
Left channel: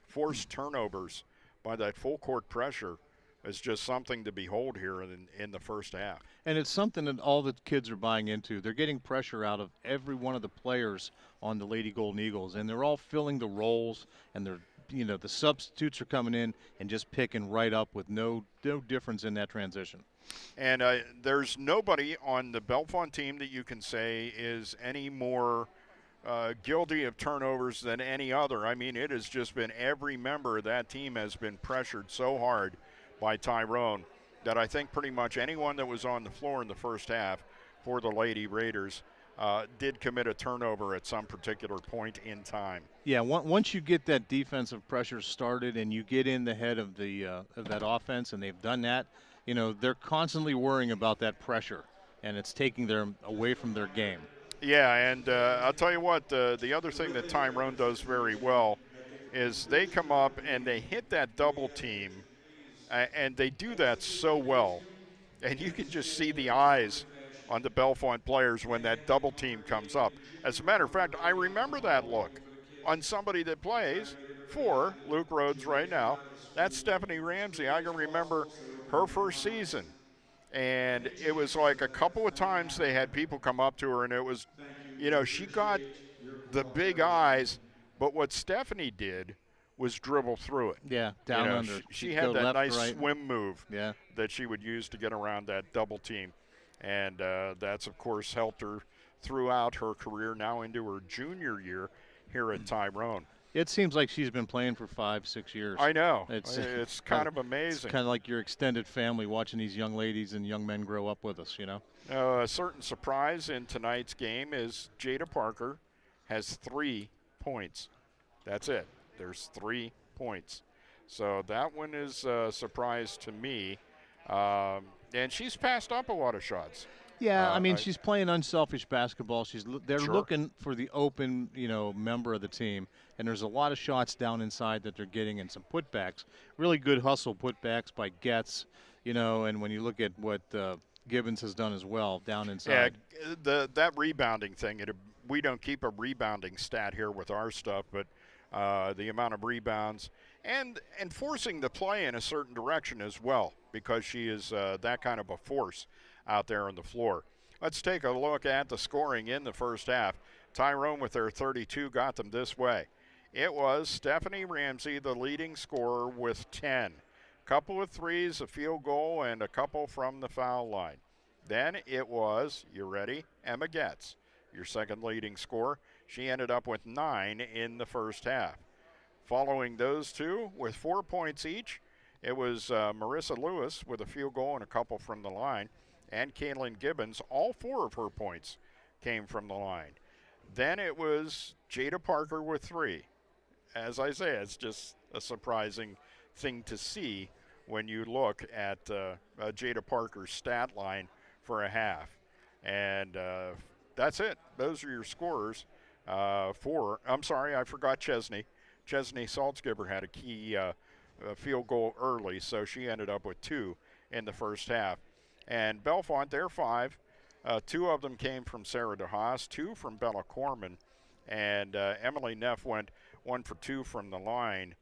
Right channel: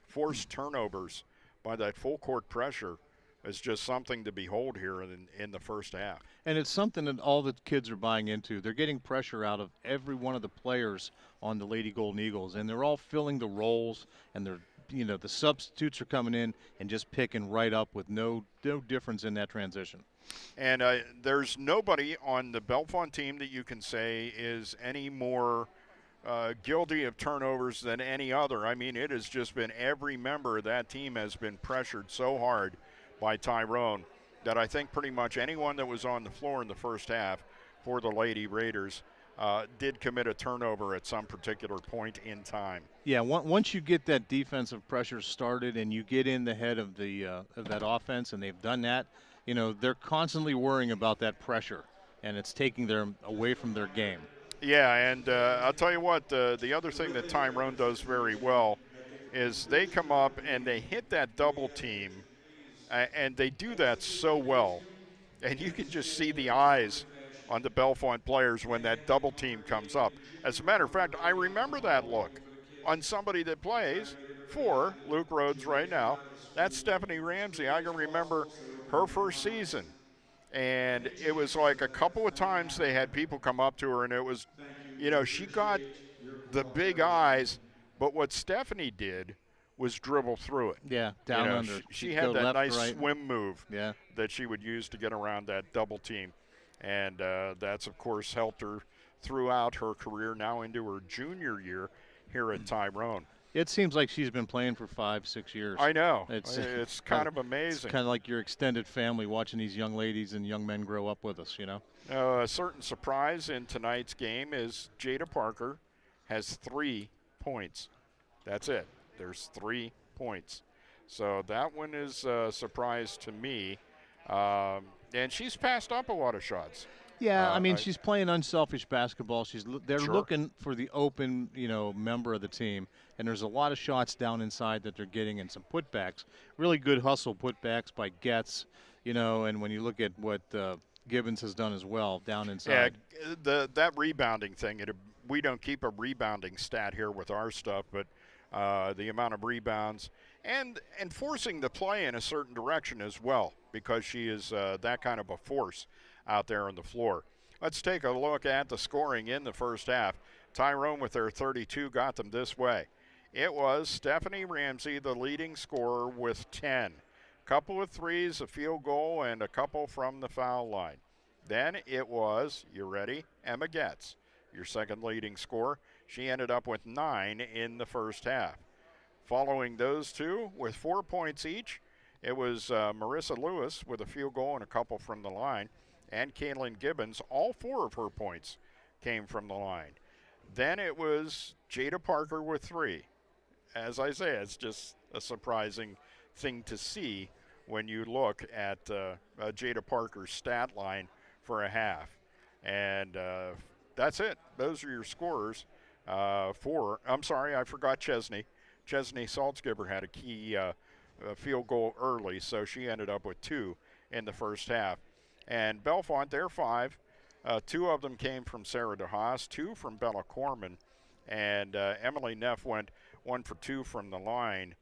forced turnovers by that full court pressure is just something to behold here in the first half. And it's something that all the kids are buying into. They're getting pressure out of every one of the players on the Lady Golden Eagles, and they're all filling the roles, and they're the substitutes are coming in and just picking right up with no difference in that transition. And there's nobody on the Bellefonte team that you can say is any more guilty of turnovers than any other. I mean, it has just been every member of that team has been pressured so hard by Tyrone that I think pretty much anyone that was on the floor in the first half for the Lady Raiders did commit a turnover at some particular point in time. Yeah, once you get that defensive pressure started and you get in the head of that offense, and they've done that, they're constantly worrying about that pressure, and it's taking them away from their game. Yeah, and I'll tell you what, the other thing that Tyrone does very well is they come up and they hit that double team, and they do that so well. And you can just see the eyes on the Bellefonte players when that double team comes up. As a matter of fact, I remember that look on somebody that plays for Luke Rhodes right now. That's Stephanie Ramsey. I can remember her first season. And it was like a couple of times they had people come up to her, and it was, she got the big eyes, but what Stephanie did was dribble through it. Yeah, down under. She had that left, nice right. swim move Yeah. that she would use to get around that double team. And that's, of course, helped her throughout her career, now into her junior year here at Tyrone. It seems like she's been playing for 5-6 years. I know. It's kind of amazing. It's kind of like your extended family watching these young ladies and young men grow up with us, A certain surprise in tonight's game is Jada Parker has 3 points. That's it. There's 3 points. So that one is a surprise to me. And she's passed up a lot of shots. Yeah, I mean, she's playing unselfish basketball. They're Sure. looking for the open, member of the team, and there's a lot of shots down inside that they're getting and some putbacks. Really good hustle putbacks by Getz, and when you look at what Gibbons has done as well down inside. Yeah, that rebounding thing, we don't keep a rebounding stat here with our stuff, but the amount of rebounds and forcing the play in a certain direction as well, because she is that kind of a force out there on the floor. Let's take a look at the scoring in the first half. Tyrone with their 32 got them this way. It was Stephanie Ramsey, the leading scorer, with 10. Couple of threes, a field goal, and a couple from the foul line. Then it was, you ready, Emma Getz, your second leading scorer. She ended up with 9 in the first half. Following those two with 4 points each, it was Marissa Lewis with a field goal and a couple from the line. and Kaylin Gibbons. All 4 of her points came from the line. Then it was Jada Parker with 3. As I say, it's just a surprising thing to see when you look at Jada Parker's stat line for a half. And that's it. Those are your scorers. I'm sorry, I forgot Chesney. Chesney Saltzgiber had a key field goal early, so she ended up with 2 in the first half. And Bellefonte, they're 5. 2 of them came from Sarah DeHaas, 2 from Bella Corman, and Emily Neff went 1 for 2 from the line.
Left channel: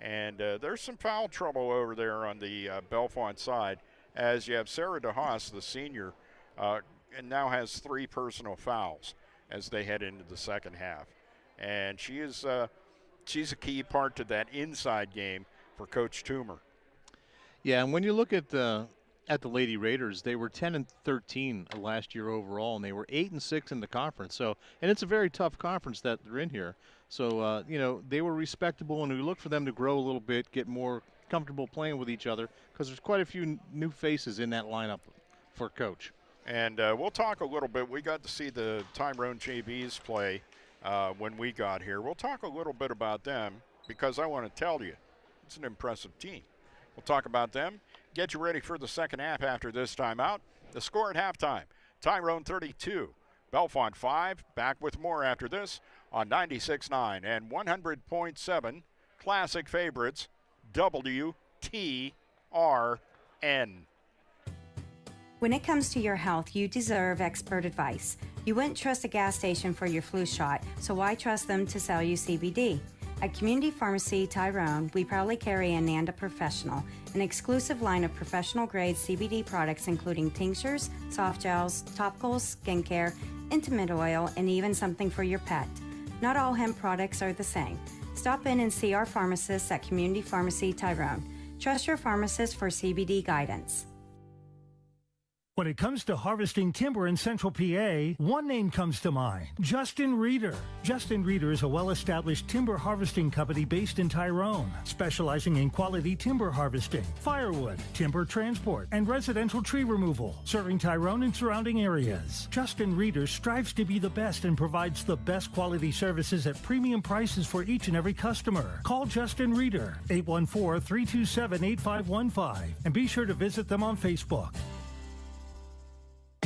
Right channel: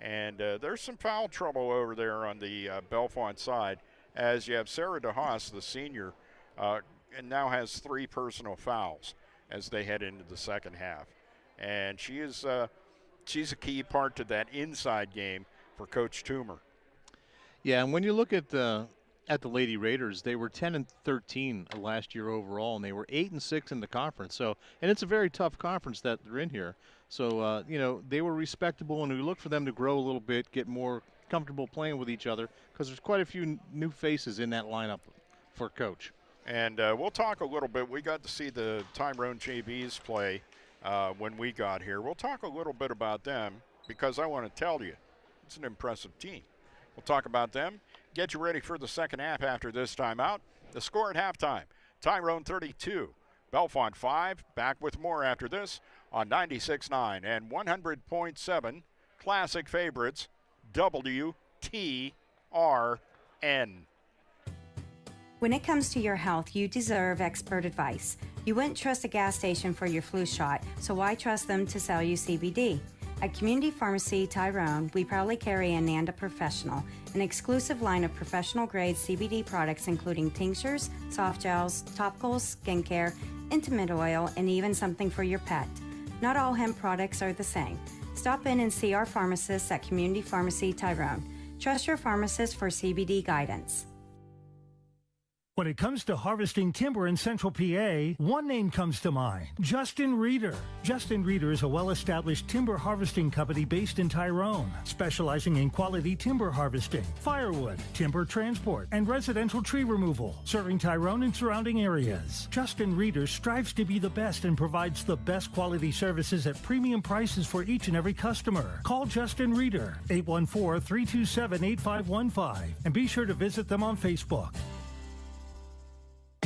And there's some foul trouble over there on the Bellefonte side, as you have Sarah DeHaas, the senior, and now has 3 personal fouls as they head into the second half. And she's a key part to that inside game for Coach Toomer. Yeah, and when you look at the Lady Raiders, they were 10-13 last year overall, and they were 8-6 in the conference. So, and it's a very tough conference that they're in here. So, they were respectable, and we look for them to grow a little bit, get more comfortable playing with each other, because there's quite a few new faces in that lineup for Coach. And we'll talk a little bit. We got to see the Tyrone JVs play when we got here. We'll talk a little bit about them because I want to tell you, it's an impressive team. We'll talk about them, get you ready for the second half after this timeout. The score at halftime, Tyrone 32, Bellefonte 5. Back with more after this on 96.9 and 100.7 Classic Favorites, WTRN. When it comes to your health, you deserve expert advice. You wouldn't trust a gas station for your flu shot, so why trust them to sell you CBD? At Community Pharmacy Tyrone, we proudly carry Ananda Professional, an exclusive line of professional-grade CBD products including tinctures, soft gels, topicals, skincare, intimate oil, and even something for your pet. Not all hemp products are the same. Stop in and see our pharmacists at Community Pharmacy Tyrone. Trust your pharmacist for CBD guidance. When it comes to harvesting timber in Central PA, one name comes to mind, Justin Reeder. Justin Reeder is a well-established timber harvesting company based in Tyrone, specializing in quality timber harvesting, firewood, timber transport, and residential tree removal, serving Tyrone and surrounding areas. Justin Reeder strives to be the best and provides the best quality services at premium prices for each and every customer. Call Justin Reeder, 814-327-8515, and be sure to visit them on Facebook.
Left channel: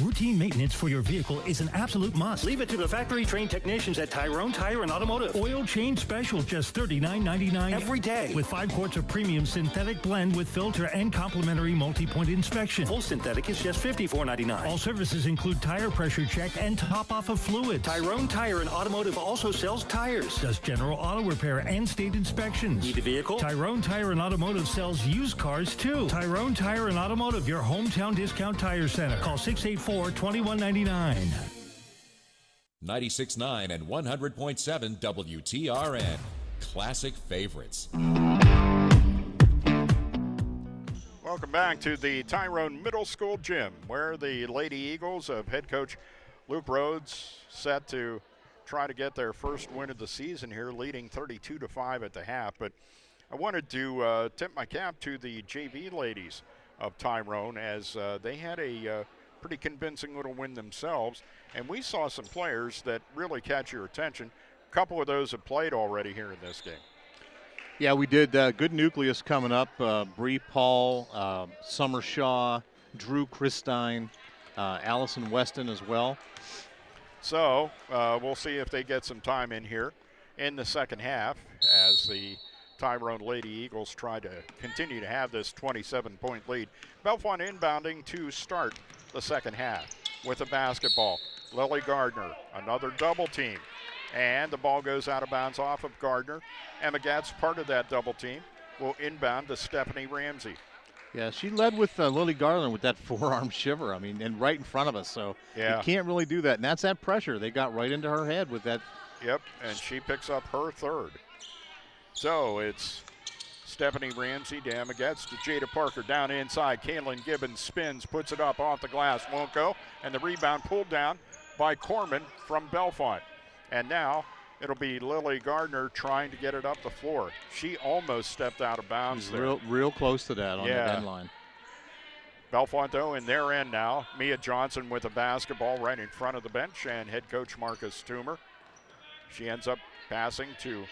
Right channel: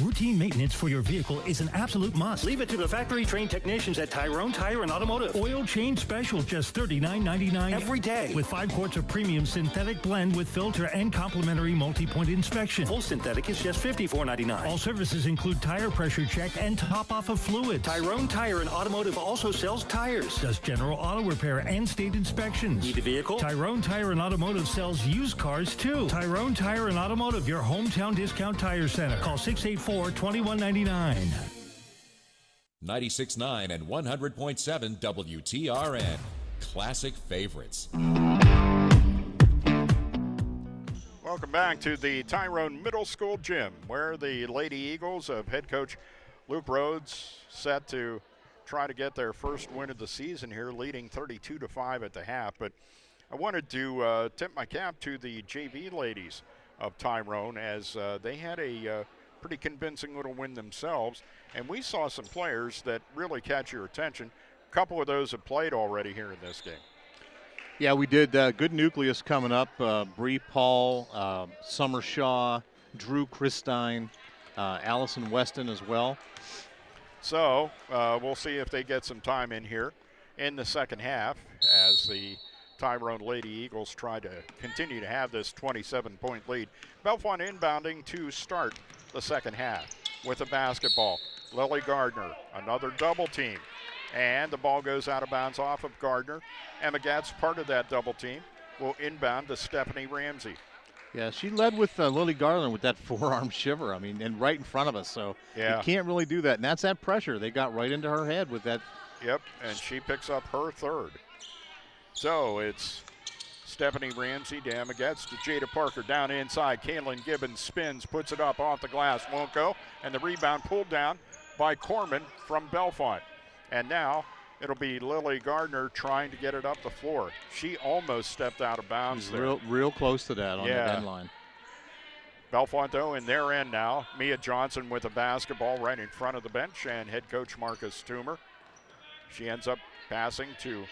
Routine maintenance for your vehicle is an absolute must. Leave it to the factory-trained technicians at Tyrone Tire and Automotive. Oil change special, just $39.99 every day. With 5 quarts of premium synthetic blend with filter and complimentary multi-point inspection. Full synthetic is just $54.99. All services include tire pressure check and top-off of fluids. Tyrone Tire and Automotive also sells tires, does general auto repair and state inspections. Need a vehicle? Tyrone Tire and Automotive sells used cars, too. Tyrone Tire and Automotive, your hometown discount tire center. Call 684-2199. 96.9 and 100.7 WTRN. Classic Favorites. Welcome back to the Tyrone Middle School gym, where the Lady Eagles of head coach Luke Rhodes set to try to get their first win of the season here, leading 32-5 at the half. But I wanted to tip my cap to the JV ladies of Tyrone, as they had a pretty convincing little win themselves, and we saw some players that really catch your attention. A couple of those have played already here in this game. Yeah, we did. Good nucleus coming up. Bree Paul, Summer Shaw, Drew Christine, Allison Weston as well. So we'll see if they get some time in here in the second half as the Tyrone Lady Eagles try to continue to have this 27-point lead. Bellefonte inbounding to start the second half with a basketball. Lily Gardner, another double team. And the ball goes out of bounds off of Gardner. Emma Gatz, part of that double team, will inbound to Stephanie Ramsey. Yeah, she led with Lily Garland with that forearm shiver. I mean, and right in front of us. So yeah, you can't really do that. And that's that pressure. They got right into her head with that. Yep, and she picks up her third. So it's Stephanie Ramsey to Emma Getz to Jada Parker down inside. Kaylin Gibbons spins, puts it up off the glass, won't go. And the rebound pulled down by Corman from Bellefonte. And now it'll be Lily Gardner trying to get it up the floor. She almost stepped out of bounds there. Real close to that on the end line. Bellefonte in their end now. Mia Johnson with a basketball right in front of the bench, and head coach Marcus Toomer. She ends up passing to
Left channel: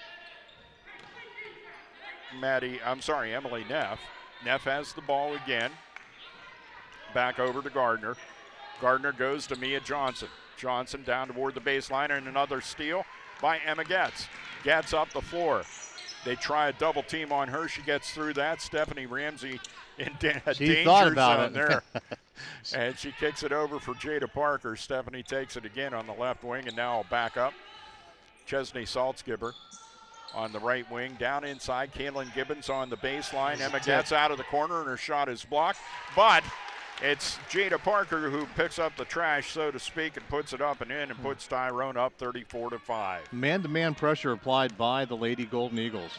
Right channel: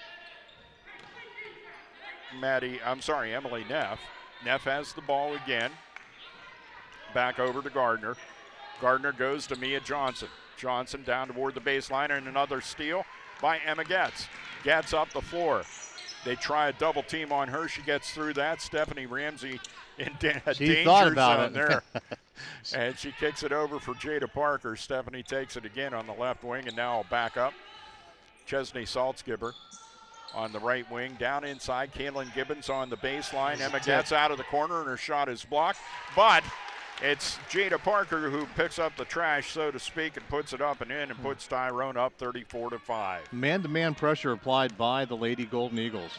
Emily Neff. Neff has the ball again. Back over to Gardner. Gardner goes to Mia Johnson. Johnson down toward the baseline, and another steal by Emma Getz. Getz up the floor. They try a double team on her. She gets through that. Stephanie Ramsey in a danger zone there. And she kicks it over for Jada Parker. Stephanie takes it again on the left wing, and now back up. Chesney Saltzgiber on the right wing. Down inside, Kaylin Gibbons on the baseline. Emma Getz out of the corner, and her shot is blocked. But it's Jada Parker who picks up the trash, so to speak, and puts it up and in and puts Tyrone up 34-5. Man-to-man pressure applied by the Lady Golden Eagles.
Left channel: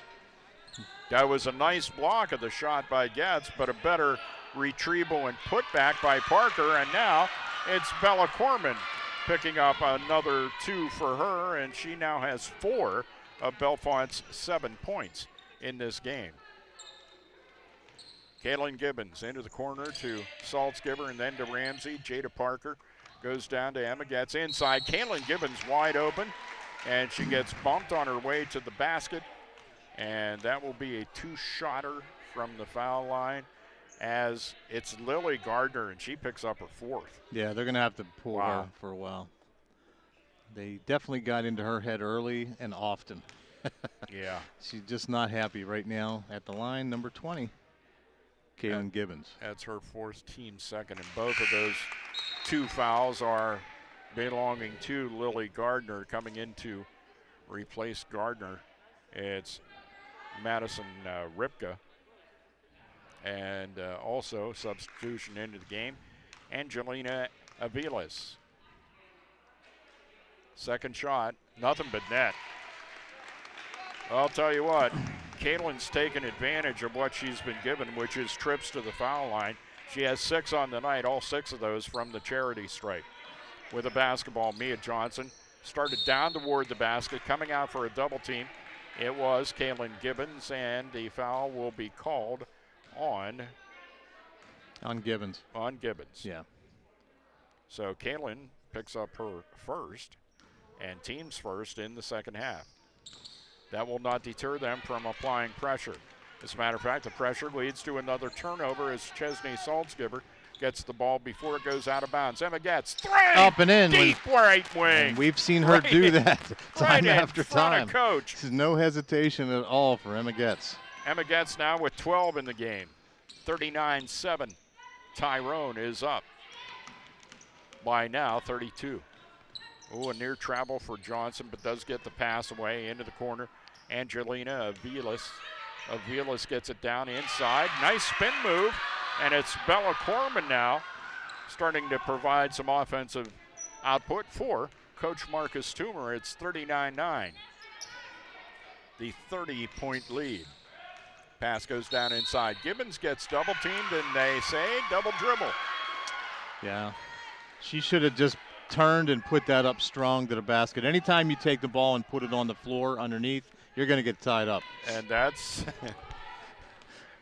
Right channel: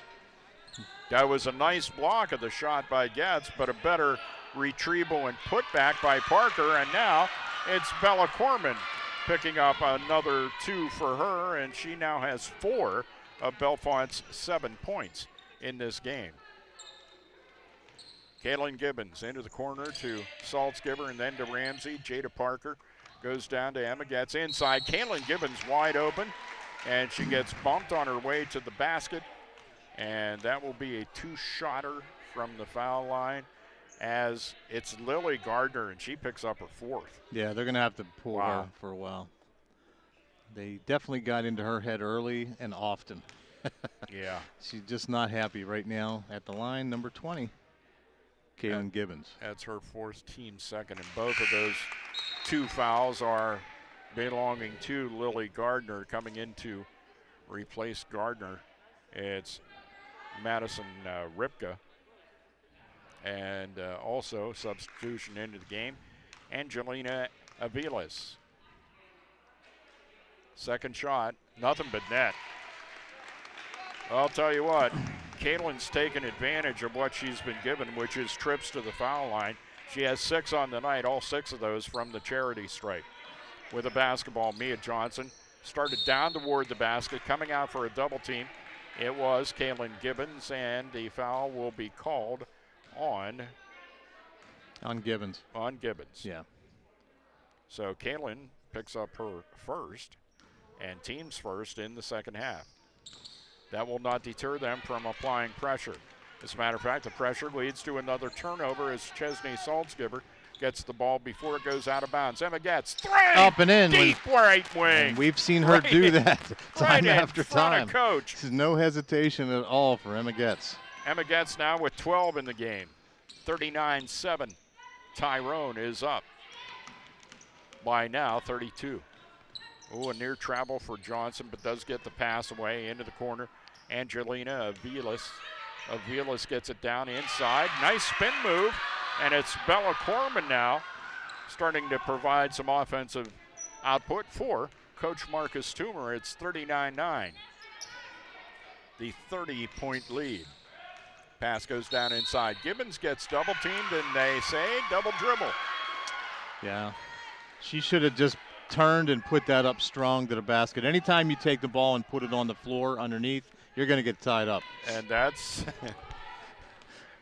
That was a nice block of the shot by Getz, but a better retrieval and putback by Parker. And now it's Bella Corman picking up another 2 for her, and she now has 4 of Bellefonte's 7 points in this game. Kaylin Gibbons into the corner to Saltzgiber and then to Ramsey. Jada Parker goes down to Emma Getz inside. Kaylin Gibbons wide open, and she gets bumped on her way to the basket. And that will be a 2-shotter from the foul line, as it's Lily Gardner, and she picks up her 4th. Yeah, they're going to have to pull her for a while. They definitely got into her head early and often. Yeah. She's just not happy right now at the line, number 20, Kaylin Gibbons. That's her 4th, team second, and both of those 2 fouls are belonging to Lily Gardner. Coming in to replace Gardner, it's Madison Ripka, and also substitution into the game, Angelina Aviles. Second shot, nothing but net. I'll tell you what, Kaylin's taken advantage of what she's been given, which is trips to the foul line. She has 6 on the night, all 6 of those from the charity stripe. With a basketball, Mia Johnson started down toward the basket, coming out for a double team. It was Kaylin Gibbons, and the foul will be called on Gibbons. On Gibbons. Yeah. So Kaylin picks up her first and team's first in the second half. That will not deter them from applying pressure. As a matter of fact, the pressure leads to another turnover as Chesney Saltzgiber gets the ball before it goes out of bounds. Emma Getz, 3! Up and in. Deep right wing. And we've seen her do that time after time. Coach. There's no hesitation at all for Emma Getz. Emma Getz now with 12 in the game. 39-7. Tyrone is up by now 32. Oh, a near travel for Johnson, but does get the pass away into the corner. Angelina Aviles. Aviles gets it down inside. Nice spin move, and it's Bella Corman now starting to provide some offensive output for Coach Marcus Toomer. It's 39-9. The 30-point lead. Pass goes down inside. Gibbons gets double teamed, and they say double dribble. Yeah. She should have just turned and put that up strong to the basket. Anytime you take the ball and put it on the floor underneath, you're going to get tied up. And that's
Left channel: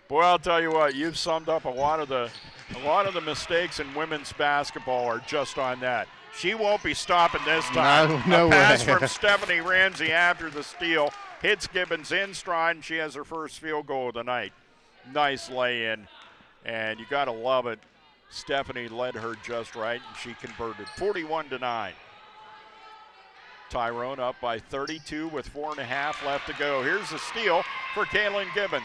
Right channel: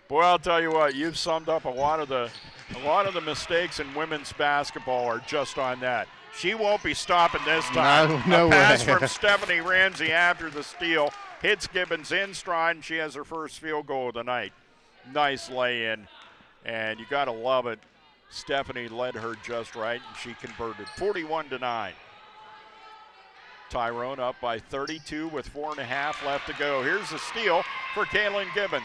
boy, I'll tell you what, you've summed up a lot of the mistakes in women's basketball are just on that. She won't be stopping this time. No a pass way. from Stephanie Ramsey after the steal hits Gibbons in stride, and she has her first field goal of the night. Nice lay-in, and you got to love it. Stephanie led her just right, and she converted 41-9. Tyrone up by 32 with 4.5 left to go. Here's the steal for Kaylin Gibbons.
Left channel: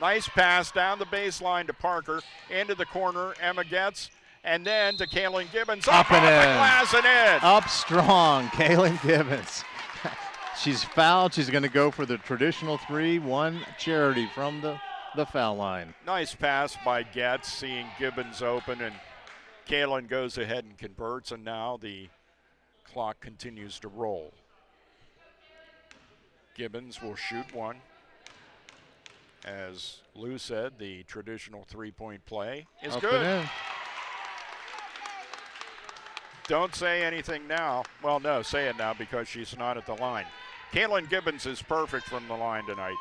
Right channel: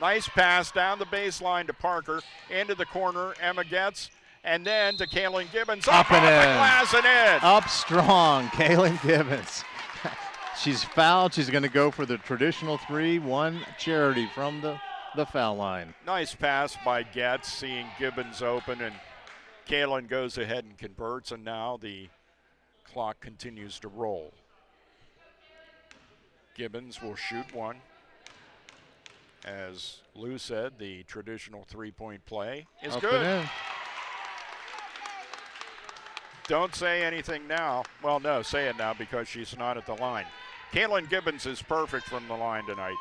Nice pass down the baseline to Parker, into the corner, Emma Getz, and then to Kaylin Gibbons. Up and off in. the glass and in. Up strong, Kaylin Gibbons. She's fouled. She's going to go for the traditional 3-1 charity from the foul line. Nice pass by Getz, seeing Gibbons open, and Kaylin goes ahead and converts, and now the clock continues to roll. Gibbons will shoot one. As Lou said, the traditional three-point play is good. Don't say anything now. Well, no, say it now because she's not at the line. Kaylin Gibbons is perfect from the line tonight.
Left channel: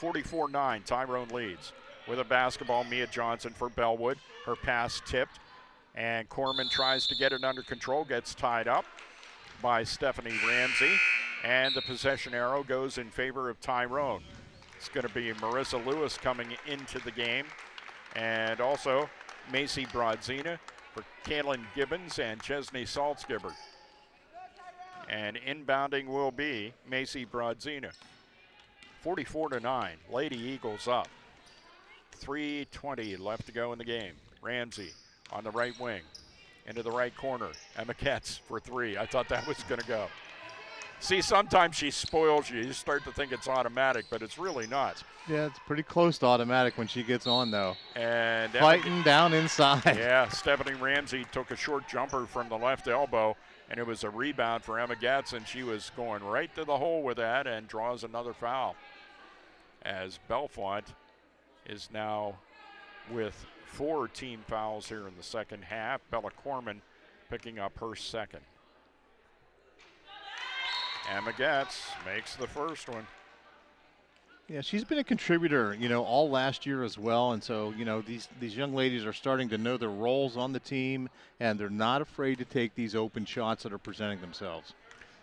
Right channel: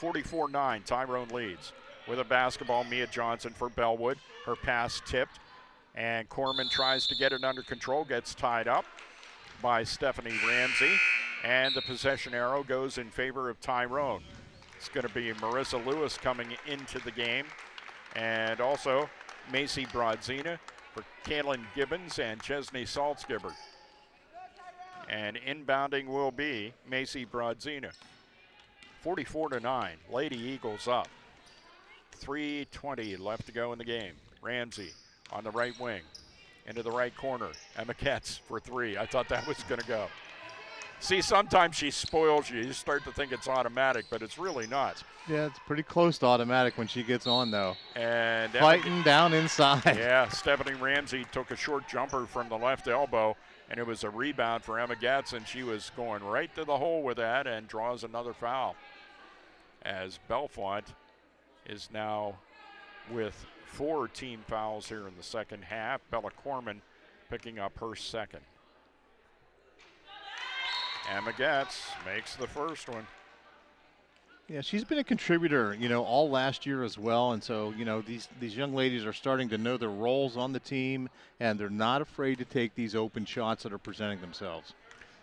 44-9, Tyrone leads. with a basketball. Mia Johnson for Bellwood. Her pass tipped, and Corman tries to get it under control, gets tied up by Stephanie Ramsey, and the possession arrow goes in favor of Tyrone. It's going to be Marissa Lewis coming into the game, and also Macy Brodzina for Kaylin Gibbons and Chesney Saltzgiber. And inbounding will be Macy Brodzina. 44-9, Lady Eagles up. 3:20 left to go in the game. Ramsey on the right wing, into the right corner. Emma Ketz for three. I thought that was going to go. See, sometimes she spoils you. You start to think it's automatic, but it's really not. Yeah, it's pretty close to automatic when she gets on, though. And fighting down inside. Yeah, Stephanie Ramsey took a short jumper from the left elbow, and it was a rebound for Emma Getz, and she was going right to the hole with that and draws another foul. As Bellefonte is now with 4 team fouls here in the second half. Bella Corman picking up her second. Emma Getz makes the first one. Yeah, she's been a contributor, all last year as well. And so, these young ladies are starting to know their roles on the team, and they're not afraid to take these open shots that are presenting themselves.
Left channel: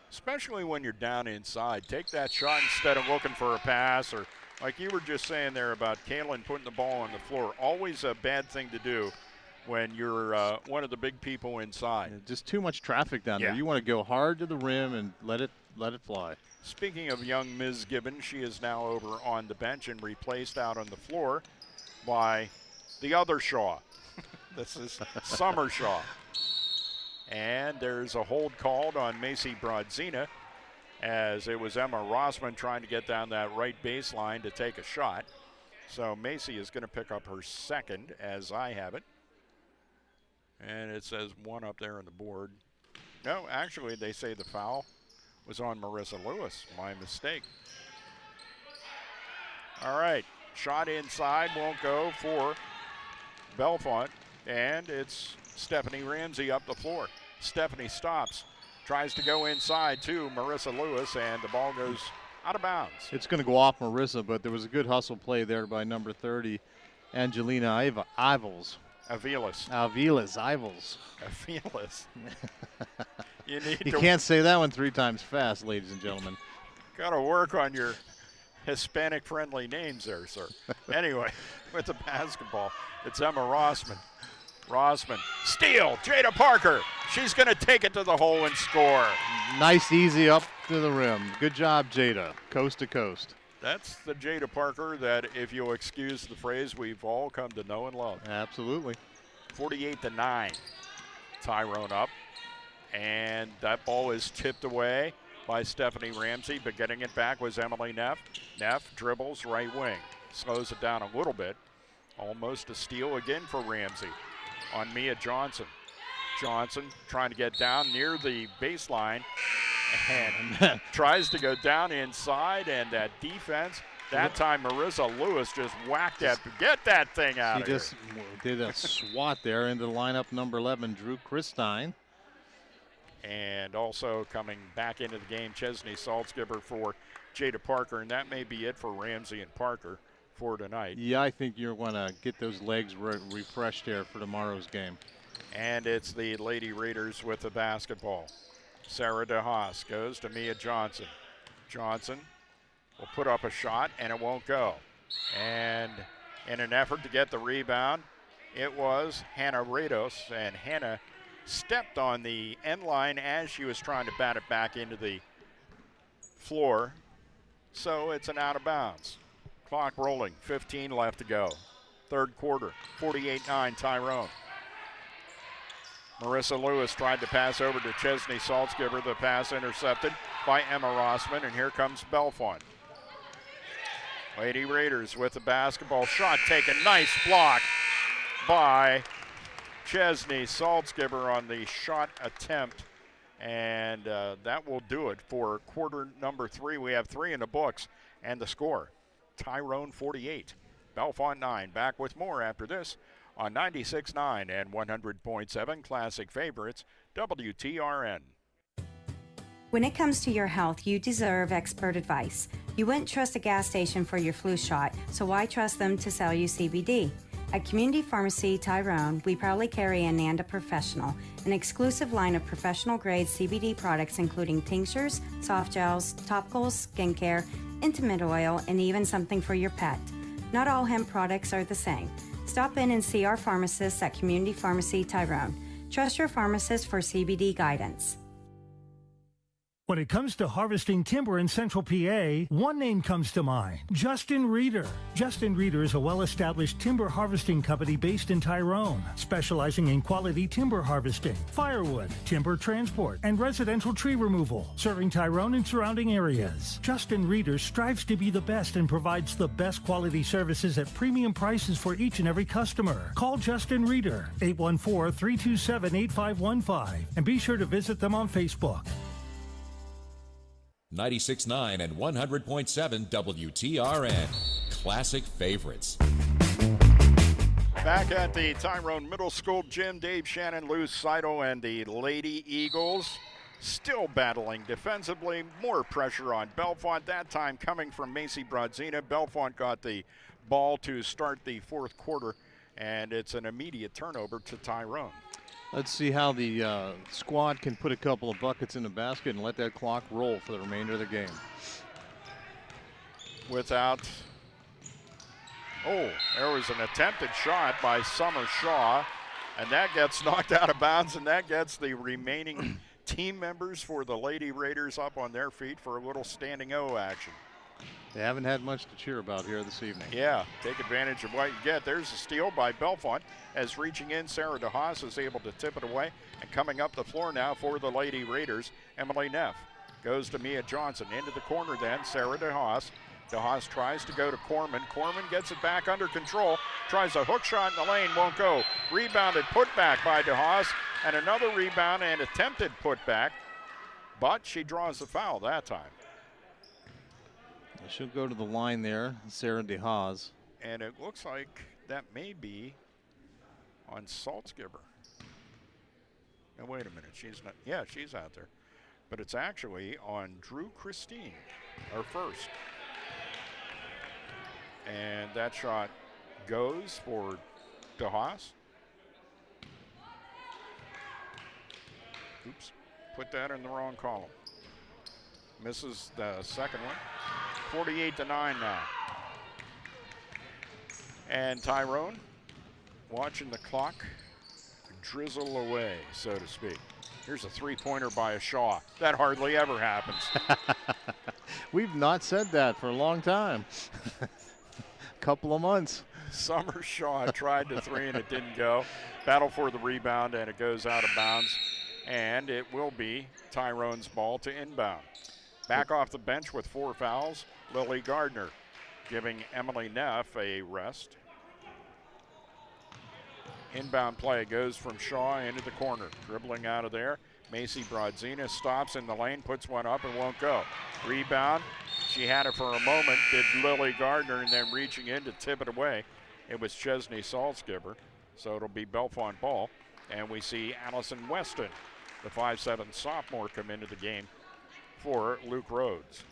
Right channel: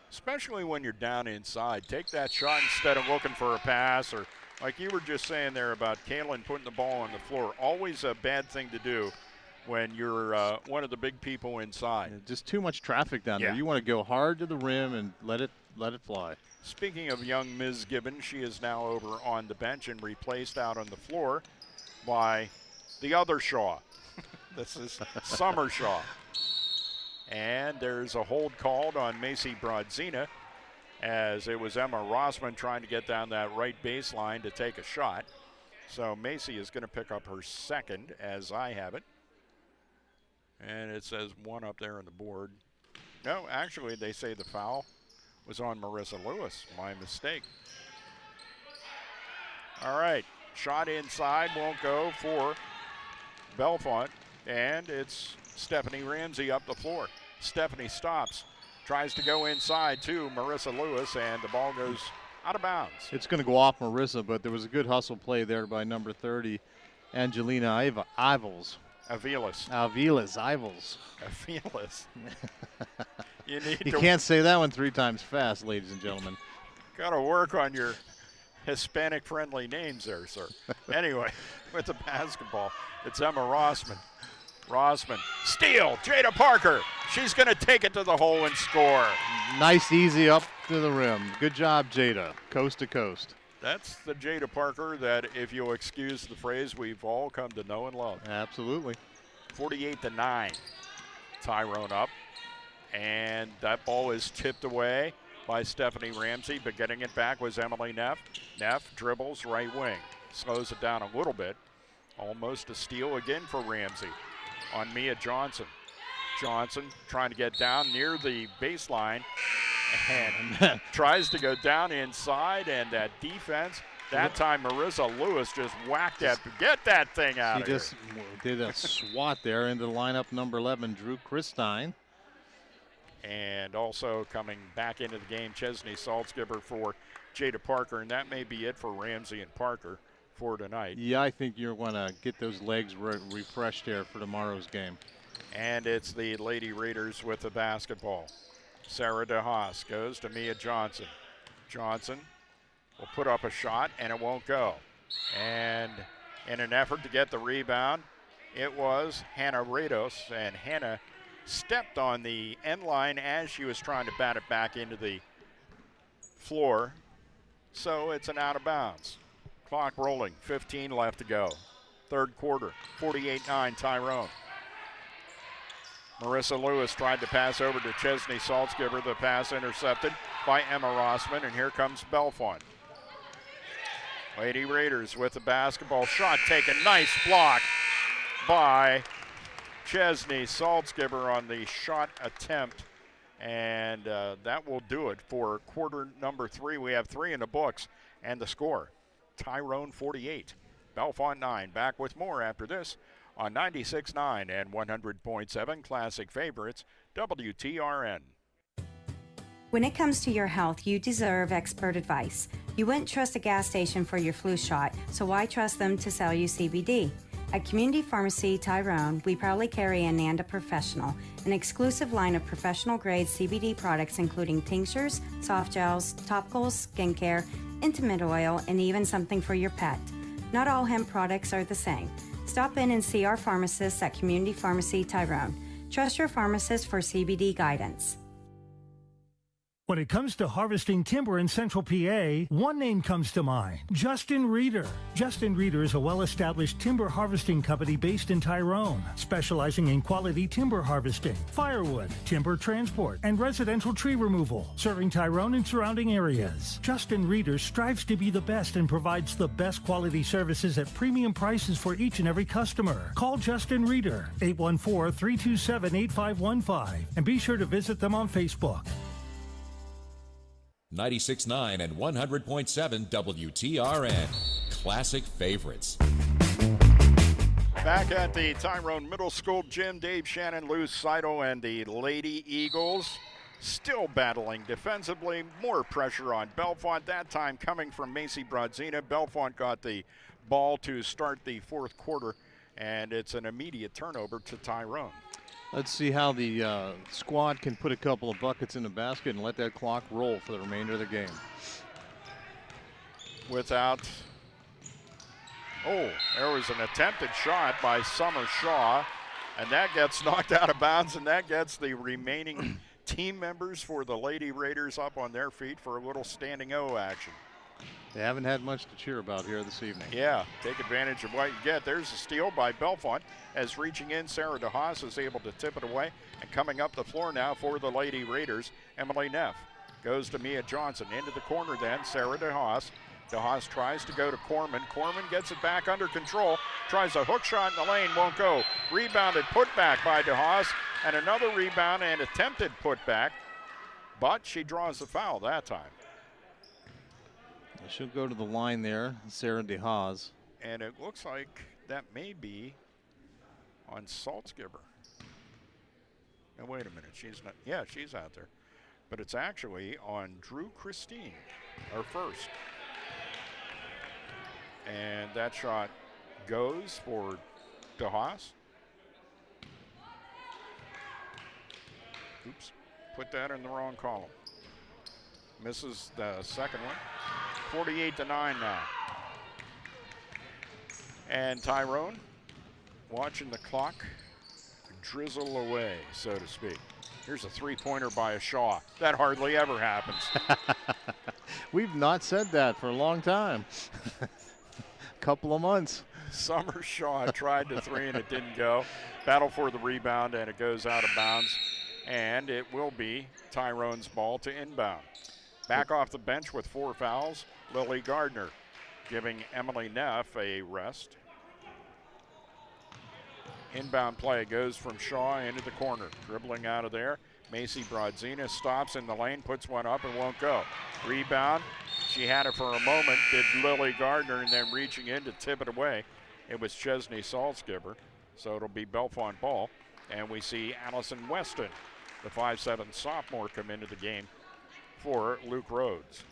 Especially when you're down inside. Take that shot instead of looking for a pass, or like you were just saying there about Kaylin putting the ball on the floor. Always a bad thing to do when you're one of the big people inside. Yeah, just too much traffic down there. You want to go hard to the rim and let it fly. Speaking of young Ms. Gibbons, she is now over on the bench and replaced out on the floor by the other Shaw. This is Summer Shaw. And there's a hold called on Macy Brodzina, as it was Emma Rossman trying to get down that right baseline to take a shot. So Macy is going to pick up her second, as I have it. And it says 1 up there on the board. No, actually, they say the foul was on Marissa Lewis. My mistake. All right, shot inside won't go for Bellefonte, and it's Stephanie Ramsey up the floor. Stephanie stops, tries to go inside to Marissa Lewis, and the ball goes out of bounds. It's going to go off Marissa, but there was a good hustle play there by number 30, Angelina Ivels. Aviles. You can't say that one 3 times fast, ladies and gentlemen. Got to work on your Hispanic-friendly names there, sir. Anyway, with the basketball, it's Emma Rossman. Rossman, steal, Jada Parker. She's going to take it to the hole and score. Nice, easy up to the rim. Good job, Jada, coast to coast. That's the Jada Parker that, if you'll excuse the phrase, we've all come to know and love. Absolutely. 48-9. Tyrone up. And that ball is tipped away by Stephanie Ramsey, but getting it back was Emily Neff. Neff dribbles right wing, slows it down a little bit. Almost a steal again for Ramsey on Mia Johnson. Johnson trying to get down near the baseline and tries to go down inside, and that defense, that time Marissa Lewis just whacked that. Get that thing out of here. She just did a swat there into the lineup, number 11, Drew Christine. And also coming back into the game, Chesney Saltzgiber for Jada Parker, and that may be it for Ramsey and Parker for tonight. Yeah, I think you're going to get those legs refreshed there for tomorrow's game. And it's the Lady Raiders with the basketball. Sarah DeHaas goes to Mia Johnson. Johnson will put up a shot, and it won't go. And in an effort to get the rebound, it was Hannah Rados, and Hannah stepped on the end line as she was trying to bat it back into the floor. So it's an out of bounds. Clock rolling, 15 left to go. Third quarter, 48-9 Tyrone. Marissa Lewis tried to pass over to Chesney Saltzgiber. The pass intercepted by Emma Rossman, and here comes Bellefonte. Lady Raiders with the basketball, shot taken. Nice block by Chesney Saltzgiber on the shot attempt, and that will do it for quarter number 3. We have 3 in the books, and the score, Tyrone 48, Bellefonte 9. Back with more after this on 96.9 and 100.7 Classic Favorites, WTRN. When it comes to your health, you deserve expert advice. You wouldn't trust a gas station for your flu shot, so why trust them to sell you CBD? At Community Pharmacy Tyrone, we proudly carry Ananda Professional, an exclusive line of professional-grade CBD products including tinctures, soft gels, topicals, skincare, intimate oil, and even something for your pet. Not all hemp products are the same. Stop in and see our pharmacists at Community Pharmacy Tyrone. Trust your pharmacist for CBD guidance. When it comes to harvesting timber in Central PA, one name comes to mind, Justin Reeder. Justin Reeder is a well-established timber harvesting company based in Tyrone, specializing in quality timber harvesting, firewood, timber transport, and residential tree removal, serving Tyrone and surrounding areas. Justin Reeder strives to be the best and provides the best quality services at premium prices for each and every customer. Call Justin Reeder, 814-327-8515, and be sure to visit them on Facebook. 96.9 and 100.7 WTRN. Classic favorites. Back at the Tyrone Middle School gym, Dave Shannon, Lou Saito, and the Lady Eagles still battling defensively. More pressure on Bellefonte, that time coming from Macy Brodzina. Bellefonte got the ball to start the fourth quarter, and it's an immediate turnover to Tyrone. Let's see how the squad can put a couple of buckets in the basket and let that clock roll for the remainder of the game. There was an attempted shot by Summer Shaw, and that gets knocked out of bounds, and that gets the remaining team members for the Lady Raiders up on their feet for a little standing O action. They haven't had much to cheer about here this evening. Yeah, take advantage of what you get. There's a steal by Bellefonte. As reaching in, Sarah DeHaas is able to tip it away. And coming up the floor now for the Lady Raiders, Emily Neff goes to Mia Johnson. Into the corner then, Sarah DeHaas. DeHaas tries to go to Corman. Corman gets it back under control. Tries a hook shot in the lane, won't go. Rebounded, put back by DeHaas. And another rebound and attempted put back. But she draws the foul that time. She'll go to the line there, Sarah DeHaas. And it looks like that may be on Saltzgiver. Now, wait a minute. She's not. Yeah, she's out there. But it's actually on Drew Christine, our first. And that shot goes for DeHaas. Oops. Put that in the wrong column. Misses the second one. 48-9 now. And Tyrone watching the clock drizzle away, so to speak. Here's a three-pointer by a Shaw. That hardly ever happens. We've not said that for a long time. Couple of months. Summer Shaw tried the three and it didn't go. Battle for the rebound and it goes out of bounds. And it will be Tyrone's ball to inbound. Back off the bench with 4 fouls, Lily Gardner giving Emily Neff a rest. Inbound play goes from Shaw into the corner. Dribbling out of there. Macy Brodzina stops in the lane, puts one up and won't go. Rebound. She had it for a moment, did Lily Gardner, and then reaching in to tip it away. It was Chesney Saltzgiver, so it'll be Bellefonte ball. And we see Allison Weston, the 5'7" sophomore, come into the game for Luke Rhodes.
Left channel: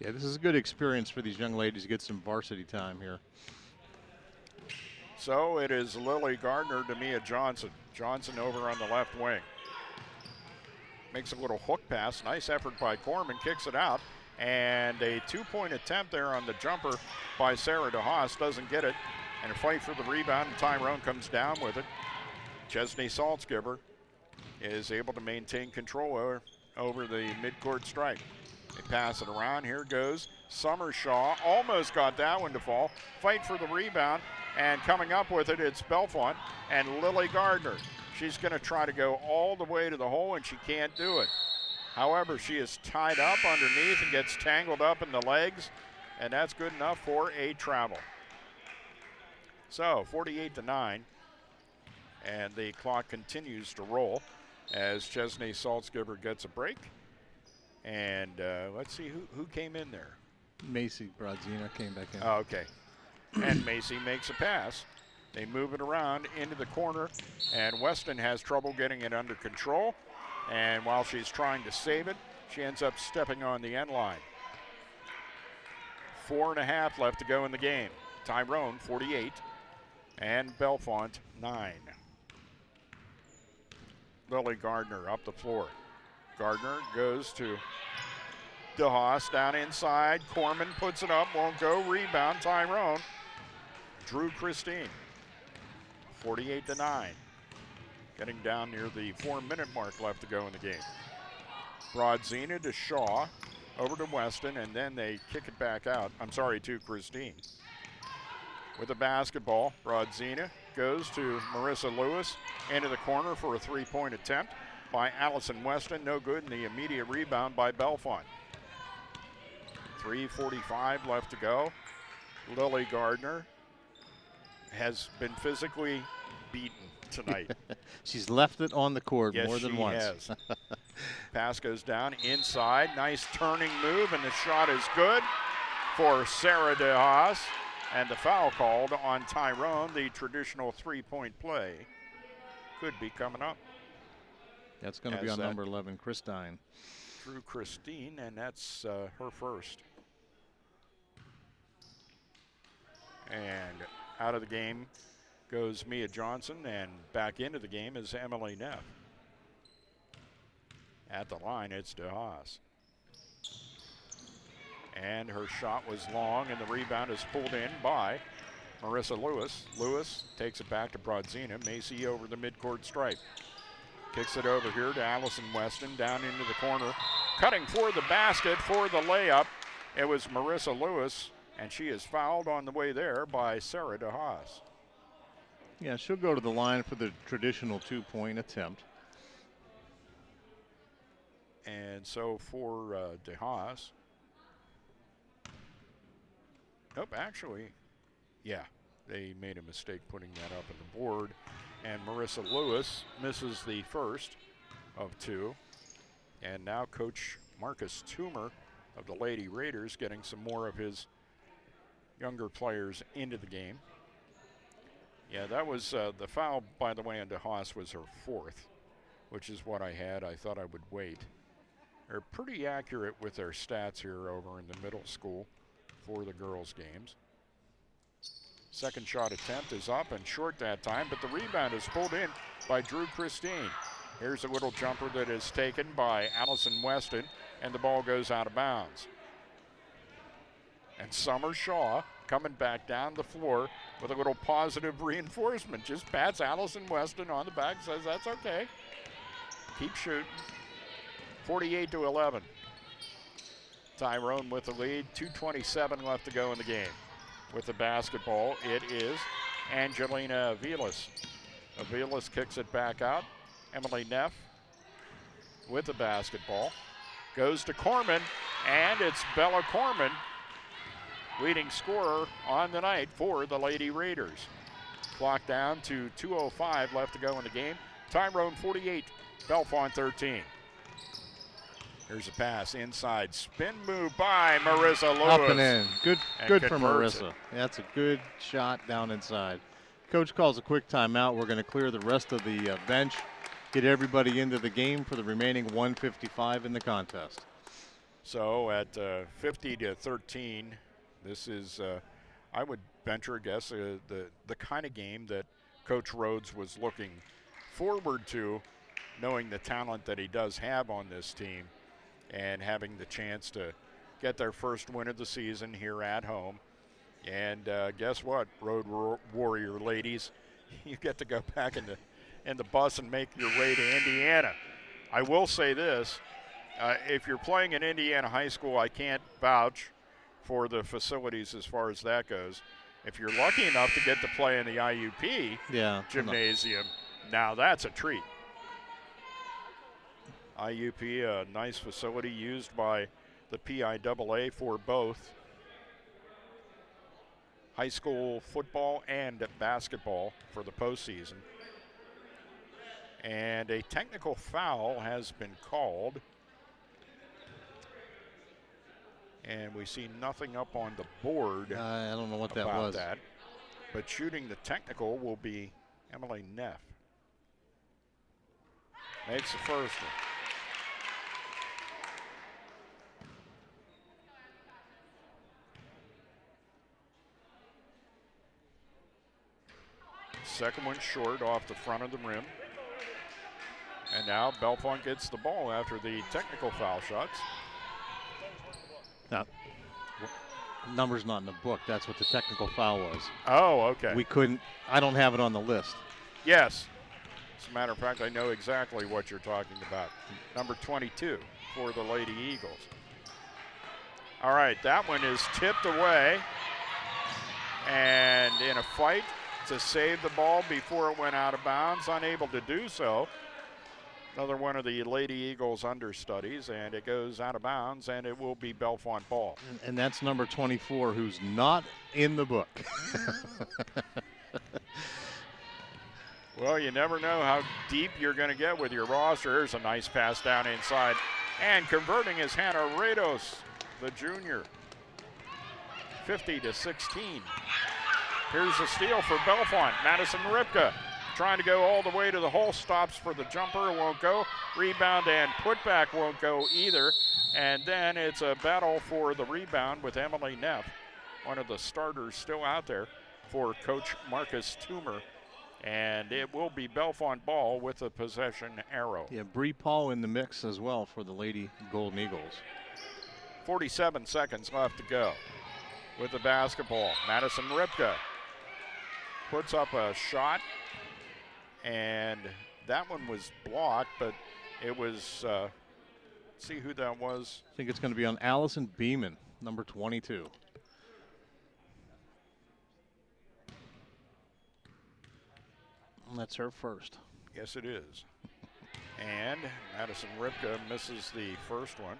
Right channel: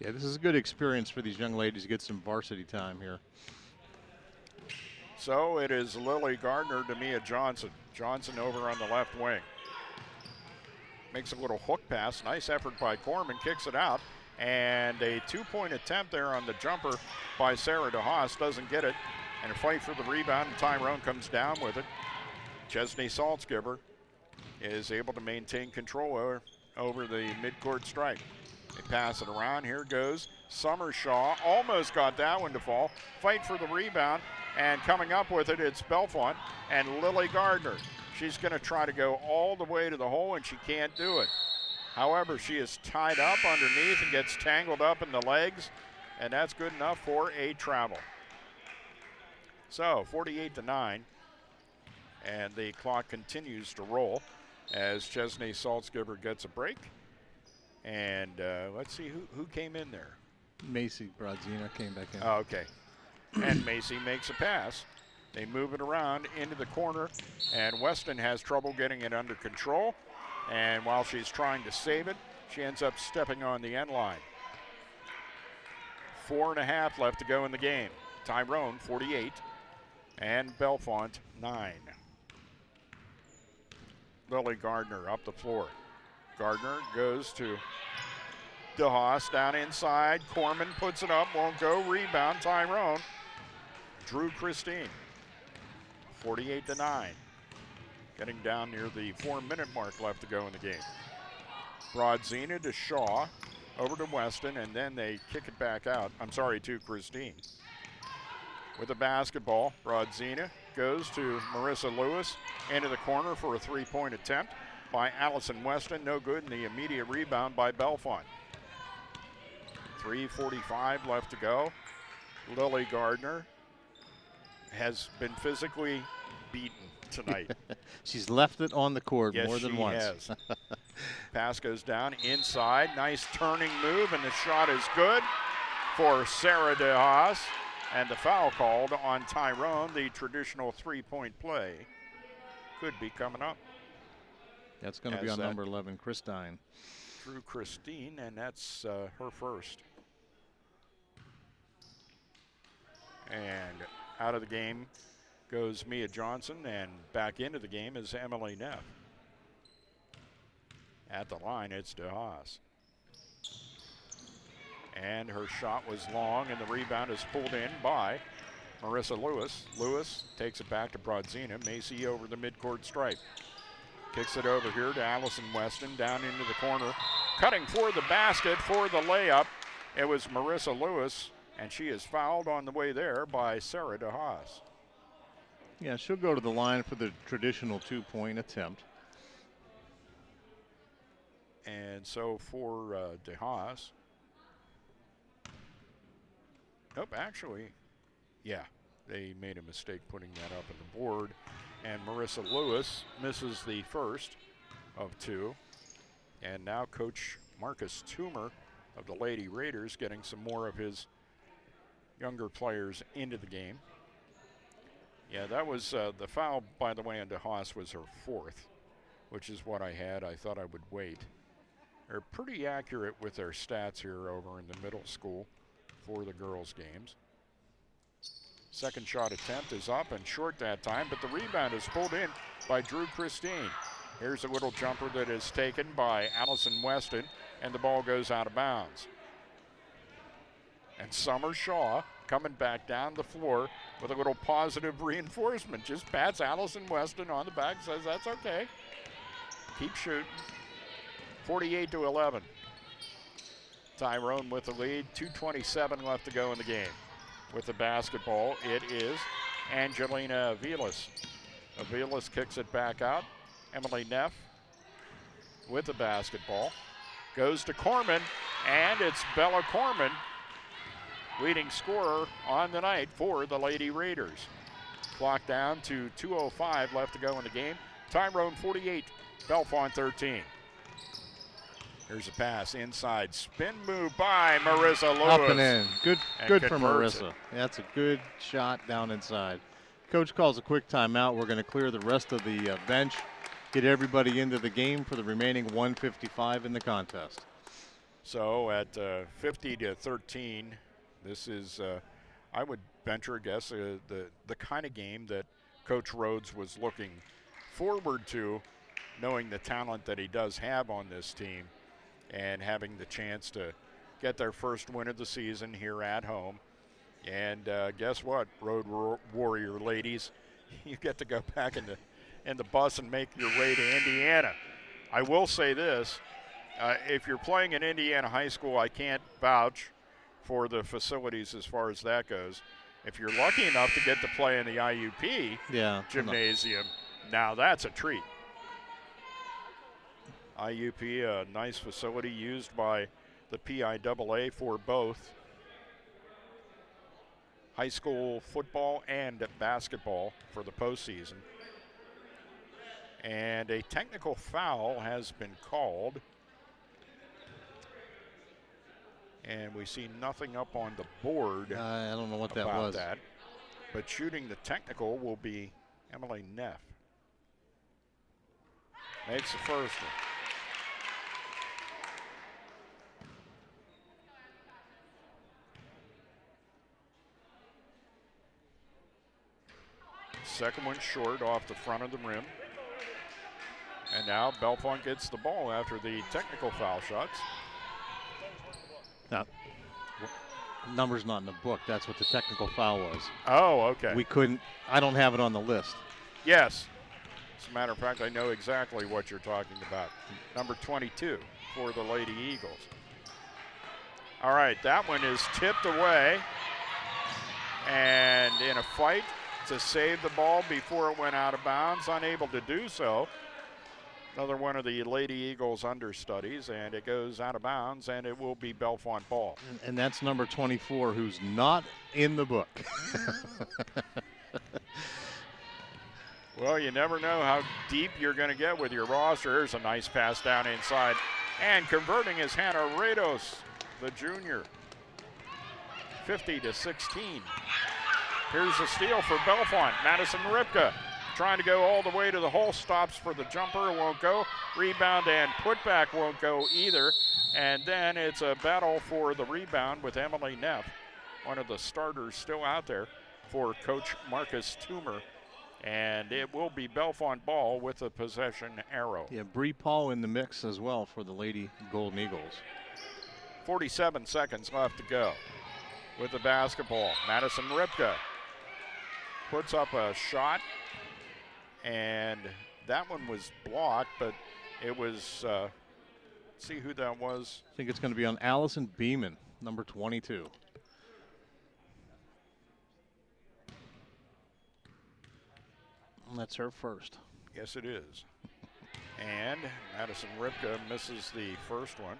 Yeah, this is a good experience for these young ladies to get some varsity time here. So it is Lily Gardner to Mia Johnson. Johnson over on the left wing. Makes a little hook pass. Nice effort by Corman. Kicks it out. And a 2-point attempt there on the jumper by Sarah DeHaas. Doesn't get it. And a fight for the rebound. And Tyrone comes down with it. Chesney Saltzgiver is able to maintain control over the midcourt strike. They pass it around. Here goes Summer Shaw. Almost got that one to fall. Fight for the rebound. And coming up with it, it's Bellefonte and Lily Gardner. She's going to try to go all the way to the hole, and she can't do it. However, she is tied up underneath and gets tangled up in the legs, and that's good enough for a travel. So 48-9, and the clock continues to roll as Chesney Saltzgiver gets a break. And let's see who came in there. Macy Brodzina came back in. Oh, okay. And Macy makes a pass. They move it around into the corner, and Weston has trouble getting it under control. And while she's trying to save it, she ends up stepping on the end line. 4.5 left to go in the game. Tyrone 48 and Bellefonte 9. Lily Gardner up the floor. Gardner goes to DeHaas down inside. Corman puts it up, won't go. Rebound, Tyrone. Drew Christine. 48-9. Getting down near the 4-minute mark left to go in the game. Broadzina to Shaw. Over to Weston, and then they kick it back out. I'm sorry, to Christine. With the basketball, Broadzina goes to Marissa Lewis. Into the corner for a three-point attempt by Allison Weston. No good, and the immediate rebound by Bellefonte. 3:45 left to go. Lily Gardner has been physically beaten tonight. She's left it on the court Yes, more than she once. Has. Pass goes down inside. Nice turning move, and the shot is good for Sarah DeHaas. And the foul called on Tyrone. The traditional three-point play could be coming up. That's going to be on number 11, Christine. Drew Christine, and that's her first. And out of the game goes Mia Johnson, and back into the game is Emily Neff. At the line, it's DeHaas. And her shot was long, and the rebound is pulled in by Marissa Lewis. Lewis takes it back to Broadzina. Macy over the midcourt stripe. Kicks it over here to Allison Weston, down into the corner. Cutting for the basket for the layup. It was Marissa Lewis, and she is fouled on the way there by Sarah DeHaas. Yeah, she'll go to the line for the traditional two-point attempt. And so for DeHaas. Nope, actually, yeah, they made a mistake putting that up on the board. And Marissa Lewis misses the first of two. And now Coach Marcus Toomer of the Lady Raiders getting some more of his younger players into the game. Yeah, that was the foul, by the way, on DeHaas was her fourth, which is what I had. I thought I would wait. They're pretty accurate with their stats here over in the middle school for the girls' games. Second shot attempt is up and short that time, but the rebound is pulled in by Drew Christine. Here's a little jumper that is taken by Allison Weston, and the ball goes out of bounds. And Summer Shaw coming back down the floor with a little positive reinforcement. Just pats Allison Weston on the back, says that's okay. Keep shooting. 48-11. Tyrone with the lead, 2:27 left to go in the game. With the basketball, it is Angelina Aviles. Aviles kicks it back out. Emily Neff with the basketball. Goes to Corman, and it's Bella Corman, leading scorer on the night for the Lady Raiders. Clock down to 2:05 left to go in the game. Tyrone 48, Bellefonte 13. Here's a pass inside. Spin move by Marissa Lewis. Up and in. Good for converts Marissa. it. That's a good shot down inside. Coach calls a quick timeout. We're going to clear the rest of the bench, get everybody into the game for the remaining 1:55 in the contest. So at 50-13, this is, I would venture a guess, the kind of game that Coach Rhodes was looking forward to, knowing the talent that he does have on this team, and having the chance to get their first win of the season here at home. And guess what, Road Warrior ladies, you get to go back in the bus and make your way to Indiana. I will say this, if you're playing in Indiana high school, I can't vouch for the facilities as far as that goes. If you're lucky enough to get to play in the IUP gymnasium, now that's a treat. IUP, a nice facility used by the PIAA for both high school football and basketball for the postseason. And a technical foul has been called. And we see nothing up on the board. I don't know what that about was. that. But shooting the technical will be Emily Neff. Makes the first one. Second one short off the front of the rim. And now Bellefonte gets the ball after the technical foul shots. Now, number's not in the book. That's what the technical foul was. Oh, okay. I don't have it on the list. Yes. As a matter of fact, I know exactly what you're talking about. Number 22 for the Lady Eagles. All right, that one is tipped away. And in a fight to save the ball before it went out of bounds, unable to do so. Another one of the Lady Eagles understudies, and it goes out of bounds, and it will be Bellefonte ball. And that's number 24, who's not in the book. Well, you never know how deep you're going to get with your roster. Here's a nice pass down inside. And converting is Hannah Rados, the junior. 50-16. Here's a steal for Bellefonte. Madison Ripka trying to go all the way to the hole. Stops for the jumper. Won't go. Rebound and putback won't go either. And then it's a battle for the rebound with Emily Neff, one of the starters still out there for Coach Marcus Toomer. And it will be Bellefonte ball with a possession arrow. Yeah, Bree Paul in the mix as well for the Lady Golden Eagles. 47 seconds left to go with the basketball. Madison Ripka puts up a shot, and that one was blocked, but it was, see who that was. I think it's going to be on Allison Beeman, number 22. That's her first. Yes, it is. And Madison Ripka misses the first one.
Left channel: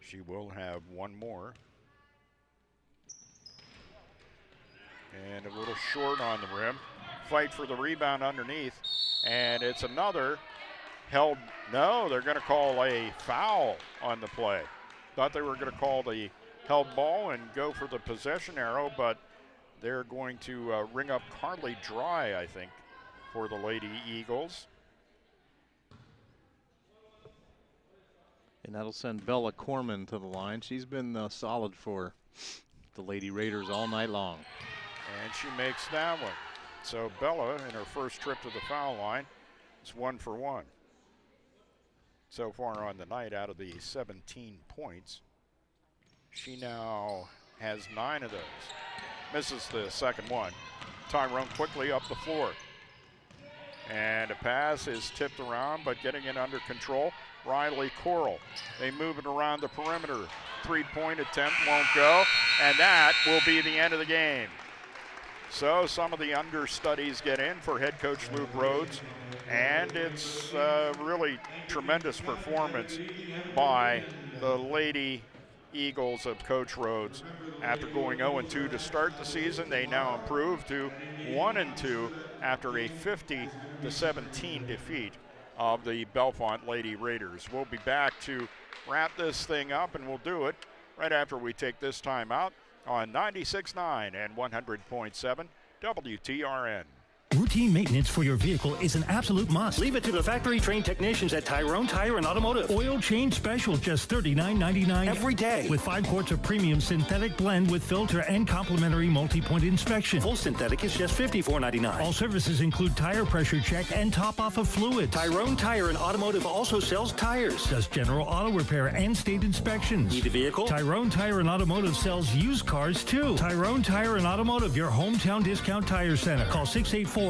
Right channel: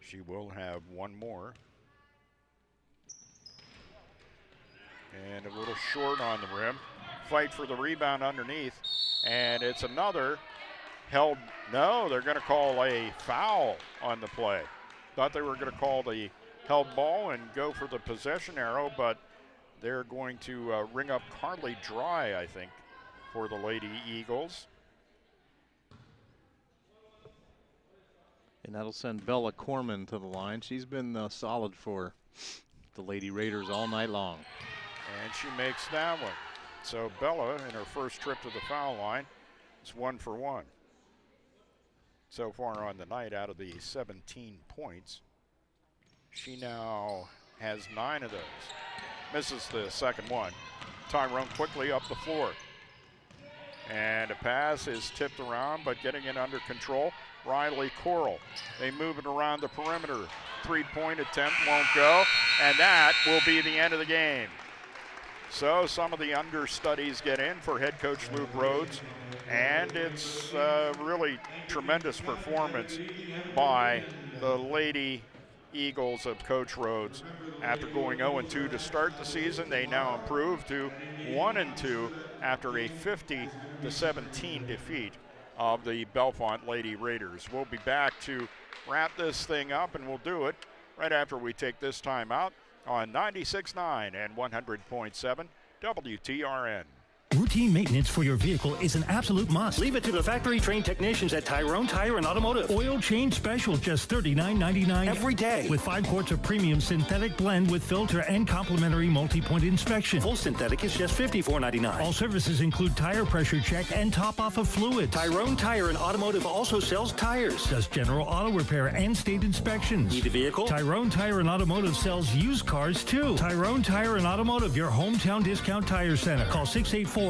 She will have one more. And a little short on the rim. Fight for the rebound underneath. And it's another held. No, they're going to call a foul on the play. Thought they were going to call the held ball and go for the possession arrow, but they're going to ring up Carly Dry, I think, for the Lady Eagles. And that'll send Bella Corman to the line. She's been solid for the Lady Raiders all night long. And she makes that one. So Bella, in her first trip to the foul line, is 1 for 1. So far on the night, out of the 17 points, she now has 9 of those. Misses the second one. Tyrone quickly up the floor. And a pass is tipped around, but getting it under control. Riley Coral. They move it around the perimeter. 3-point attempt won't go, and that will be the end of the game. So some of the understudies get in for head coach Luke Rhodes, and it's really tremendous performance by the Lady Eagles of Coach Rhodes. After going 0-2 to start the season, they now improve to 1-2 after a 50-17 defeat of the Bellefonte Lady Raiders. We'll be back to wrap this thing up, and we'll do it right after we take this time out on 96.9 and 100.7 WTRN. Routine maintenance for your vehicle is an absolute must. Leave it to the factory-trained technicians at Tyrone Tire and Automotive. Oil change special, just $39.99 every day. With 5 quarts of premium synthetic blend with filter and complimentary multi-point inspection. Full synthetic is just $54.99. All services include tire pressure check and top-off of fluids. Tyrone Tire and Automotive also sells tires, does general auto repair and state inspections. Need a vehicle? Tyrone Tire and Automotive sells used cars, too. Tyrone Tire and Automotive, your hometown discount tire center. Call 684-2199.